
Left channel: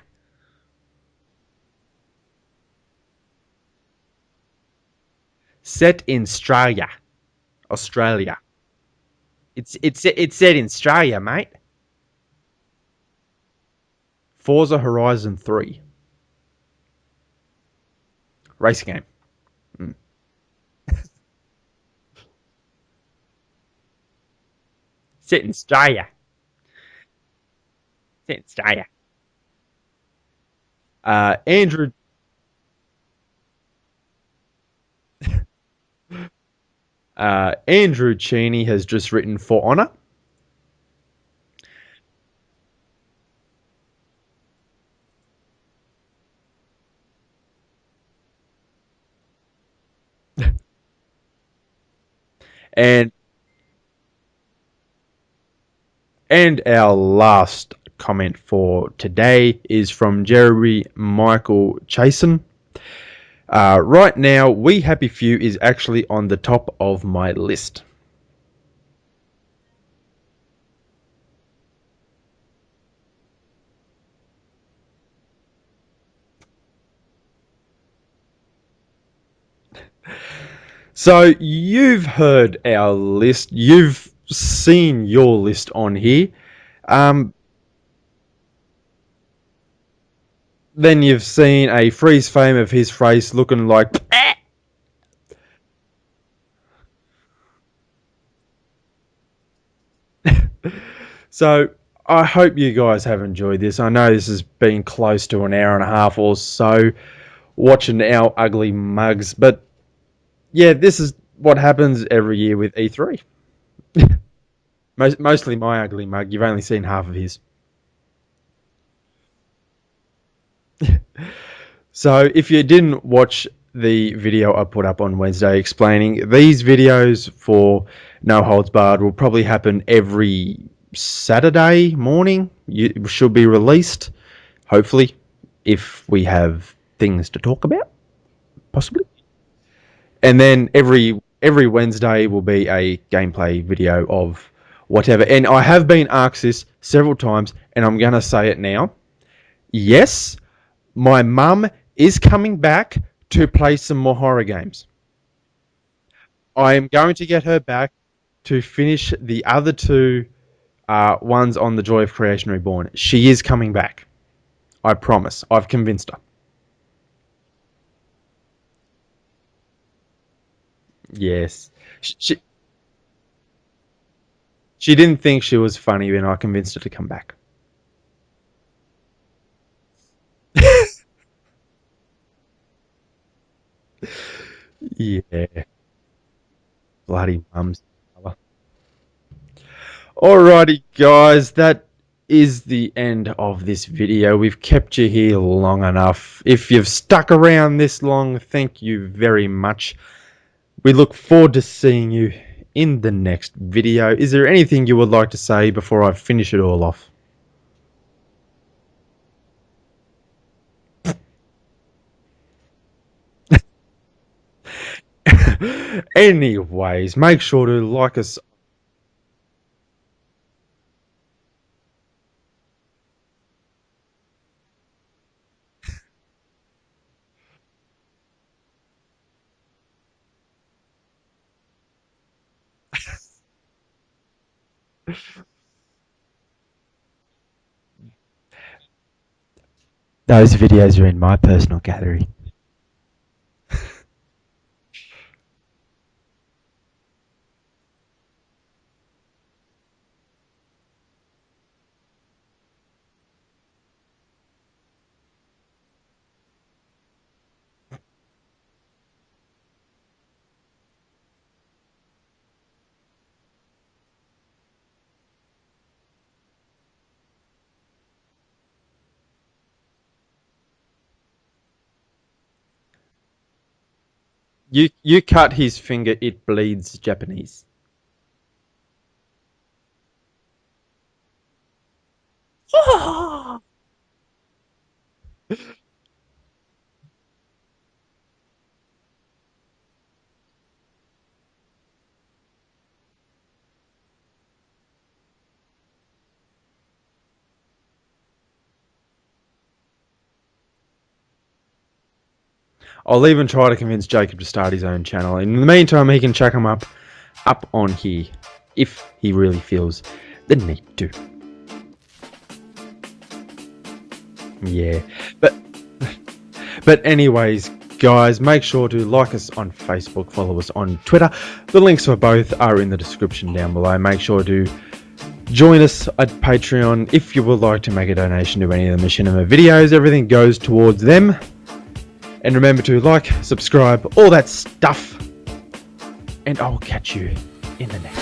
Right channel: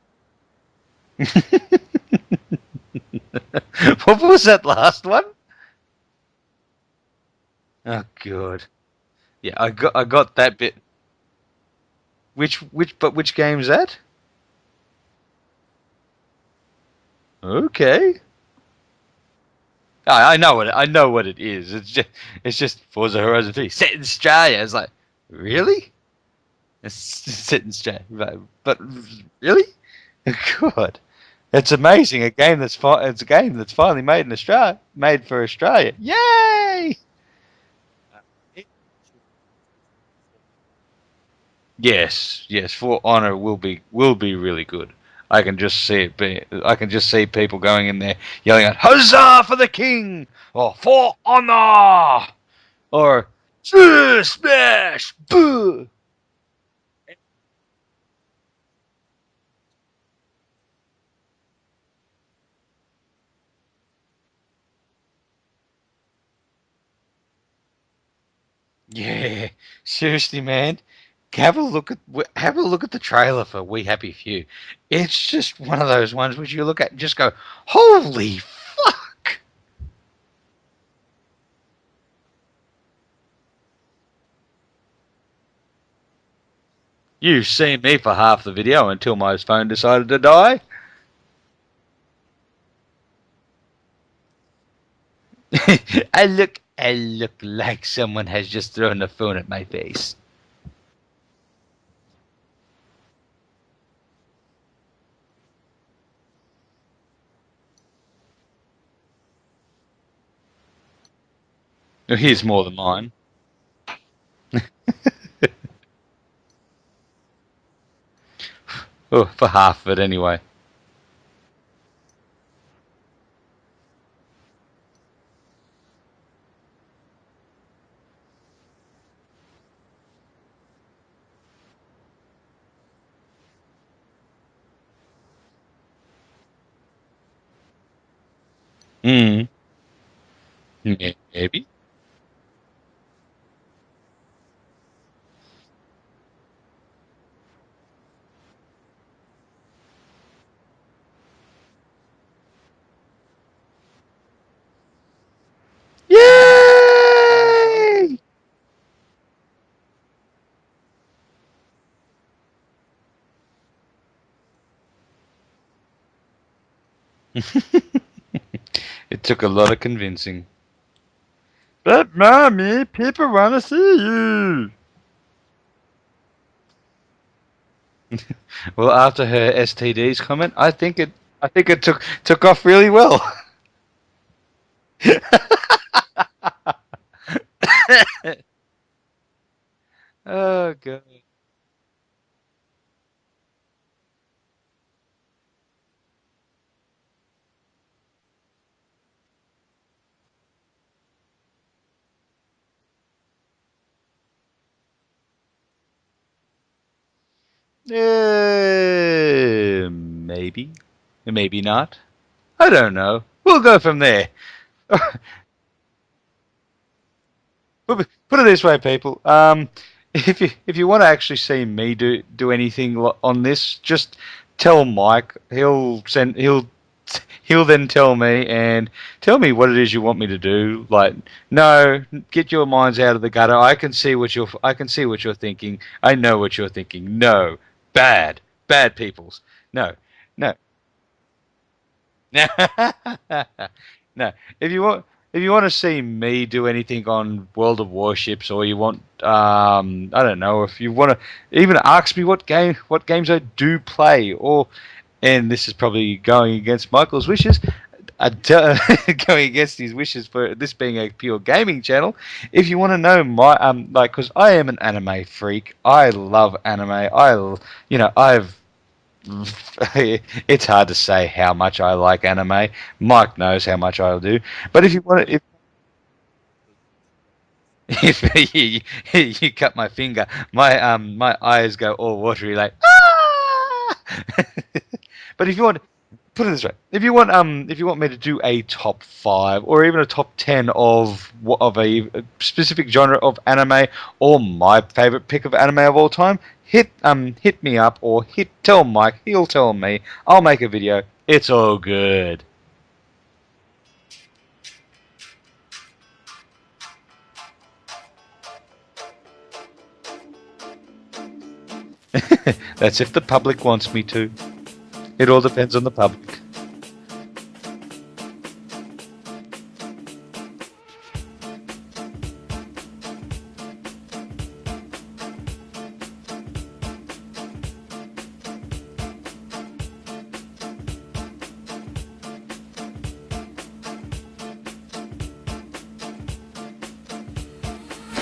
What was that last one? Set in Australia. Australia. Oh, good. Yeah, it's set in Australia, mate. Which game is that? Forza Horizon 3. Okay. Racing game. I know what it is. It's just Forza Horizon 3 set in Australia. It's like set in really? Australia. Set in Australia. Australia. Really? God. It's amazing. It's a game that's finally made in Australia, made for Australia. Yay! Andrew Cheney has just written For Honor. Yes, For Honor will be really good. I can just see people going in there yelling out "Huzzah for the King!" or "For Honor!" or "Smash!" Boo! And our last comment for today is from Jeremy Michael Chasen. Right now, We Happy Few is actually on the top of my list. Yeah, seriously, man. Have a look at the trailer for We Happy Few. It's just one of those ones which you look at and just go, "Holy fuck!" So you've heard our list. You've seen your list on here. You've seen me for half the video until my phone decided to die. Then you've seen a freeze frame of his face looking like. I look like someone has just thrown the phone at my face. So I hope you guys have enjoyed this. I know this has been close to an hour and a half or so watching our ugly mugs, but yeah, this is what happens every He's year more with than mine. E3. Mostly my ugly mug. You've only seen half of his. Oh, for half of it anyway. So if you didn't watch the video I put up on Wednesday explaining, these videos for No Holds Barred will probably happen every Saturday morning. It should be released, hopefully, if we have things to talk about, possibly. Mm. And then Yeah. every Wednesday will be a gameplay video of whatever. And I have been asked this several times, and I'm going to say it now. Yes, my mum is coming back to play some more horror games. Yay! I am going to get her back to finish the other two ones on the Joy of Creation Reborn. She is coming back. I promise. I've convinced her. It took a lot of convincing. Yes. But mommy, people want to see you. She didn't think she was funny when I convinced her to come back. Well, after her STDs comment, I think it took off really well. Yeah. Bloody mum. Alrighty, guys, that is the end of this video. We've kept you here long enough. If you've stuck around this long, thank you very much. We look forward to seeing you in the next video. Is there anything you would like to say before I finish it all off? Maybe. Maybe not. I don't know. We'll go from there. Anyways, make sure to like us. Put it this way, people. If you want to actually see me do anything on this, just tell Mike. He'll then tell me and tell me what it is you want me to do. Like, no, get your minds out of the gutter. I can see what you're thinking. I know what you're thinking. No, bad peoples. No. Those videos are in my personal gallery. No. If you want to see me do anything on World of Warships, or you want I don't know, if you want to even ask me what games I do play, and this is probably going against Michael's wishes, going against his wishes for this being a pure gaming channel. If you want to know my because I am an anime freak. I love anime. It's hard to say how much I like anime. Mike knows how much I do. But if you cut his finger, it bleeds Japanese. If you cut my finger, my eyes go all watery like. But if you want, put it this way: if you want me to do a top 5 or even a top 10 of a specific genre of anime, or my favorite pick of anime of all time, hit me up, or tell Mike. He'll tell me. I'll make a video. It's all good. I'll even try to convince Jacob to start his own channel. In the meantime, he can chuck him up on here if he really feels the need to. That's if the public wants me to. Yeah. It all depends on the public. But anyways, guys, make sure to like us on Facebook, follow us on Twitter. The links for both are in the description down below. Make sure to join us at Patreon if you would like to make a donation to any of the Machinima videos. Everything goes towards them. And remember to like, subscribe, all that stuff. And I'll catch you in the next.